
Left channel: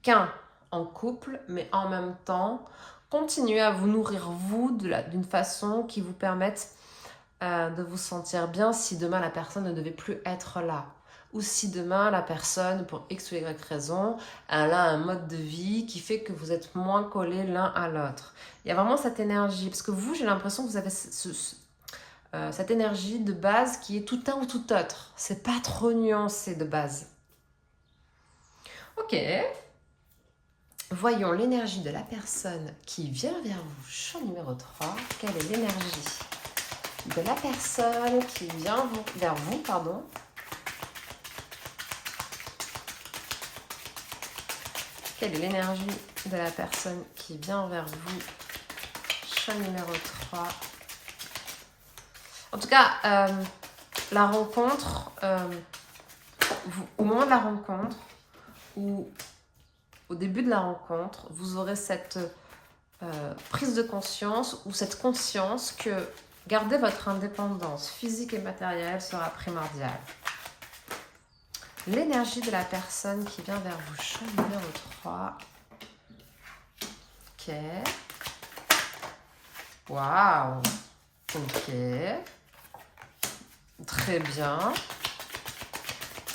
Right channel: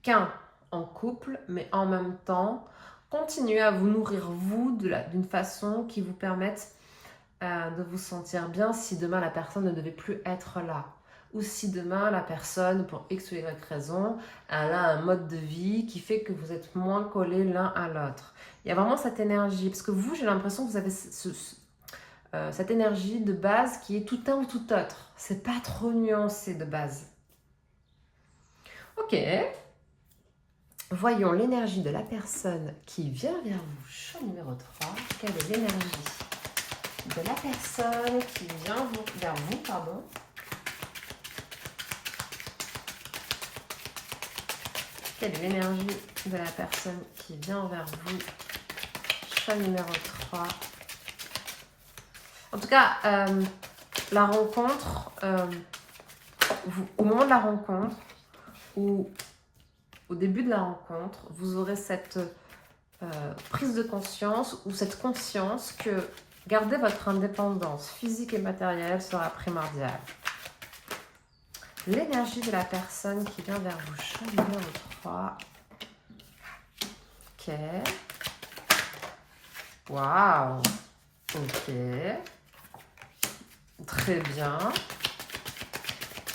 qu'un en couple, mais en même temps, continuez à vous nourrir vous d'une façon qui vous permette de vous sentir bien si demain la personne ne devait plus être là. Ou si demain la personne, pour X ou Y raison, elle a un mode de vie qui fait que vous êtes moins collés l'un à l'autre. Il y a vraiment cette énergie, parce que vous, j'ai l'impression que vous avez cette énergie de base qui est tout un ou tout autre. C'est pas trop nuancé de base. Ok. Voyons l'énergie de la personne qui vient vers vous. Choix numéro 3. Quelle est l'énergie de la personne qui vient vers vous, pardon. Quelle est l'énergie de la personne qui vient vers vous? Choix numéro 3. En tout cas, la rencontre, au moment de la rencontre, ou au début de la rencontre, vous aurez cette prise de conscience ou cette conscience que garder votre indépendance physique et matérielle sera primordiale. L'énergie de la personne qui vient vers vous, choix numéro 3. Ok. Waouh. Ok. Très bien.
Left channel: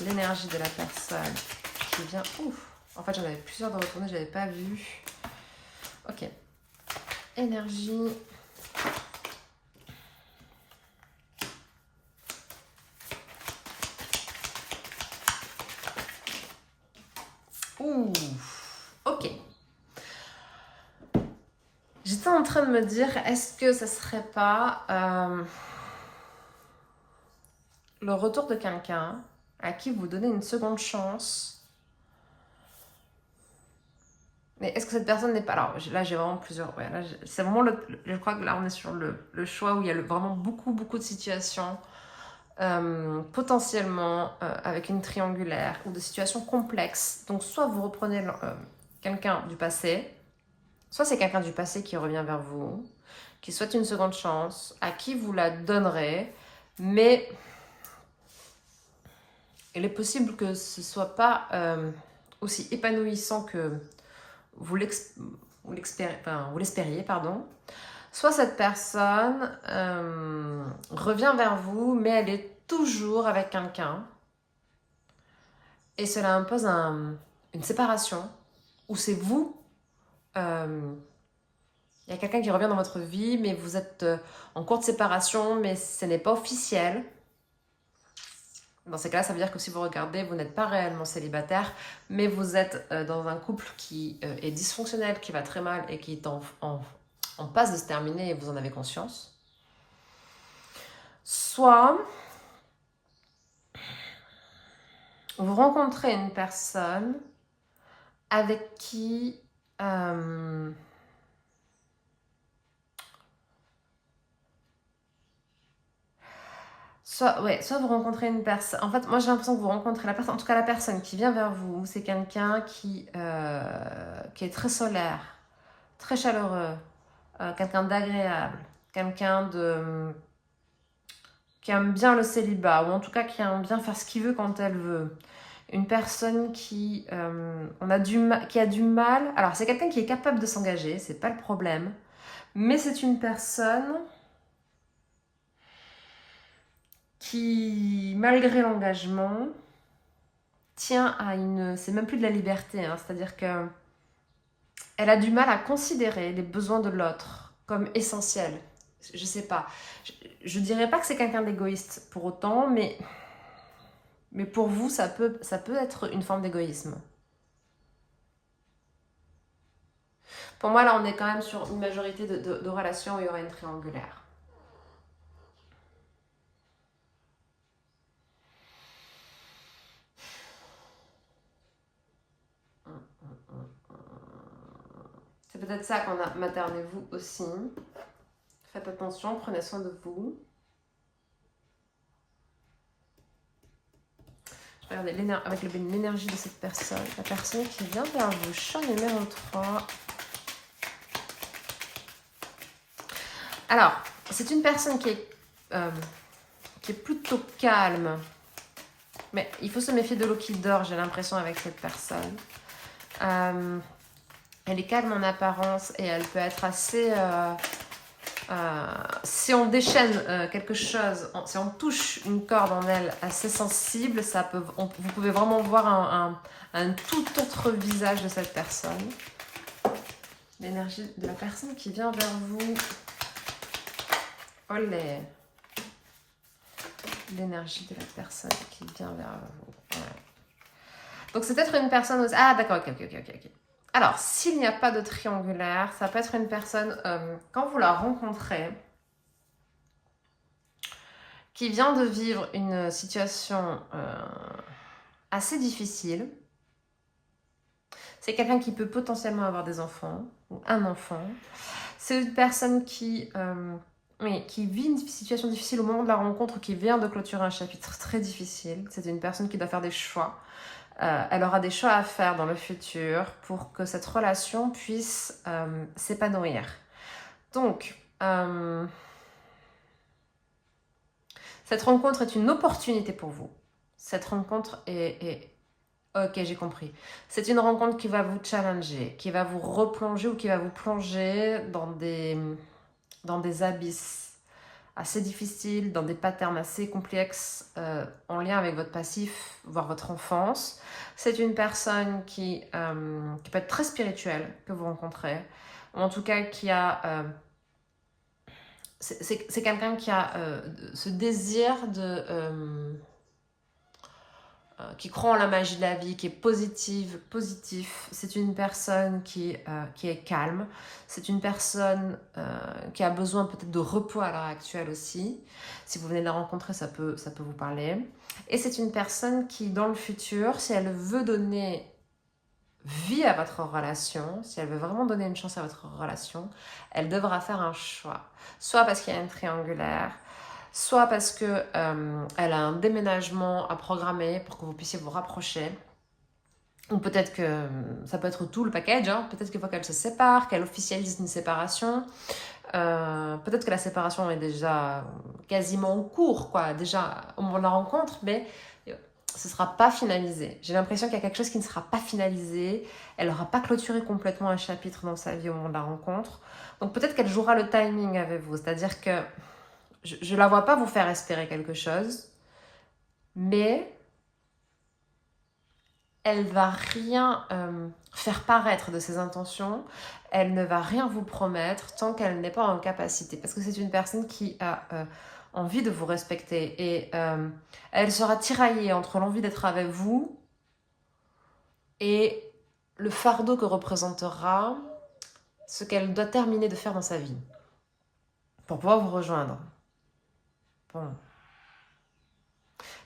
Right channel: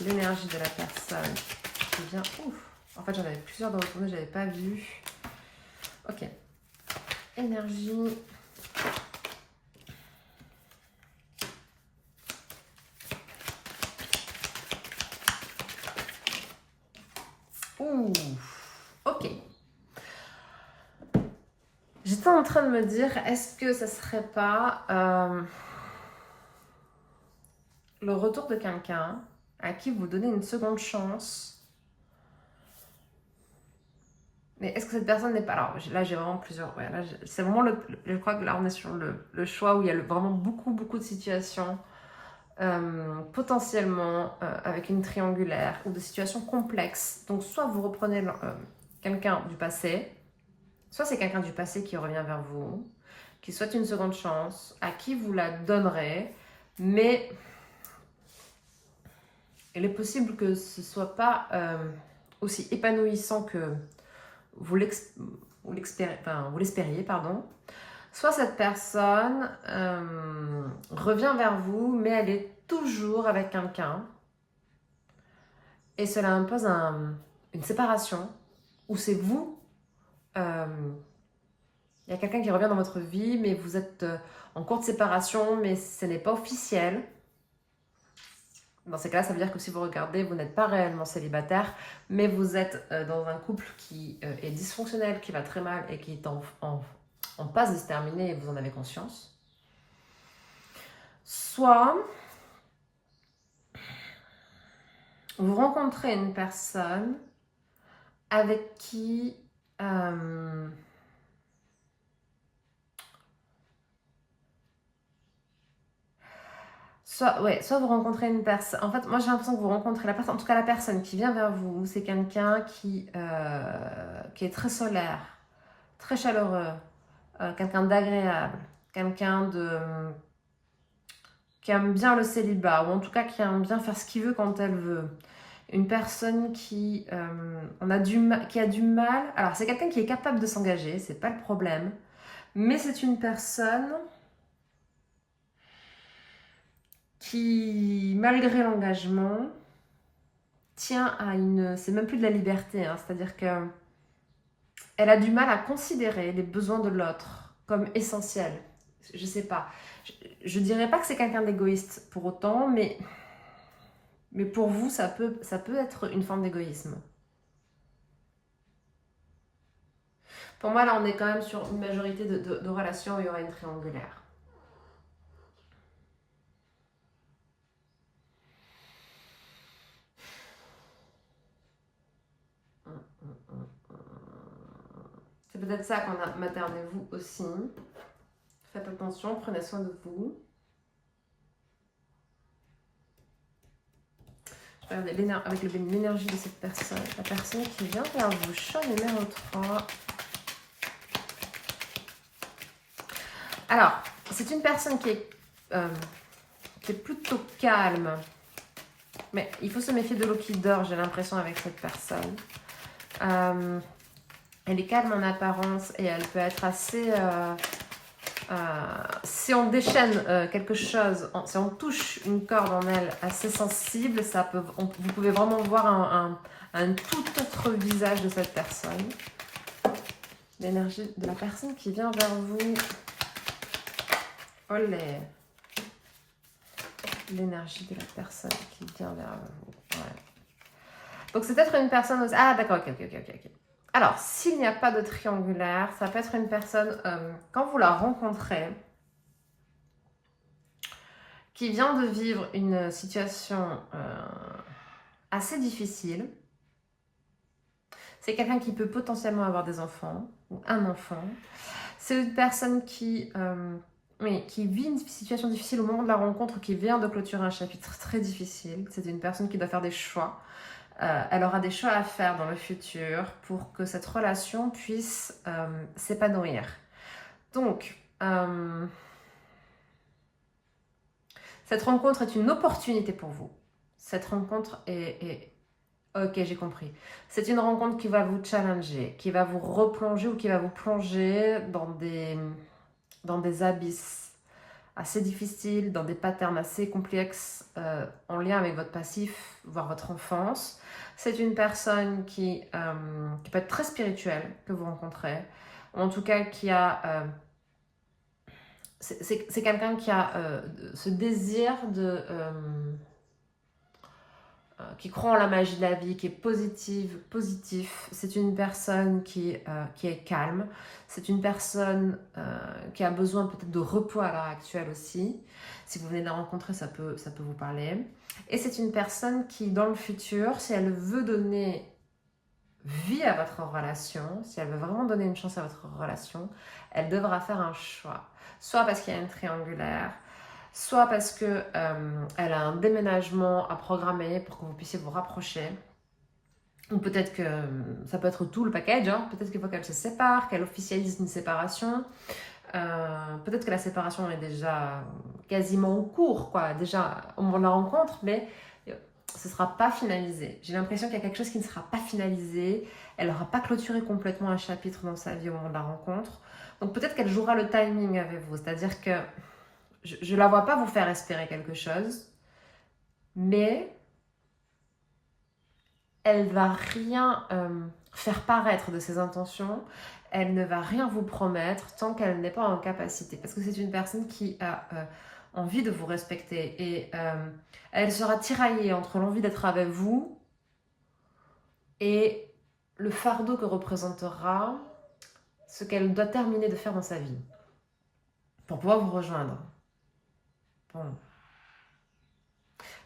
L'énergie de la personne qui vient... Ouf. En fait, j'en avais plusieurs dans votre tournée, je n'avais pas vu. Ok. Énergie... Ouh. Ok. J'étais en train de me dire, est-ce que ça serait pas le retour de quelqu'un à qui vous donnez une seconde chance Mais est-ce que cette personne n'est pas... Alors là, j'ai vraiment plusieurs... Ouais, c'est vraiment je crois que là, on est sur le choix où il y a vraiment beaucoup, beaucoup de situations potentiellement avec une triangulaire ou de situations complexes. Donc, soit vous reprenez quelqu'un du passé, soit c'est quelqu'un du passé qui revient vers vous, qui souhaite une seconde chance, à qui vous la donnerez, mais il est possible que ce ne soit pas aussi épanouissant que vous l'espériez, pardon. Soit cette personne revient vers vous, mais elle est toujours avec quelqu'un. Et cela impose une séparation, où c'est vous, il y a quelqu'un qui revient dans votre vie, mais vous êtes en cours de séparation, mais ce n'est pas officiel. Dans ces cas-là, ça veut dire que si vous regardez, vous n'êtes pas réellement célibataire, mais vous êtes dans un couple qui est dysfonctionnel, qui va très mal et qui est en passe de se terminer et vous en avez conscience. Soit vous rencontrez une personne avec qui soit vous rencontrez une personne. En fait, moi j'ai l'impression que vous rencontrez la personne, en tout cas la personne qui vient vers vous, c'est quelqu'un qui est très solaire, très chaleureux, quelqu'un d'agréable, quelqu'un qui aime bien le célibat, ou en tout cas qui aime bien faire ce qu'il veut quand elle veut. Une personne qui a du mal. Alors c'est quelqu'un qui est capable de s'engager, c'est pas le problème, mais c'est une personne qui, malgré l'engagement, tient à une... C'est même plus de la liberté, hein, c'est-à-dire que elle a du mal à considérer les besoins de l'autre comme essentiels. Je sais pas. Je dirais pas que c'est quelqu'un d'égoïste pour autant, mais pour vous, ça peut être une forme d'égoïsme. Pour moi, là, on est quand même sur une majorité de relations où il y aura une triangulaire. C'est peut-être ça qu'on a. Maternez-vous aussi. Faites attention, prenez soin de vous. Je vais regarder avec l'énergie de cette personne. La personne qui vient vers vous. Chat numéro 3. Alors, c'est une personne qui est plutôt calme. Mais il faut se méfier de l'eau qui dort, j'ai l'impression, avec cette personne. Elle est calme en apparence et elle peut être assez... si on déchaîne quelque chose, si on touche une corde en elle assez sensible, vous pouvez vraiment voir un tout autre visage de cette personne. L'énergie de la personne qui vient vers vous. Olé. L'énergie de la personne qui vient vers vous. Ouais. Donc c'est peut-être une personne aussi... Ah d'accord, ok. Alors, s'il n'y a pas de triangulaire, ça peut être une personne, quand vous la rencontrez, qui vient de vivre une situation assez difficile. C'est quelqu'un qui peut potentiellement avoir des enfants, ou un enfant. C'est une personne qui vit une situation difficile au moment de la rencontre, qui vient de clôturer un chapitre très difficile. C'est une personne qui doit faire des choix. Elle aura des choix à faire dans le futur pour que cette relation puisse s'épanouir. Donc, cette rencontre est une opportunité pour vous. Cette rencontre est... Ok, j'ai compris. C'est une rencontre qui va vous challenger, qui va vous replonger ou qui va vous plonger dans des abysses assez difficiles, dans des patterns assez complexes en lien avec votre passif, voire votre enfance. C'est une personne qui peut être très spirituelle que vous rencontrez, ou en tout cas qui a... c'est quelqu'un qui a ce désir qui croit en la magie de la vie, qui est positif. C'est une personne qui est calme. C'est une personne qui a besoin peut-être de repos à l'heure actuelle aussi. Si vous venez de la rencontrer, ça peut vous parler. Et c'est une personne qui, dans le futur, si elle veut donner vie à votre relation, si elle veut vraiment donner une chance à votre relation, elle devra faire un choix. Soit parce qu'il y a une triangulaire, soit parce que elle a un déménagement à programmer pour que vous puissiez vous rapprocher. Ou peut-être que ça peut être tout le package, hein. Peut-être qu'il faut qu'elle se sépare, qu'elle officialise une séparation. Peut-être que la séparation est déjà quasiment en cours, quoi, déjà au moment de la rencontre, mais ce ne sera pas finalisé. J'ai l'impression qu'il y a quelque chose qui ne sera pas finalisé. Elle n'aura pas clôturé complètement un chapitre dans sa vie au moment de la rencontre. Donc peut-être qu'elle jouera le timing avec vous, c'est-à-dire que je ne la vois pas vous faire espérer quelque chose, mais elle va rien faire paraître de ses intentions, elle ne va rien vous promettre tant qu'elle n'est pas en capacité. Parce que c'est une personne qui a envie de vous respecter et elle sera tiraillée entre l'envie d'être avec vous et le fardeau que représentera ce qu'elle doit terminer de faire dans sa vie pour pouvoir vous rejoindre. Bon.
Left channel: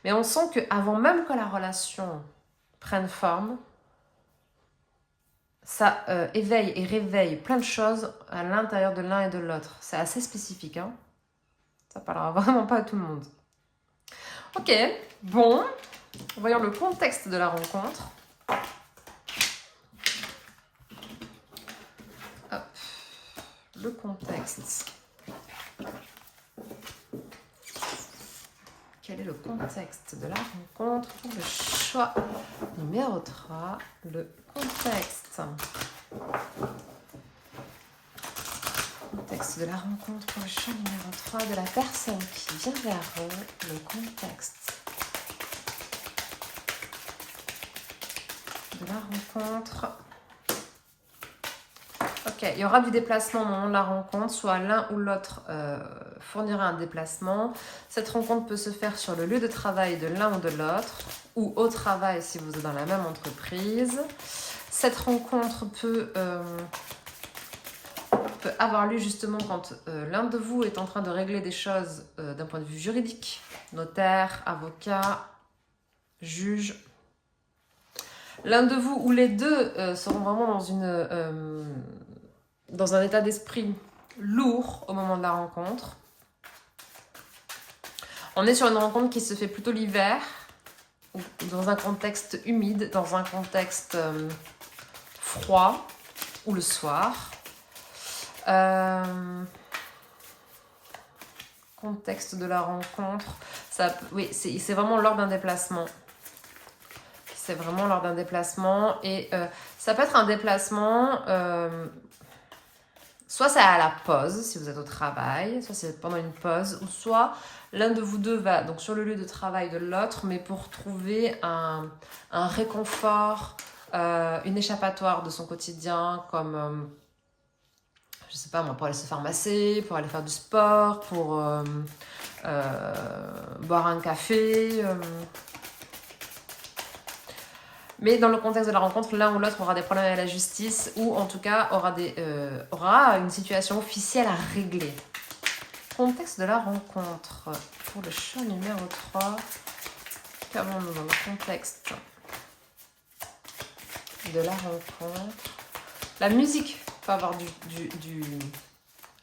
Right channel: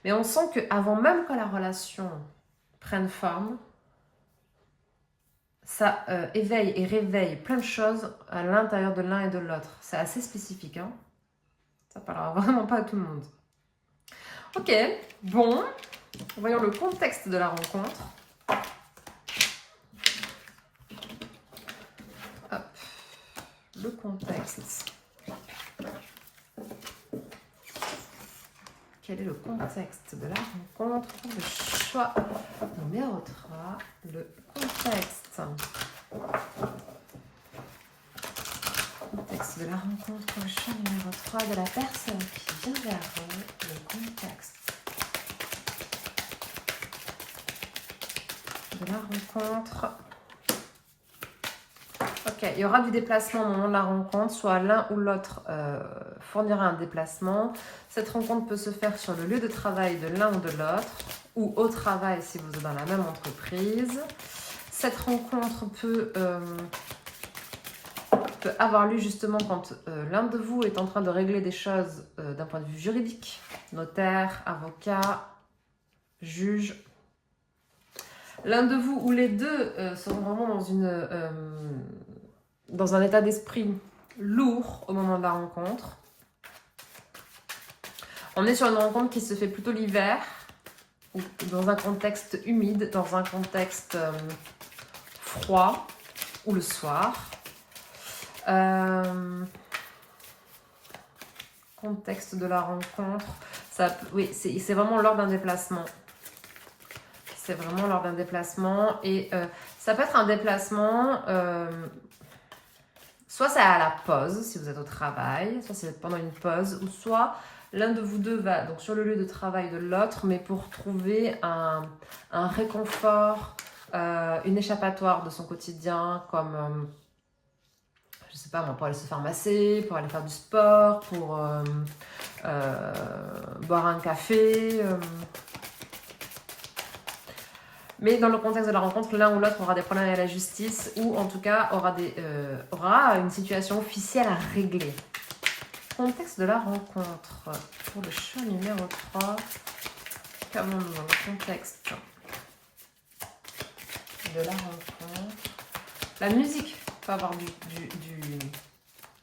Mais on sent qu'avant même que la relation prenne forme, ça éveille et réveille plein de choses à l'intérieur de l'un et de l'autre. C'est assez spécifique, hein. Ça parlera vraiment pas à tout le monde. Ok, bon, voyons le contexte de la rencontre. Hop, le contexte. Quel est le contexte de la rencontre pour le choix numéro 3, le contexte. Contexte de la rencontre pour le choix numéro 3 de la personne qui vient vers vous, le contexte de la rencontre. Ok, il y aura du déplacement au moment de la rencontre, soit l'un ou l'autre fournira un déplacement. Cette rencontre peut se faire sur le lieu de travail de l'un ou de l'autre, ou au travail si vous êtes dans la même entreprise. Cette rencontre peut avoir lieu justement quand l'un de vous est en train de régler des choses d'un point de vue juridique, notaire, avocat, juge. L'un de vous ou les deux seront vraiment dans un état d'esprit lourd au moment de la rencontre. On est sur une rencontre qui se fait plutôt l'hiver, ou dans un contexte humide, dans un contexte froid, ou le soir. Contexte de la rencontre, oui, c'est vraiment lors d'un déplacement. C'est vraiment lors d'un déplacement et ça peut être un déplacement, soit c'est à la pause si vous êtes au travail, soit c'est pendant une pause, ou soit l'un de vous deux va donc sur le lieu de travail de l'autre, mais pour trouver un réconfort, une échappatoire de son quotidien, comme je sais pas moi, pour aller se faire masser, pour aller faire du sport, pour boire un café. Mais dans le contexte de la rencontre, l'un ou l'autre aura des problèmes à la justice ou en tout cas aura une situation officielle à régler. Contexte de la rencontre. Pour le choix numéro 3, qu'avons-nous dans le contexte de la rencontre? La musique peut avoir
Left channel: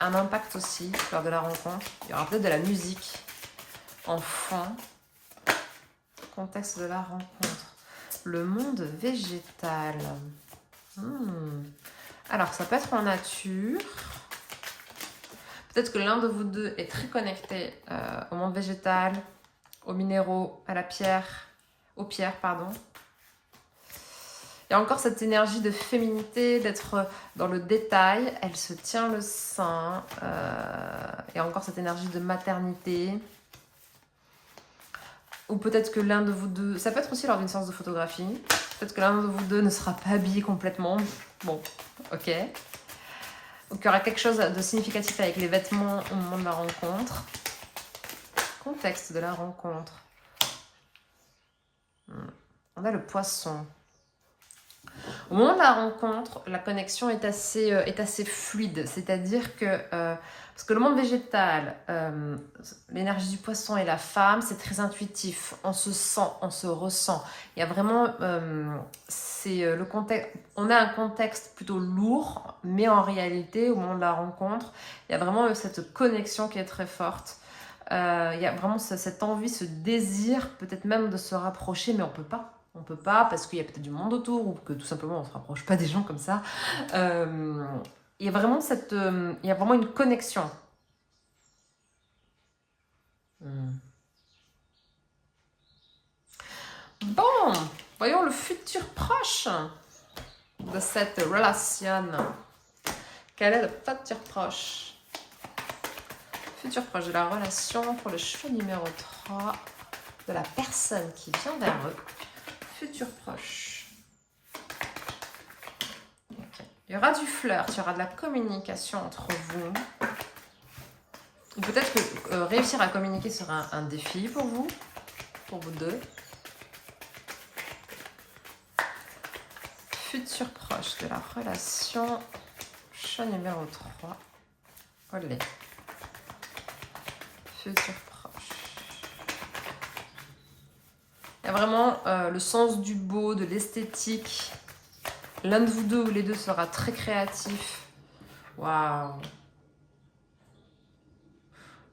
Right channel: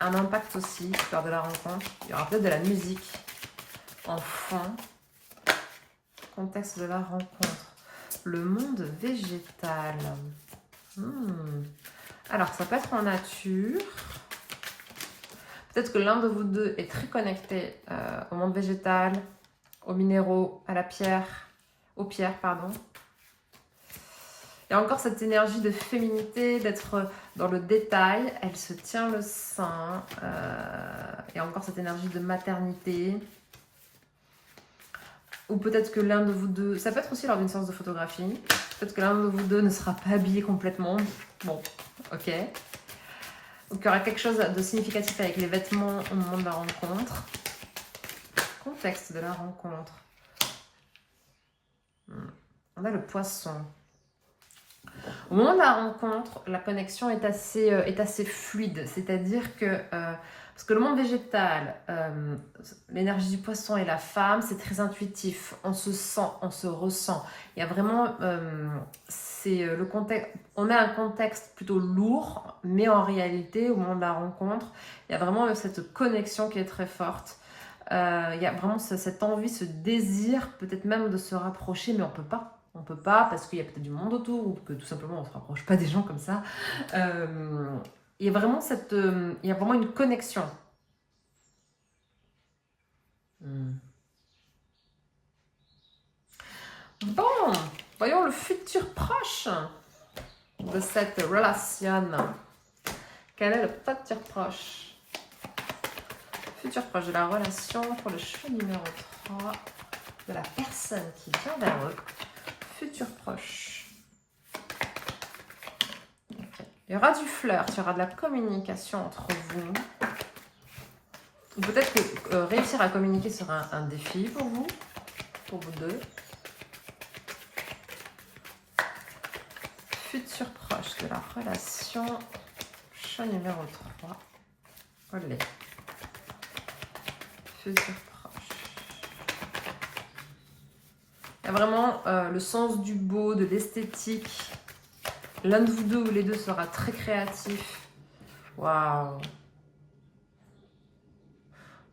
un impact aussi lors de la rencontre. Il y aura peut-être de la musique en fond. Contexte de la rencontre. Le monde végétal. Alors, ça peut être en nature. Peut-être que l'un de vous deux est très connecté au monde végétal, aux minéraux, à la pierre, aux pierres, pardon. Il y a encore cette énergie de féminité, d'être dans le détail. Elle se tient le sein. Il y a encore cette énergie de maternité. Ou peut-être que l'un de vous deux... Ça peut être aussi lors d'une séance de photographie. Peut-être que l'un de vous deux ne sera pas habillé complètement. Bon, ok. Donc il y aura quelque chose de significatif avec les vêtements au moment de la rencontre. Contexte de la rencontre. On a le poisson. Au moment de la rencontre, la connexion est assez fluide. C'est-à-dire que, parce que le monde végétal, l'énergie du poisson et la femme, c'est très intuitif. On se sent, on se ressent. Il y a vraiment, le contexte. On a un contexte plutôt lourd, mais en réalité, au moment de la rencontre, il y a vraiment cette connexion qui est très forte. Il y a vraiment cette envie, ce désir, peut-être même de se rapprocher, mais on peut pas. On peut pas parce qu'il y a peut-être du monde autour ou que tout simplement on se rapproche pas des gens comme ça. Il y a vraiment il y a vraiment une connexion. Bon, voyons le futur proche de cette relation. Quel est le futur proche? Futur proche de la relation pour le choix numéro 3 de la personne qui vient vers eux. Futur proche. Okay. Il y aura du flirt, il y aura de la communication entre vous. Peut-être que réussir à communiquer sera un défi pour vous deux. Futur proche de la relation, choix numéro 3. Olé. Futur proche. Il y a vraiment le sens du beau, de l'esthétique. L'un de vous deux ou les deux sera très créatif. Waouh! Il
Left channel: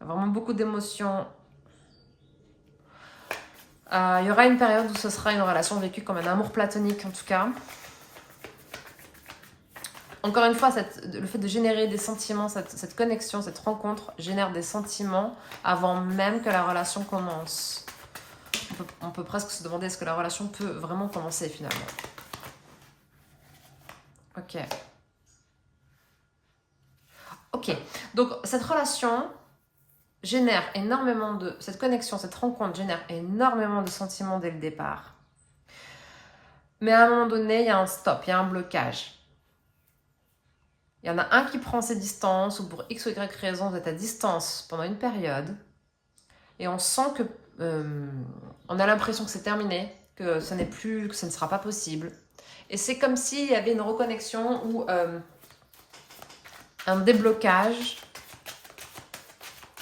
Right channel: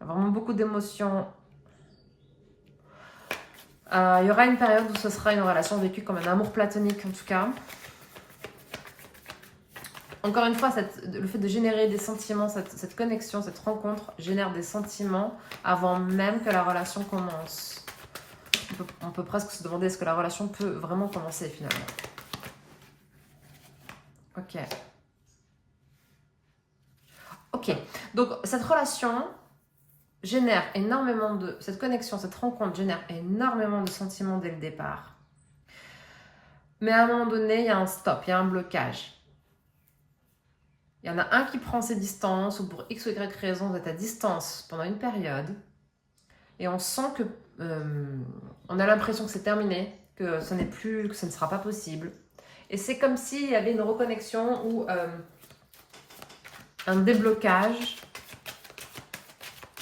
y a vraiment beaucoup d'émotions. Il y aura une période où ce sera une relation vécue comme un amour platonique en tout cas. Encore une fois, le fait de générer des sentiments, cette connexion, cette rencontre génère des sentiments avant même que la relation commence. On peut presque se demander est-ce que la relation peut vraiment commencer finalement. Ok, donc cette relation génère énormément cette connexion, cette rencontre génère énormément de sentiments dès le départ. Mais à un moment donné, il y a un stop, il y a un blocage. Il y en a un qui prend ses distances ou pour X ou Y raison, vous êtes à distance pendant une période et on sent que on a l'impression que c'est terminé, que ce n'est plus, que ce ne sera pas possible. Et c'est comme s'il y avait une reconnexion ou un déblocage,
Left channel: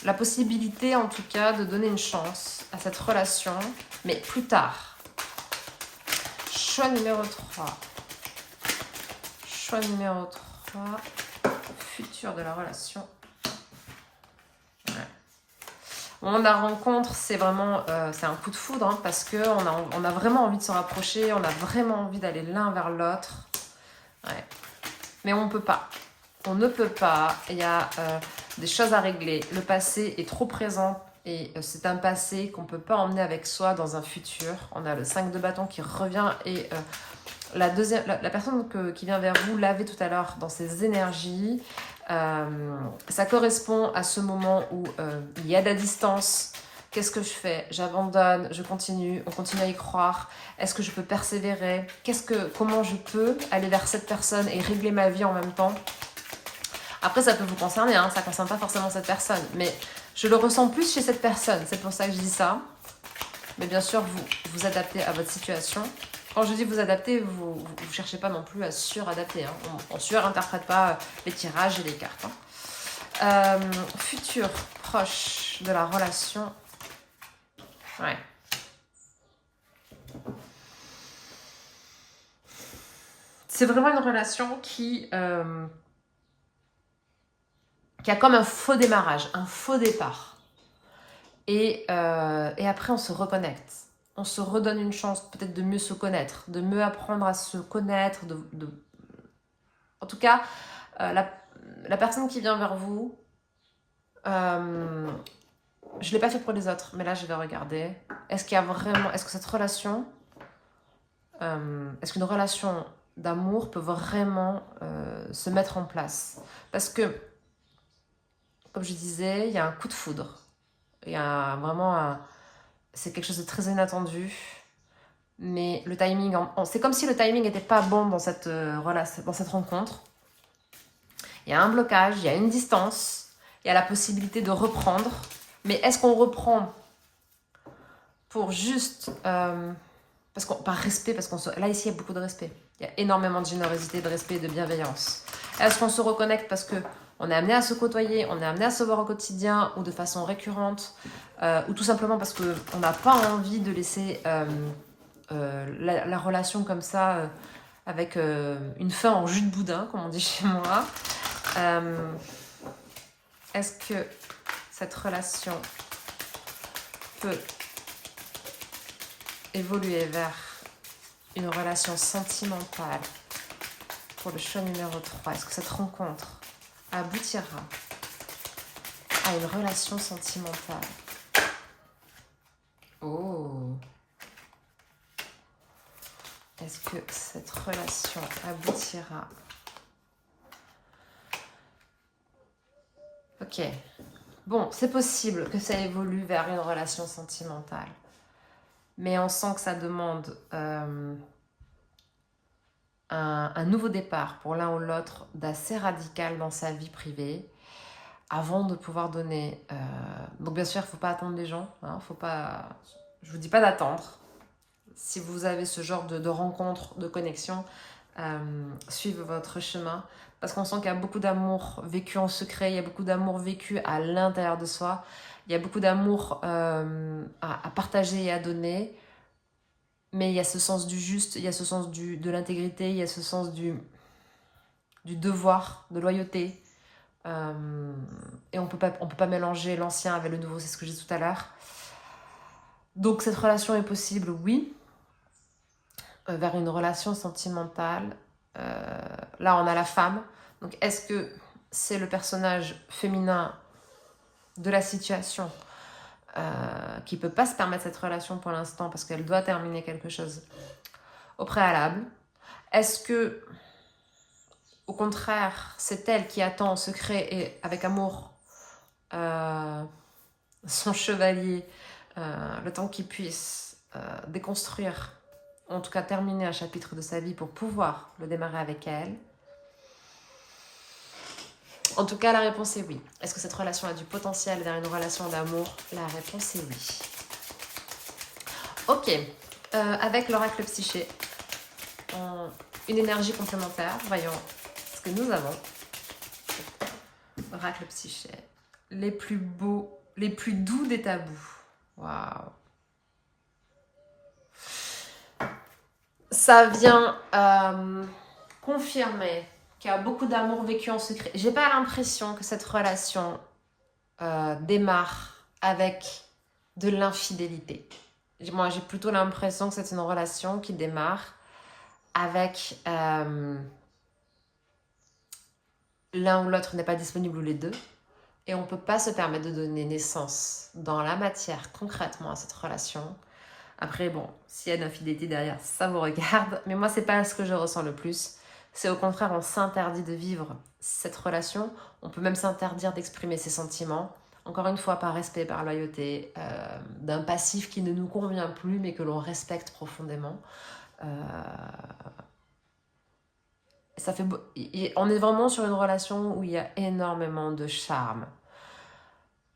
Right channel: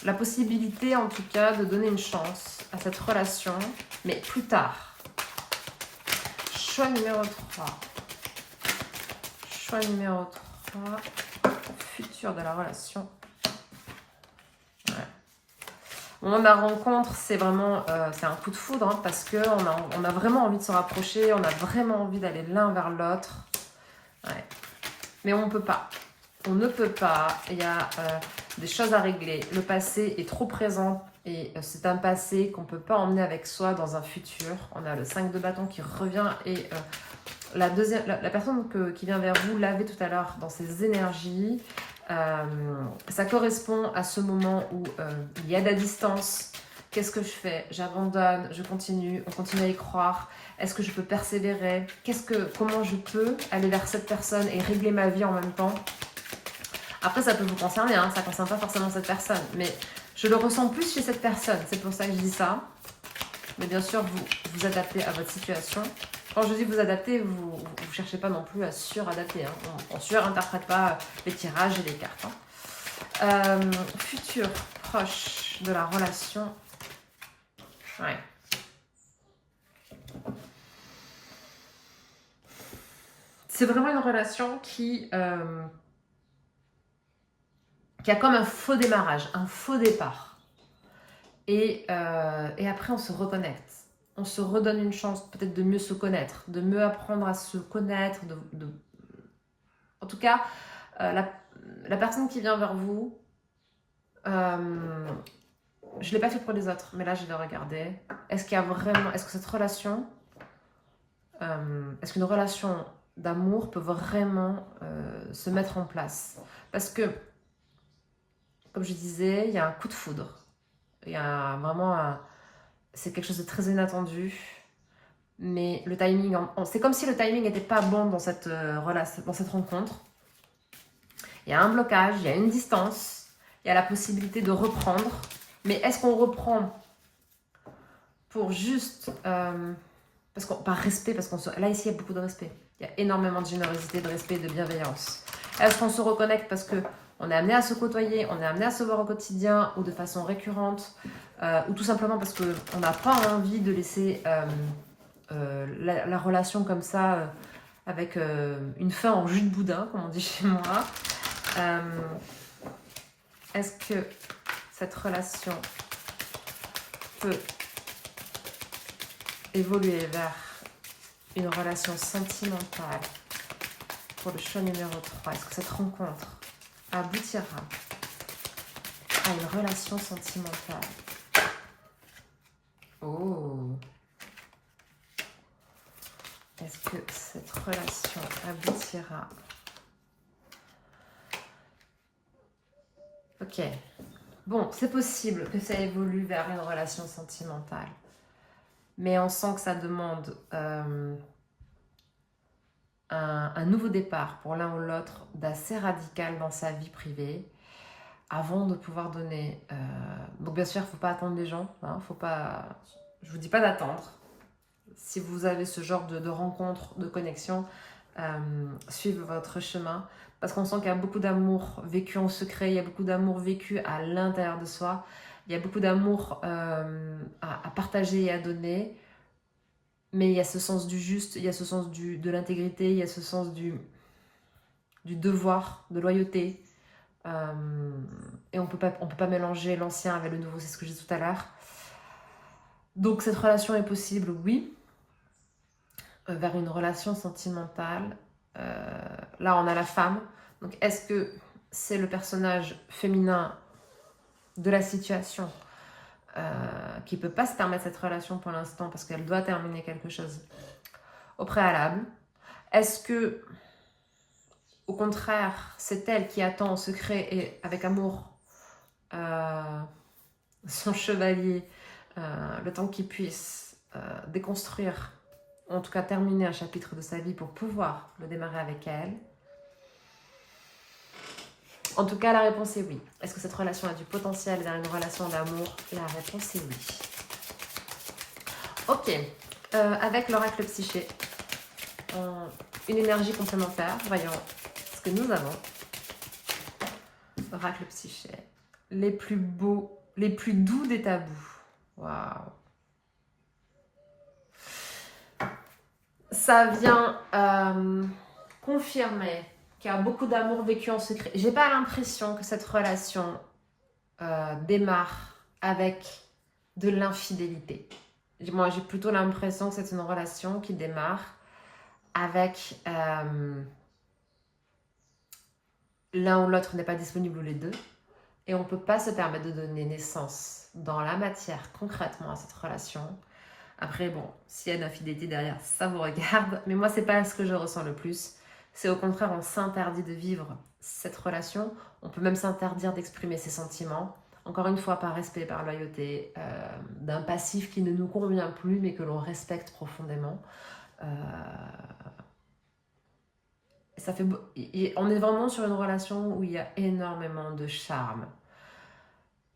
la possibilité en tout cas de donner une chance à cette relation, mais plus tard. Choix numéro 3. Choix numéro 3. Futur de la relation. Ouais. Au moment de la rencontre, c'est vraiment c'est un coup de foudre hein, parce qu'on a vraiment envie de se rapprocher, on a vraiment envie d'aller l'un vers l'autre. Ouais. Mais on ne peut pas. On ne peut pas. Il y a des choses à régler. Le passé est trop présent et c'est un passé qu'on ne peut pas emmener avec soi dans un futur. On a le 5 de bâton qui revient et la personne qui vient vers vous l'avait tout à l'heure dans ses énergies. Ça correspond à ce moment où il y a de la distance. Qu'est-ce que je fais? J'abandonne, je continue, on continue à y croire. Est-ce que je peux persévérer? Comment je peux aller vers cette personne et régler ma vie en même temps? Après, ça peut vous concerner, hein, ça ne concerne pas forcément cette personne. Mais je le ressens plus chez cette personne, c'est pour ça que je dis ça. Mais bien sûr, vous adaptez à votre situation. Quand je dis vous adapter, vous ne cherchez pas non plus à suradapter. Hein. On ne surinterprète pas les tirages et les cartes. Hein. Futur proche de la relation. Ouais. C'est vraiment une relation qui a comme un faux démarrage, un faux départ. Et après, on se reconnecte. On se redonne une chance peut-être de mieux se connaître, de mieux apprendre à se connaître. En tout cas, la personne qui vient vers vous, je ne l'ai pas fait pour les autres, mais là, je vais regarder. Est-ce que cette relation, est-ce qu'une relation d'amour peut vraiment se mettre en place? Parce que, comme je disais, il y a un coup de foudre. Il y a vraiment c'est quelque chose de très inattendu. Mais le timing, c'est comme si le timing n'était pas bon dans cette rencontre. Il y a un blocage, il y a une distance, il y a la possibilité de reprendre. Mais est-ce qu'on reprend pour juste... par respect, parce là, ici, il y a beaucoup de respect. Il y a énormément de générosité, de respect et de bienveillance. Est-ce qu'on se reconnecte parce qu'on est amené à se côtoyer, on est amené à se voir au quotidien ou de façon récurrente, ou tout simplement parce qu'on n'a pas envie de laisser la relation comme ça, avec une fin en jus de boudin, comme on dit chez moi. Est-ce que cette relation peut évoluer vers une relation sentimentale pour le choix numéro 3? Est-ce que cette rencontre aboutira à une relation sentimentale? Oh! Est-ce que cette relation aboutira? Ok. Bon, c'est possible que ça évolue vers une relation sentimentale. Mais on sent que ça demande un nouveau départ pour l'un ou l'autre d'assez radical dans sa vie privée avant de pouvoir donner. Donc bien sûr, il ne faut pas attendre les gens. Hein, faut pas... Je ne vous dis pas d'attendre. Si vous avez ce genre de rencontre, de connexion, suivez votre chemin. Parce qu'on sent qu'il y a beaucoup d'amour vécu en secret, il y a beaucoup d'amour vécu à l'intérieur de soi, il y a beaucoup d'amour à partager et à donner. Mais il y a ce sens du juste, il y a ce sens de l'intégrité, il y a ce sens du devoir, de loyauté. Et on peut pas mélanger l'ancien avec le nouveau, c'est ce que j'ai dit tout à l'heure. Donc cette relation est possible, oui, vers une relation sentimentale. Là, on a la femme. Donc est-ce que c'est le personnage féminin de la situation qui ne peut pas se permettre cette relation pour l'instant parce qu'elle doit terminer quelque chose au préalable? Est-ce que, au contraire, c'est elle qui attend en secret et avec amour son chevalier, le temps qu'il puisse déconstruire, en tout cas terminer un chapitre de sa vie pour pouvoir le démarrer avec elle? En tout cas, la réponse est oui. Est-ce que cette relation a du potentiel vers une relation d'amour? La réponse est oui. Ok, avec l'oracle psyché, une énergie complémentaire, voyons ce que nous avons. Oracle psyché, les plus beaux, les plus doux des tabous. Waouh! Ça vient confirmer qu'il y a beaucoup d'amour vécu en secret. J'ai pas l'impression que cette relation démarre avec de l'infidélité. Moi, j'ai plutôt l'impression que c'est une relation qui démarre avec l'un ou l'autre n'est pas disponible ou les deux. Et on ne peut pas se permettre de donner naissance dans la matière concrètement à cette relation. Après, bon, s'il y a de l'infidélité derrière, ça vous regarde. Mais moi, c'est pas ce que je ressens le plus. C'est au contraire, on s'interdit de vivre cette relation. On peut même s'interdire d'exprimer ses sentiments. Encore une fois, par respect, par loyauté, d'un passif qui ne nous convient plus, mais que l'on respecte profondément. Ça fait on est vraiment sur une relation où il y a énormément de charme.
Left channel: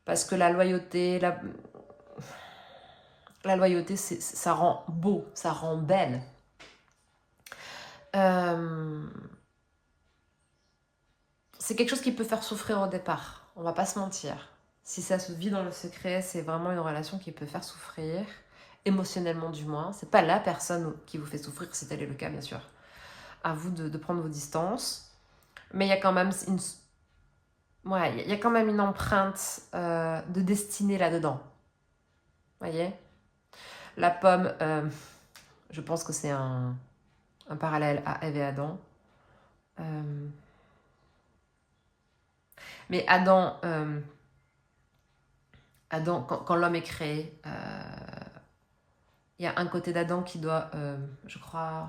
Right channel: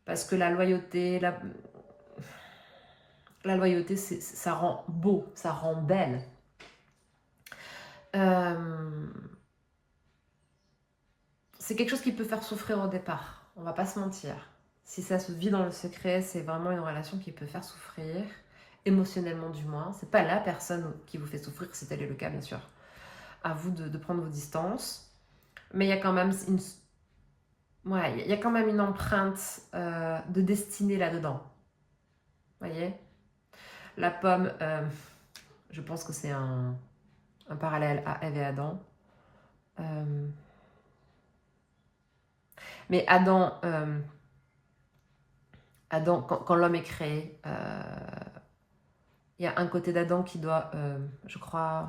Parce que la loyauté, la loyauté, ça rend beau, ça rend belle. C'est quelque chose qui peut faire souffrir au départ, on va pas se mentir. Si ça se vit dans le secret, c'est vraiment une relation qui peut faire souffrir, émotionnellement du moins. C'est pas la personne qui vous fait souffrir, si tel est le cas, bien sûr. À vous de prendre vos distances. Mais il y a quand même il y a quand même une empreinte de destinée là-dedans. Voyez? La pomme, je pense que c'est un parallèle à Ève et Adam. Mais Adam, quand l'homme est créé, il y a un côté d'Adam qui doit, je crois,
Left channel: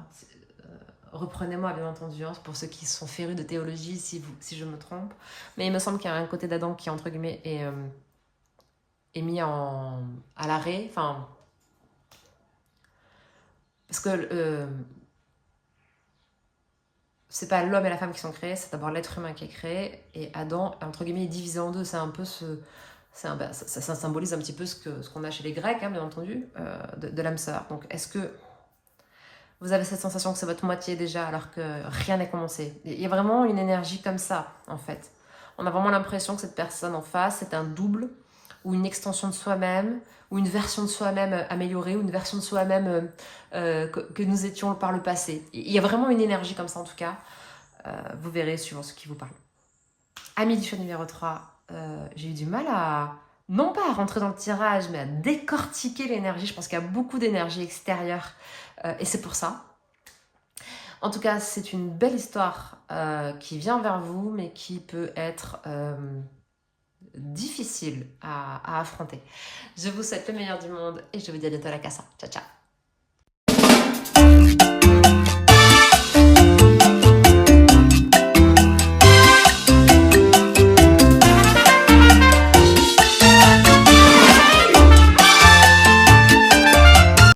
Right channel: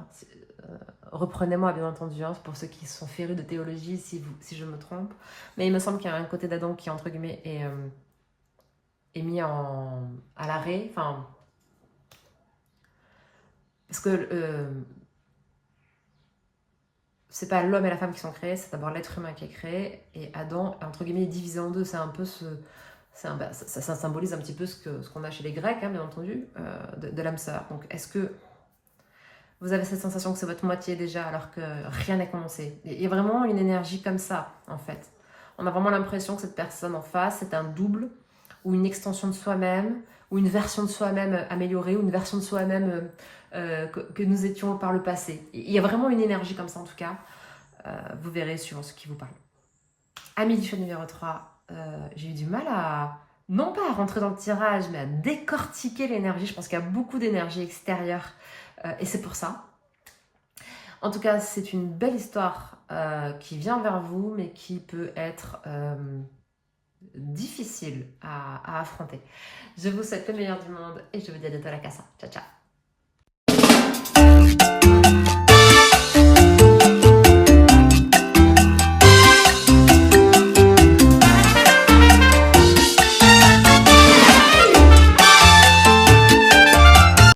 reprenez-moi bien entendu, hein, pour ceux qui sont férus de théologie, si je me trompe, mais il me semble qu'il y a un côté d'Adam qui, entre guillemets, est mis à l'arrêt, enfin, parce que c'est pas l'homme et la femme qui sont créés, c'est d'abord l'être humain qui est créé, et Adam, entre guillemets, est divisé en deux. C'est un peu ça symbolise un petit peu ce qu'on a chez les Grecs, hein, bien entendu, de l'âme sœur. Donc, est-ce que Vous avez cette sensation que c'est votre moitié déjà alors que rien n'est commencé. Il y a vraiment une énergie comme ça en fait. On a vraiment l'impression que cette personne en face c'est un double ou une extension de soi-même ou une version de soi-même améliorée ou une version de soi-même que nous étions par le passé. Il y a vraiment une énergie comme ça en tout cas. Vous verrez suivant ce qui vous parle. Amis du choix numéro 3, j'ai eu du mal à, non pas à rentrer dans le tirage, mais à décortiquer l'énergie. Je pense qu'il y a beaucoup d'énergie extérieure et c'est pour ça. En tout cas, c'est une belle histoire qui vient vers vous, mais qui peut être difficile à affronter. Je vous souhaite le meilleur du monde et je vous dis à bientôt à la casa. Ciao, ciao.